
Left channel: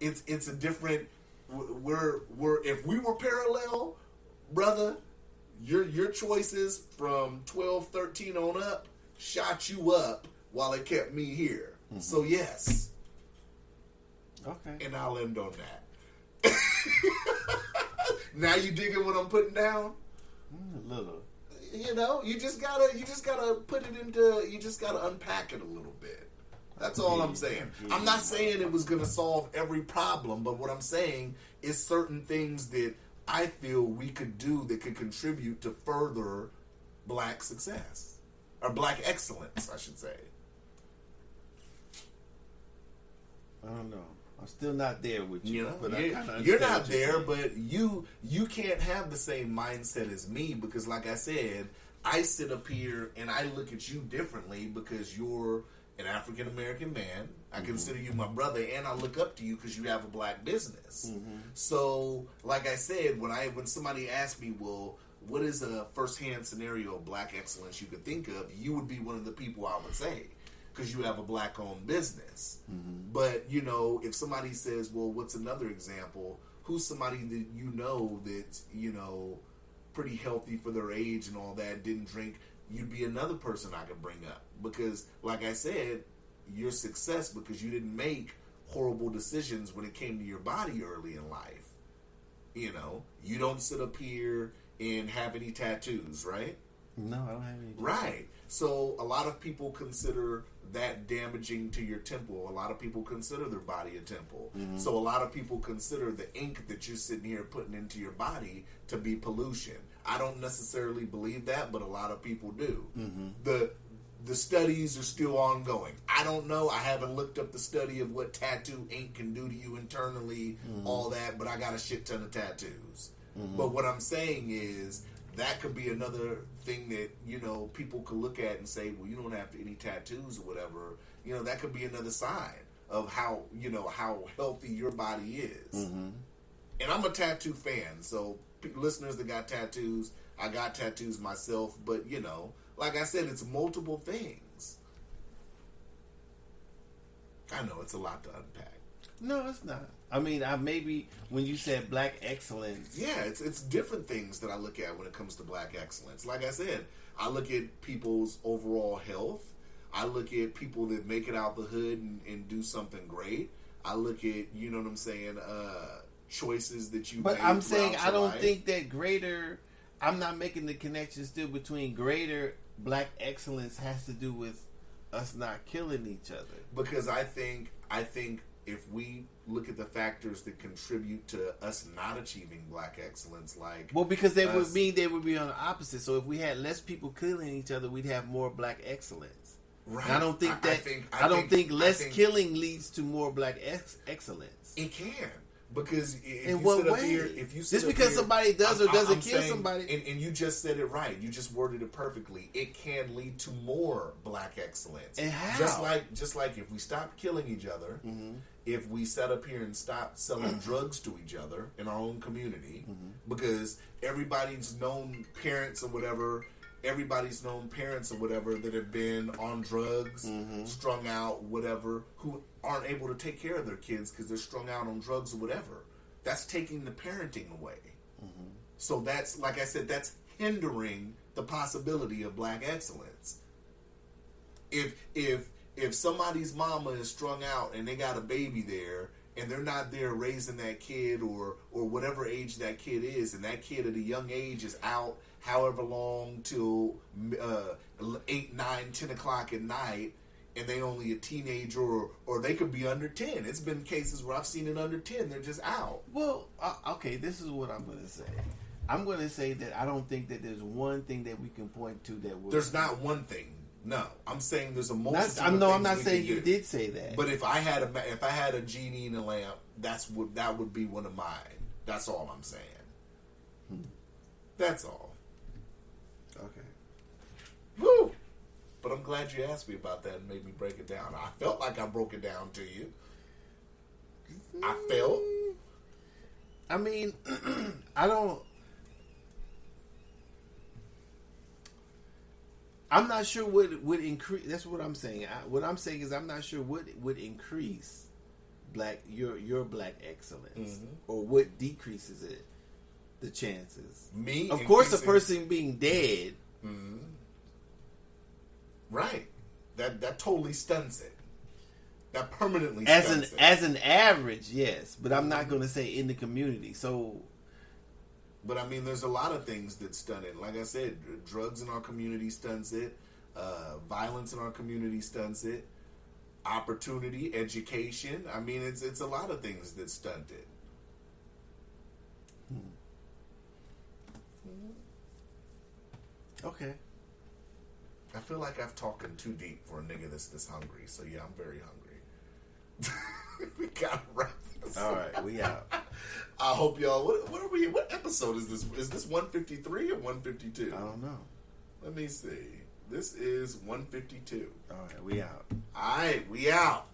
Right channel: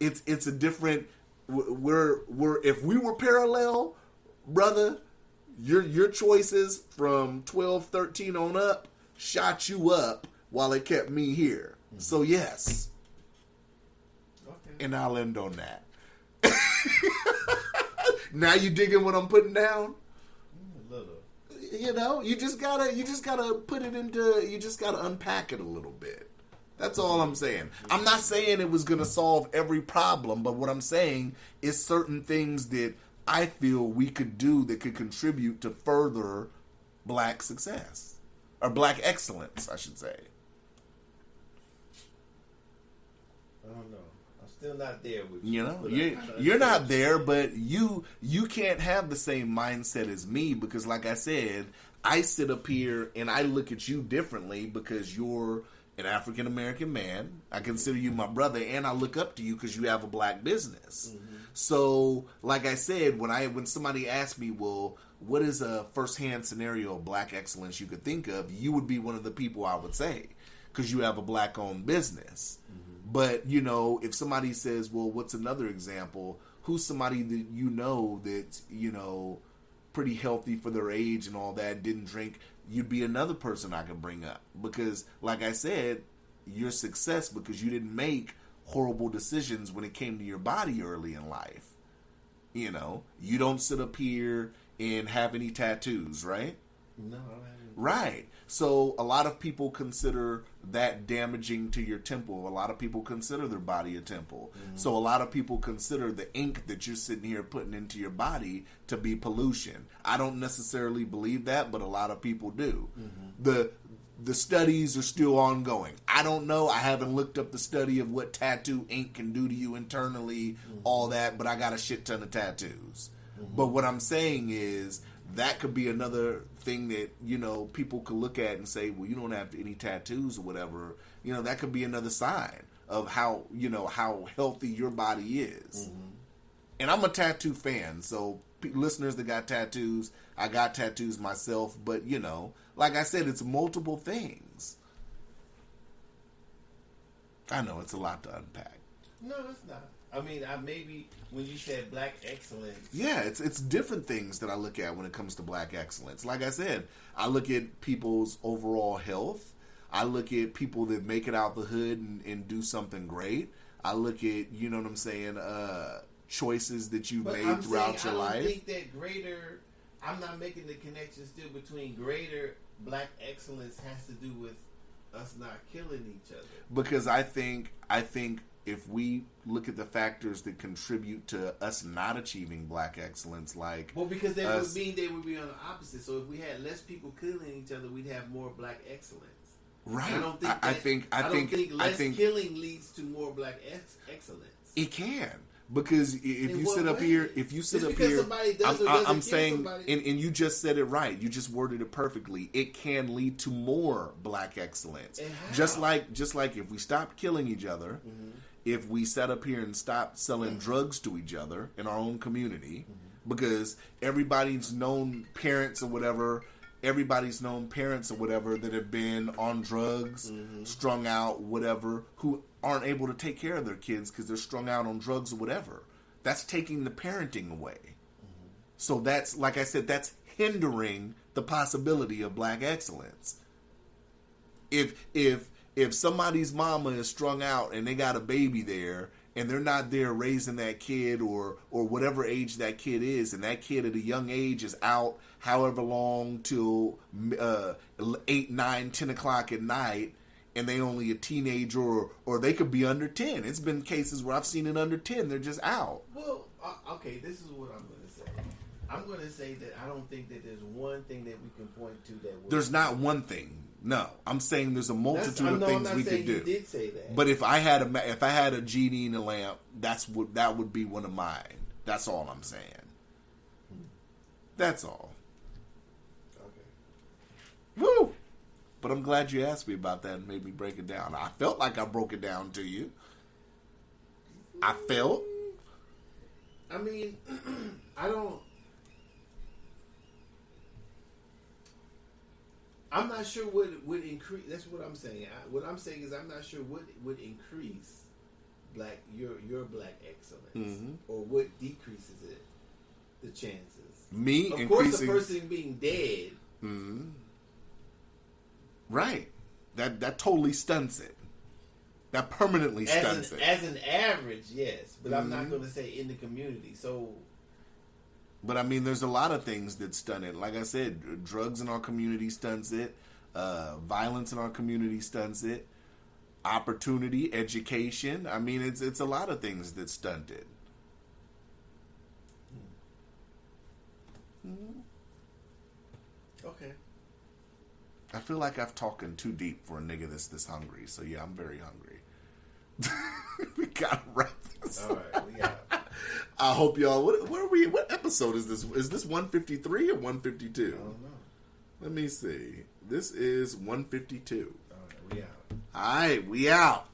it's a different. We're if we were parallel, brother, your choices from 12, 13 on up shot you up while it kept me here. So yes. Okay. And I'll end on that. Now you digging what I'm putting down? A little. You know, you just gotta put it into. You just gotta unpack it a little bit. That's all I'm saying. I'm not saying it was gonna solve every problem, but what I'm saying is certain things that I feel we could do that could contribute to further black success or black excellence, I should say. I don't know. I'm still not there with you. You know, but you're not there, but you can't have the same mindset as me because, like I said, I sit up here and I look at you differently because you're an African American man. I consider you my brother, and I look up to you because you have a black business. So, like I said, when somebody asks me, well, what is a firsthand scenario of black excellence you could think of? You would be one of the people I would say because you have a black-owned business. But, you know, if somebody says, well, what's another example? Who's somebody that you know that's, you know, pretty healthy for their age and all that, didn't drink? You'd be another person I could bring up. Because, like I said, your success because you didn't make horrible decisions when it came to your body early in life. You know, you don't sit up here and have any tattoos, right? No, I don't have any. Right. So a lot of people consider that damaging to your temple. A lot of people consider their body a temple. So a lot of people consider the ink that you're sitting here putting into your body to be pollution. I don't necessarily believe that, but a lot of people do. The studies are still ongoing. I don't know. I haven't looked up the study of what tattoo ink can do to you internally, all that, but I got a shit ton of tattoos. But what I'm saying is that could be another thing that, you know, people could look at and say, well, you don't have any tattoos or whatever. You know, that could be another sign of how, you know, how healthy your body is. And I'm a tattoo fan, so listeners that got tattoos, I got tattoos myself, but, you know, like I said, it's multiple things. I know it's a lot to unpack. No, it's not. I mean, maybe when you said black excellence. Yeah, it's different things that I look at when it comes to black excellence. Like I said, I look at people's overall health. I look at people that make it out the hood and do something great. I look at, you know what I'm saying, choices that you made I'm throughout saying your I don't life. think that greater. I'm not making the connection still between greater black excellence has to do with us not killing each other. Because I think if we look at the factors that contribute to us not achieving black excellence, like because they would mean they would be on the opposite. So if we had less people killing each other, we'd have more black excellence. right? And I don't think I don't think less killing leads to more black excellence. it can. Because if In you what sit up way? here, if you sit Just up because here, somebody does or doesn't kill saying, somebody. and you just said it right. You just worded it perfectly. It can lead to more black excellence. And how? Just like if we stop killing each other, if we sat up here and stop selling drugs to each other in our own community, because everybody's known parents or whatever. Everybody's known parents or whatever that have been on drugs, strung out, whatever, who aren't able to take care of their kids because they're strung out on drugs or whatever. That's taking the parenting away. So that's, like I said, that's hindering the possibility of black excellence. If somebody's mama is strung out and they got a baby there and they're not there raising that kid or whatever age that kid is, and that kid at a young age is out however long till 8, 9, 10 o'clock at night, and they only a teenager or they could be under 10. It's been cases where I've seen it under 10. They're just out. Well, okay, this is what I'm going to say. I'm going to say that I don't think that there's one thing that we can point to that would... There's not one thing. No, I'm saying there's a multitude I'm of not things we saying could you do. did say that. But if I had a genie in a lamp, that would be one of mine. That's all I'm saying. That's all. Okay. Woo! But I'm glad you asked me about that and made me break it down. I felt like I broke it down to you. I felt. I mean, I don't. I'm not sure what would increase. That's what I'm saying. What I'm saying is I'm not sure what would increase your black excellence, or what decreases it, the chances. Me, of course, a person being dead. Right. That totally stunts it. That permanently stunts it. As an average, yes, but I'm not going to say in the community. So. But I mean, there's a lot of things that stun it. Like I said, drugs in our community stunts it. Violence in our community stunts it. Opportunity, education. I mean, it's a lot of things that stunt it. Okay. I feel like I've talking too deep for a nigga that's this hungry. So yeah, I'm very hungry. We gotta wrap this. All right, we out. I hope y'all. What are we? What episode is this? Is this 153 or 152? I don't know. Let me see. This is 152. All right, we out. All right, we out.